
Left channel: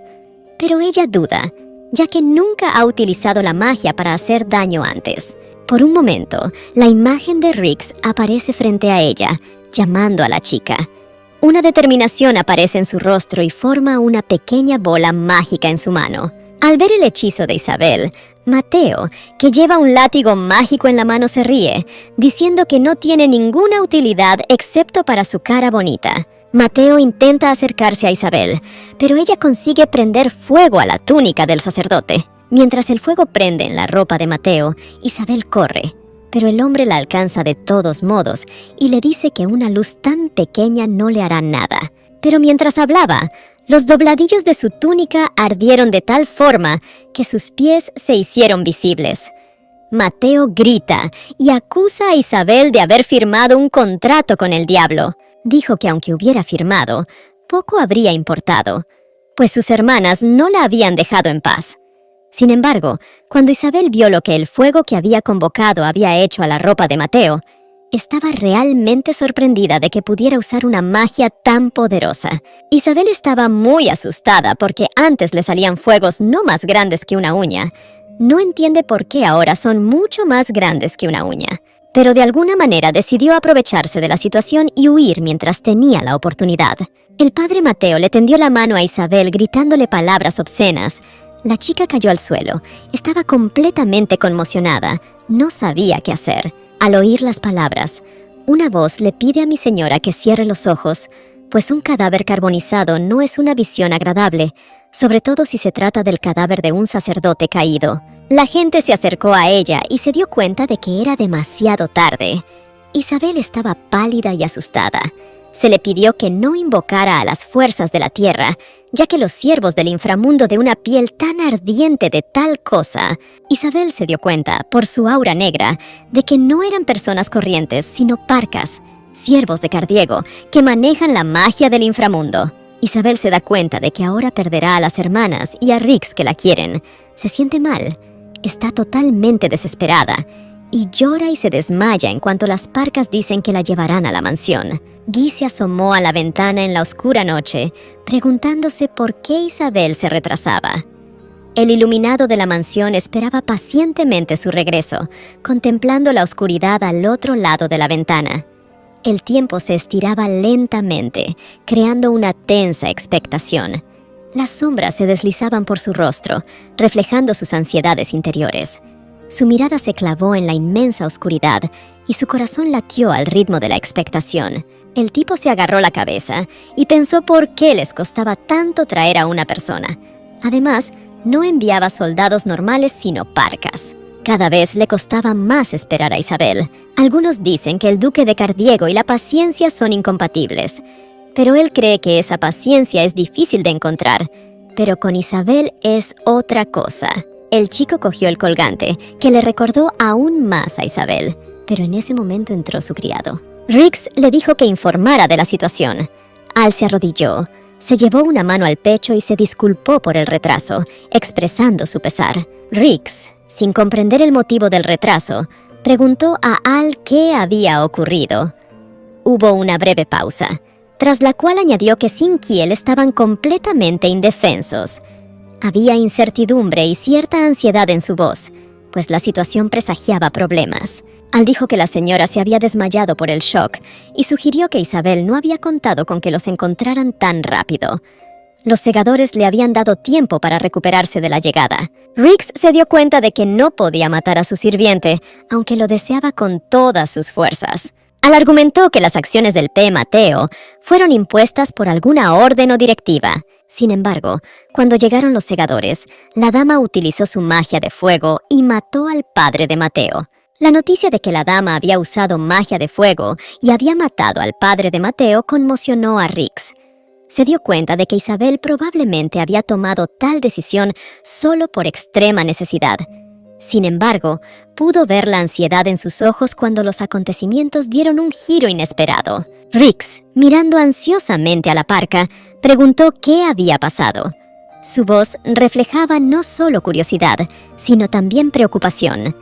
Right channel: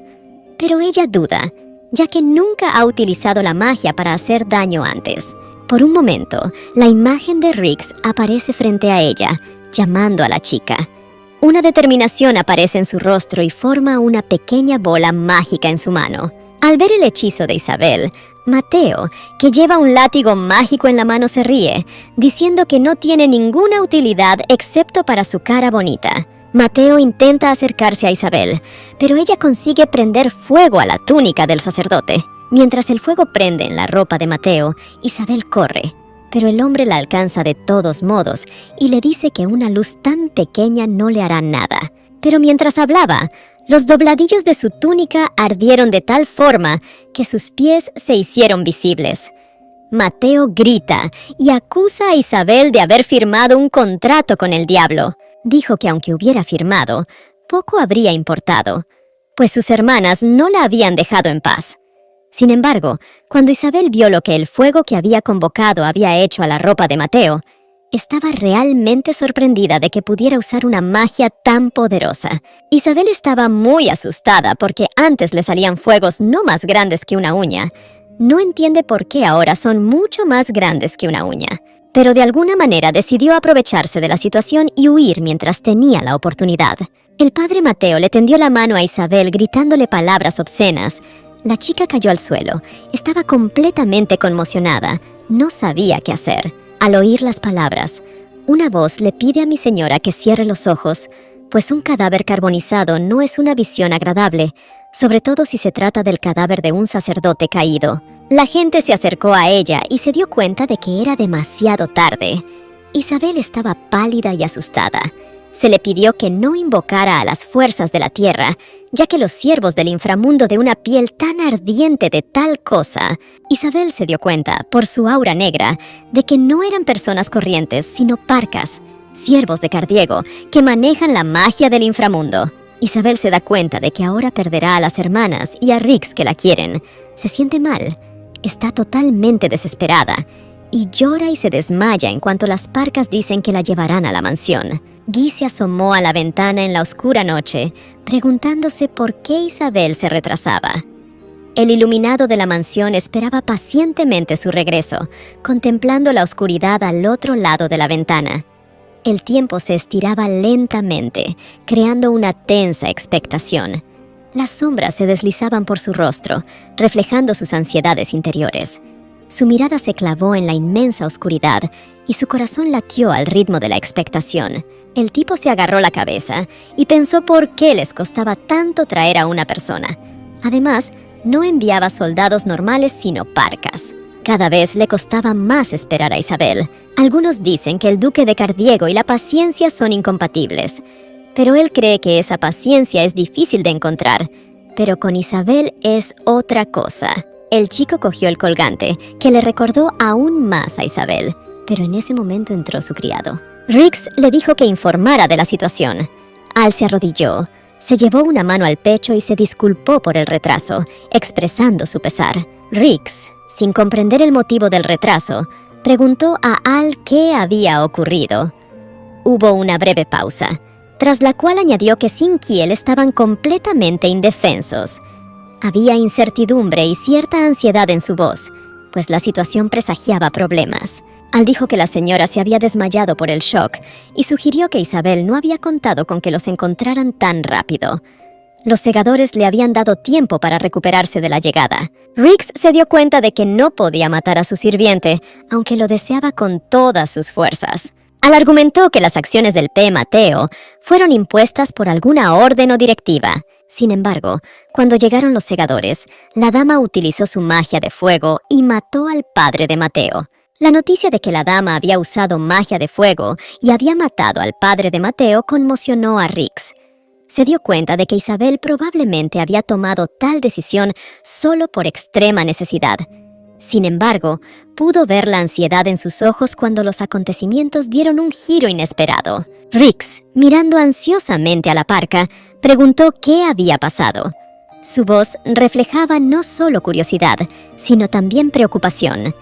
Pero ella duda, ya que nunca ha utilizado la magia para hacer daño antes. Por un momento, la imagen de Rix aparece frente a ella, llamando a la chica. Una determinación aparece en su rostro y forma una pequeña bola mágica en su mano. Al ver el hechizo de Isabel, Mateo, que lleva un látigo mágico en la mano, se ríe, diciendo que no tiene ninguna utilidad excepto para su cara bonita. Mateo intenta acercarse a Isabel, pero ella consigue prender fuego a la túnica del sacerdote. Mientras el fuego prende en la ropa de Mateo, Isabel corre, pero el hombre la alcanza de todos modos y le dice que una luz tan pequeña no le hará nada. Pero mientras hablaba, los dobladillos de su túnica ardieron de tal forma que sus pies se hicieron visibles. Mateo grita y acusa a Isabel de haber firmado un contrato con el diablo. Dijo que aunque hubiera firmado, poco habría importado, pues sus hermanas no la habían dejado en paz. Sin embargo, cuando Isabel vio lo que el fuego que había convocado había hecho a la ropa de Mateo, estaba realmente sorprendida de que pudiera usar una magia tan poderosa. Isabel estaba muy asustada porque antes le salían fuegos no más grandes que una uña. No entiende por qué ahora son mucho más grandes que una uña. Pero de alguna manera decidió aprovecharse de la situación y huir mientras tenía la oportunidad. El padre Mateo le tendió la mano a Isabel gritándole palabras obscenas. La chica cayó al suelo. Estaba completamente conmocionada. No sabía qué hacer. Al oír las palabras, una voz le pide a mi señora que cierre los ojos, pues un cadáver carbonizado no es una visión agradable, sobre todo si se trata del cadáver de un sacerdote caído. La gente se acercó a ella y se dio cuenta de que era demasiado tarde. Isabel estaba pálida y asustada. Se le pidió que no invocara a las fuerzas de la tierra, ya que los siervos del inframundo de una piel tan ardiente de tal cosa. Isabel se dio cuenta, por su aura negra, de que no eran personas corrientes, sino parcas, siervos de Cardiego, que manejan la magia del inframundo. Isabel se da cuenta de que ahora perderá a las hermanas y a Rix que la quieren. Se siente mal, está totalmente desesperada, y llora y se desmaya en cuanto las parcas dicen que la llevarán a la mansión. Guy se asomó a la ventana en la oscura noche, preguntándose por qué Isabel se retrasaba. El iluminado de la mansión esperaba pacientemente su regreso, contemplando la oscuridad al otro lado de la ventana. El tiempo se estiraba lentamente, creando una tensa expectación. Las sombras se deslizaban por su rostro, reflejando sus ansiedades interiores. Su mirada se clavó en la inmensa oscuridad y su corazón latió al ritmo de la expectación. El tipo se agarró la cabeza y pensó por qué les costaba tanto traer a una persona. Además, no enviaba soldados normales sino parcas. Cada vez le costaba más esperar a Isabel. Algunos dicen que el duque de Cardiego y la paciencia son incompatibles, pero él cree que esa paciencia es difícil de encontrar. Pero con Isabel es otra cosa. El chico cogió el colgante, que le recordó aún más a Isabel, pero en ese momento entró su criado. Rix le dijo que informara de la situación. Al se arrodilló, se llevó una mano al pecho y se disculpó por el retraso, expresando su pesar. Rix, sin comprender el motivo del retraso, preguntó a Al qué había ocurrido. Hubo una breve pausa, tras la cual añadió que sin Kiel estaban completamente indefensos. Había incertidumbre y cierta ansiedad en su voz, pues la situación presagiaba problemas. Al dijo que la señora se había desmayado por el shock y sugirió que Isabel no había contado con que los encontraran tan rápido. Los segadores le habían dado tiempo para recuperarse de la llegada. Rix se dio cuenta de que no podía matar a su sirviente, aunque lo deseaba con todas sus fuerzas. Al argumentó que las acciones del P. Mateo fueron impuestas por alguna orden o directiva. Sin embargo, cuando llegaron los segadores, la dama utilizó su magia de fuego y mató al padre de Mateo. La noticia de que la dama había usado magia de fuego y había matado al padre de Mateo conmocionó a Rix. Se dio cuenta de que Isabel probablemente había tomado tal decisión solo por extrema necesidad. Sin embargo, pudo ver la ansiedad en sus ojos cuando los acontecimientos dieron un giro inesperado. Rix, mirando ansiosamente a la parca, preguntó qué había pasado. Su voz reflejaba no solo curiosidad, sino también preocupación,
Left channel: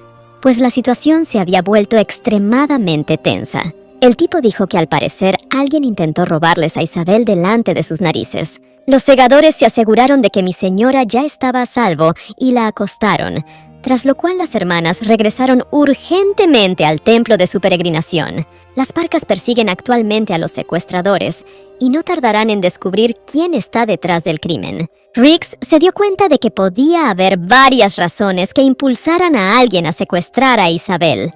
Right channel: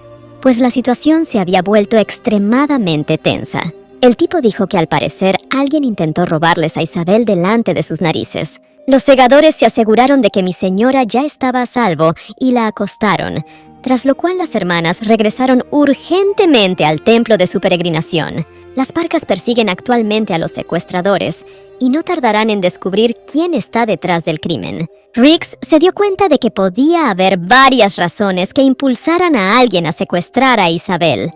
pues la situación se había vuelto extremadamente tensa. El tipo dijo que al parecer alguien intentó robarles a Isabel delante de sus narices. Los segadores se aseguraron de que mi señora ya estaba a salvo y la acostaron, tras lo cual las hermanas regresaron urgentemente al templo de su peregrinación. Las parcas persiguen actualmente a los secuestradores y no tardarán en descubrir quién está detrás del crimen. Rix se dio cuenta de que podía haber varias razones que impulsaran a alguien a secuestrar a Isabel.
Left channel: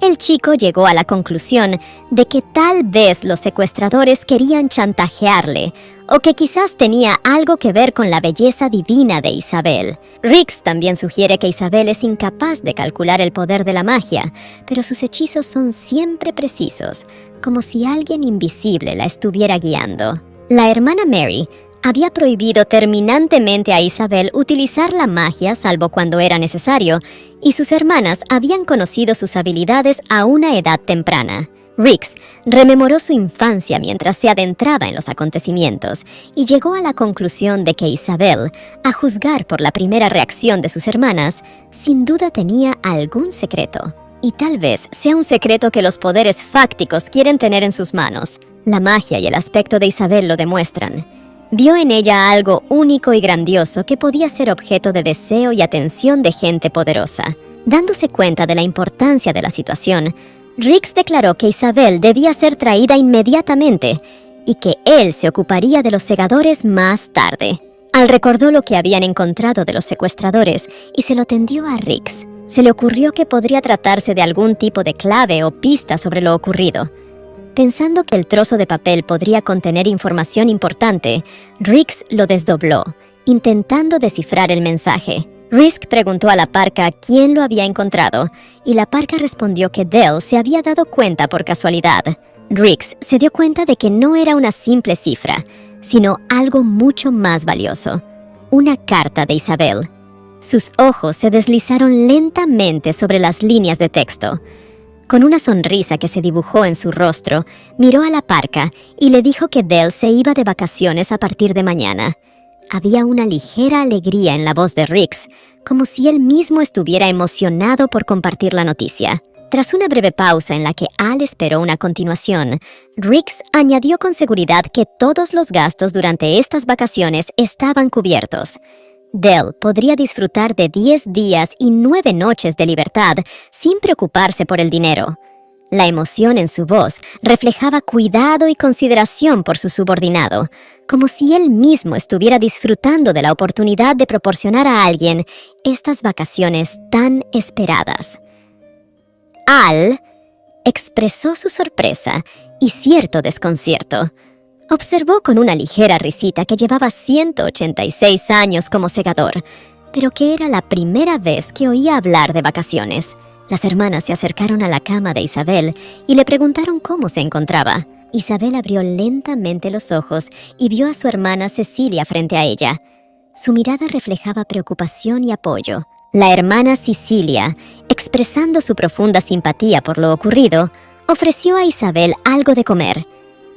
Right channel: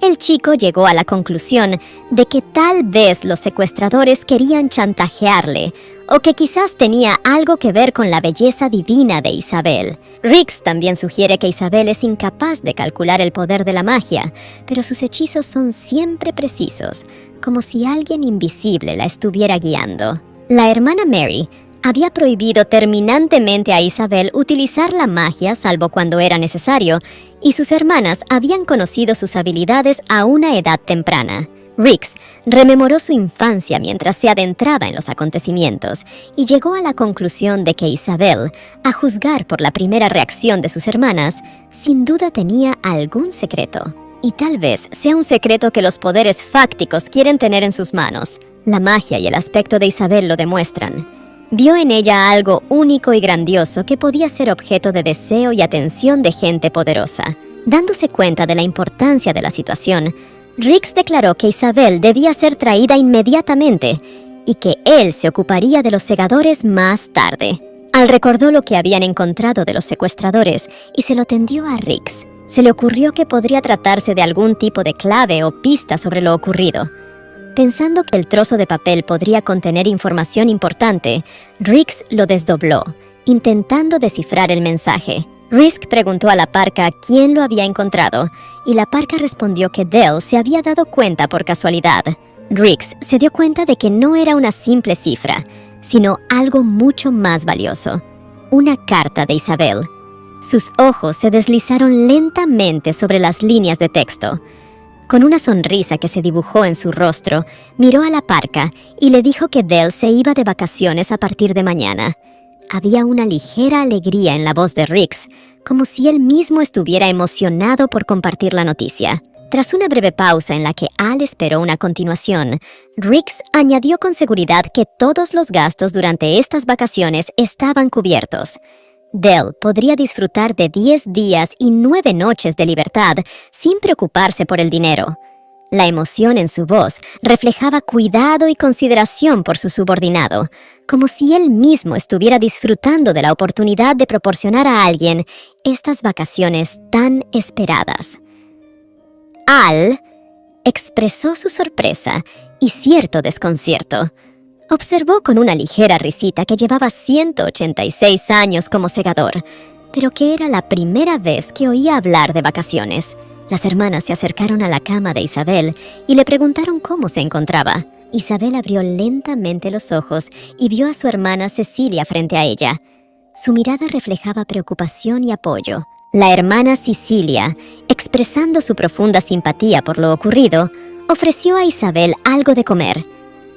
El chico llegó a la conclusión de que tal vez los secuestradores querían chantajearle o que quizás tenía algo que ver con la belleza divina de Isabel. Rix también sugiere que Isabel es incapaz de calcular el poder de la magia, pero sus hechizos son siempre precisos, como si alguien invisible la estuviera guiando. La hermana Mary había prohibido terminantemente a Isabel utilizar la magia salvo cuando era necesario, y sus hermanas habían conocido sus habilidades a una edad temprana. Rix rememoró su infancia mientras se adentraba en los acontecimientos y llegó a la conclusión de que Isabel, a juzgar por la primera reacción de sus hermanas, sin duda tenía algún secreto. Y tal vez sea un secreto que los poderes fácticos quieren tener en sus manos. La magia y el aspecto de Isabel lo demuestran. Vio en ella algo único y grandioso que podía ser objeto de deseo y atención de gente poderosa. Dándose cuenta de la importancia de la situación, Rix declaró que Isabel debía ser traída inmediatamente y que él se ocuparía de los segadores más tarde. Al recordó lo que habían encontrado de los secuestradores y se lo tendió a Rix. Se le ocurrió que podría tratarse de algún tipo de clave o pista sobre lo ocurrido. Pensando que el trozo de papel podría contener información importante, Rix lo desdobló, intentando descifrar el mensaje. Rix preguntó a la parca quién lo había encontrado, y la parca respondió que Dell se había dado cuenta por casualidad. Rix se dio cuenta de que no era una simple cifra, sino algo mucho más valioso. Una carta de Isabel. Sus ojos se deslizaron lentamente sobre las líneas de texto. Con una sonrisa que se dibujó en su rostro, miró a la parca y le dijo que Dell se iba de vacaciones a partir de mañana. Había una ligera alegría en la voz de Rix, como si él mismo estuviera emocionado por compartir la noticia. Tras una breve pausa en la que Al esperó una continuación, Rix añadió con seguridad que todos los gastos durante estas vacaciones estaban cubiertos. Dell podría disfrutar de 10 días y 9 noches de libertad sin preocuparse por el dinero. La emoción en su voz reflejaba cuidado y consideración por su subordinado, como si él mismo estuviera disfrutando de la oportunidad de proporcionar a alguien estas vacaciones tan esperadas. Al expresó su sorpresa y cierto desconcierto. Observó con una ligera risita que llevaba 186 años como segador, pero que era la primera vez que oía hablar de vacaciones. Las hermanas se acercaron a la cama de Isabel y le preguntaron cómo se encontraba. Isabel abrió lentamente los ojos y vio a su hermana Cecilia frente a ella. Su mirada reflejaba preocupación y apoyo. La hermana Cecilia, expresando su profunda simpatía por lo ocurrido, ofreció a Isabel algo de comer.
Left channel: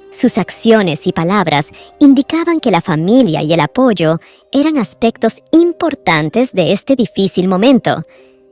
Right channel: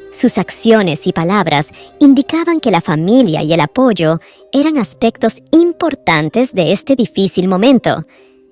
Sus acciones y palabras indicaban que la familia y el apoyo eran aspectos importantes de este difícil momento,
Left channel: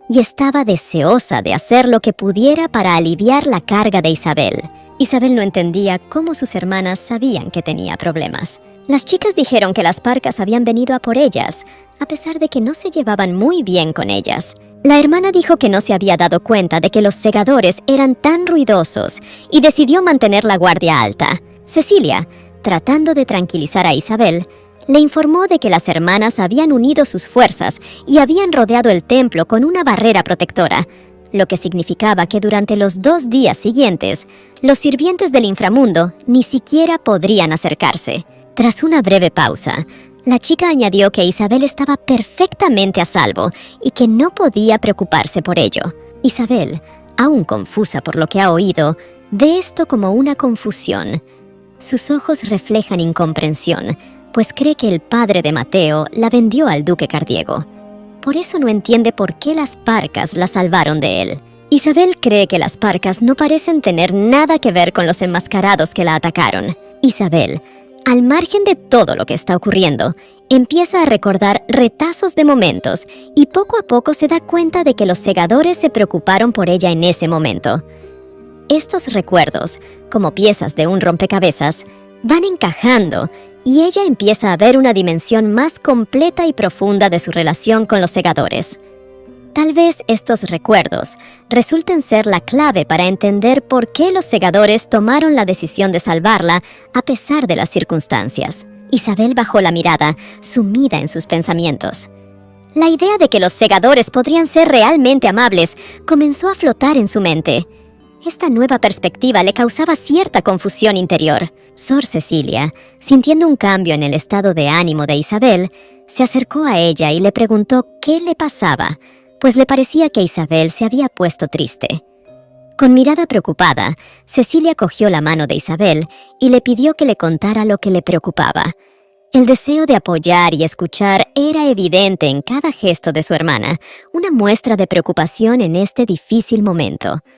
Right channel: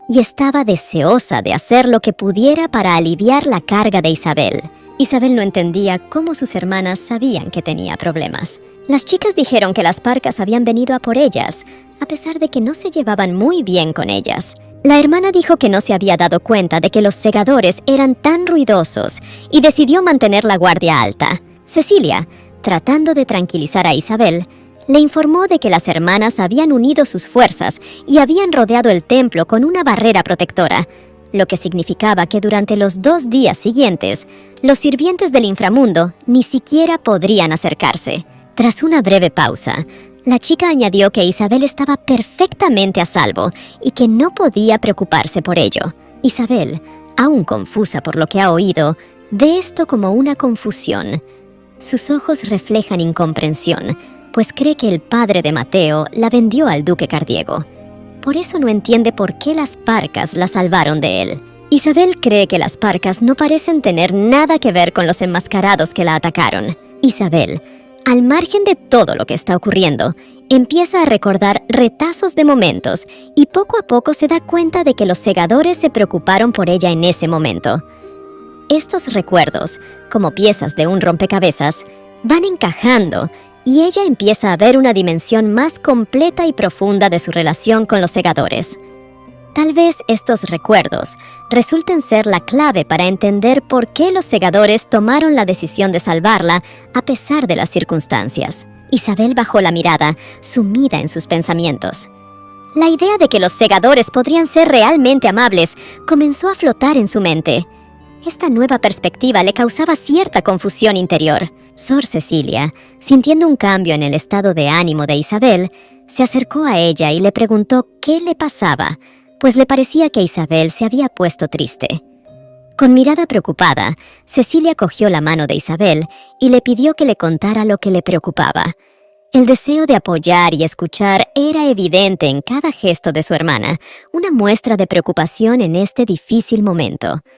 y estaba deseosa de hacer lo que pudiera para aliviar la carga de Isabel. Isabel no entendía cómo sus hermanas sabían que tenía problemas. Las chicas dijeron que las parcas habían venido a por ellas, a pesar de que no se llevaban muy bien con ellas. La hermana dijo que no se había dado cuenta de que los segadores eran tan ruidosos y decidió mantener la guardia alta. Cecilia, tratando de tranquilizar a Isabel, le informó de que las hermanas habían unido sus fuerzas y habían rodeado el templo con una barrera protectora, lo que significaba que durante los 2 días siguientes, los sirvientes del inframundo ni siquiera podrían acercarse. Tras una breve pausa, la chica añadió que Isabel estaba perfectamente a salvo y que no podía preocuparse por ello. Isabel, aún confusa por lo que ha oído, ve esto como una confusión. Sus ojos reflejan incomprensión, pues cree que el padre de Mateo la vendió al duque Cardiego. Por eso no entiende por qué las parcas la salvaron de él. Isabel cree que las parcas no parecen tener nada que ver con los enmascarados que la atacaron. Isabel, al margen de todo lo que está ocurriendo, empieza a recordar retazos de momentos y poco a poco se da cuenta de que los segadores se preocuparon por ella en ese momento. Estos recuerdos, como piezas de un rompecabezas, van encajando y ella empieza a ver una dimensión más completa y profunda de su relación con los segadores. Tal vez estos recuerdos resulten ser la clave para entender por qué los segadores tomaron la decisión de salvarla a pesar de las circunstancias. Isabel bajó la mirada, sumida en sus pensamientos. La idea de que los segadores podrían ser realmente amables comenzó a flotar en su mente. Esta nueva perspectiva le causaba cierta confusión interior. Sor Cecilia, sintiendo un cambio en el estado de ánimo de Isabel, se acercó a ella y le preguntó qué le pasaba, pues le parecía que Isabel se había puesto triste. Con mirada preocupada, Cecilia cogió la mano de Isabel y le pidió que le contara lo que le preocupaba. El deseo de apoyar y escuchar era evidente en cada gesto de su hermana, una muestra de preocupación en este difícil momento.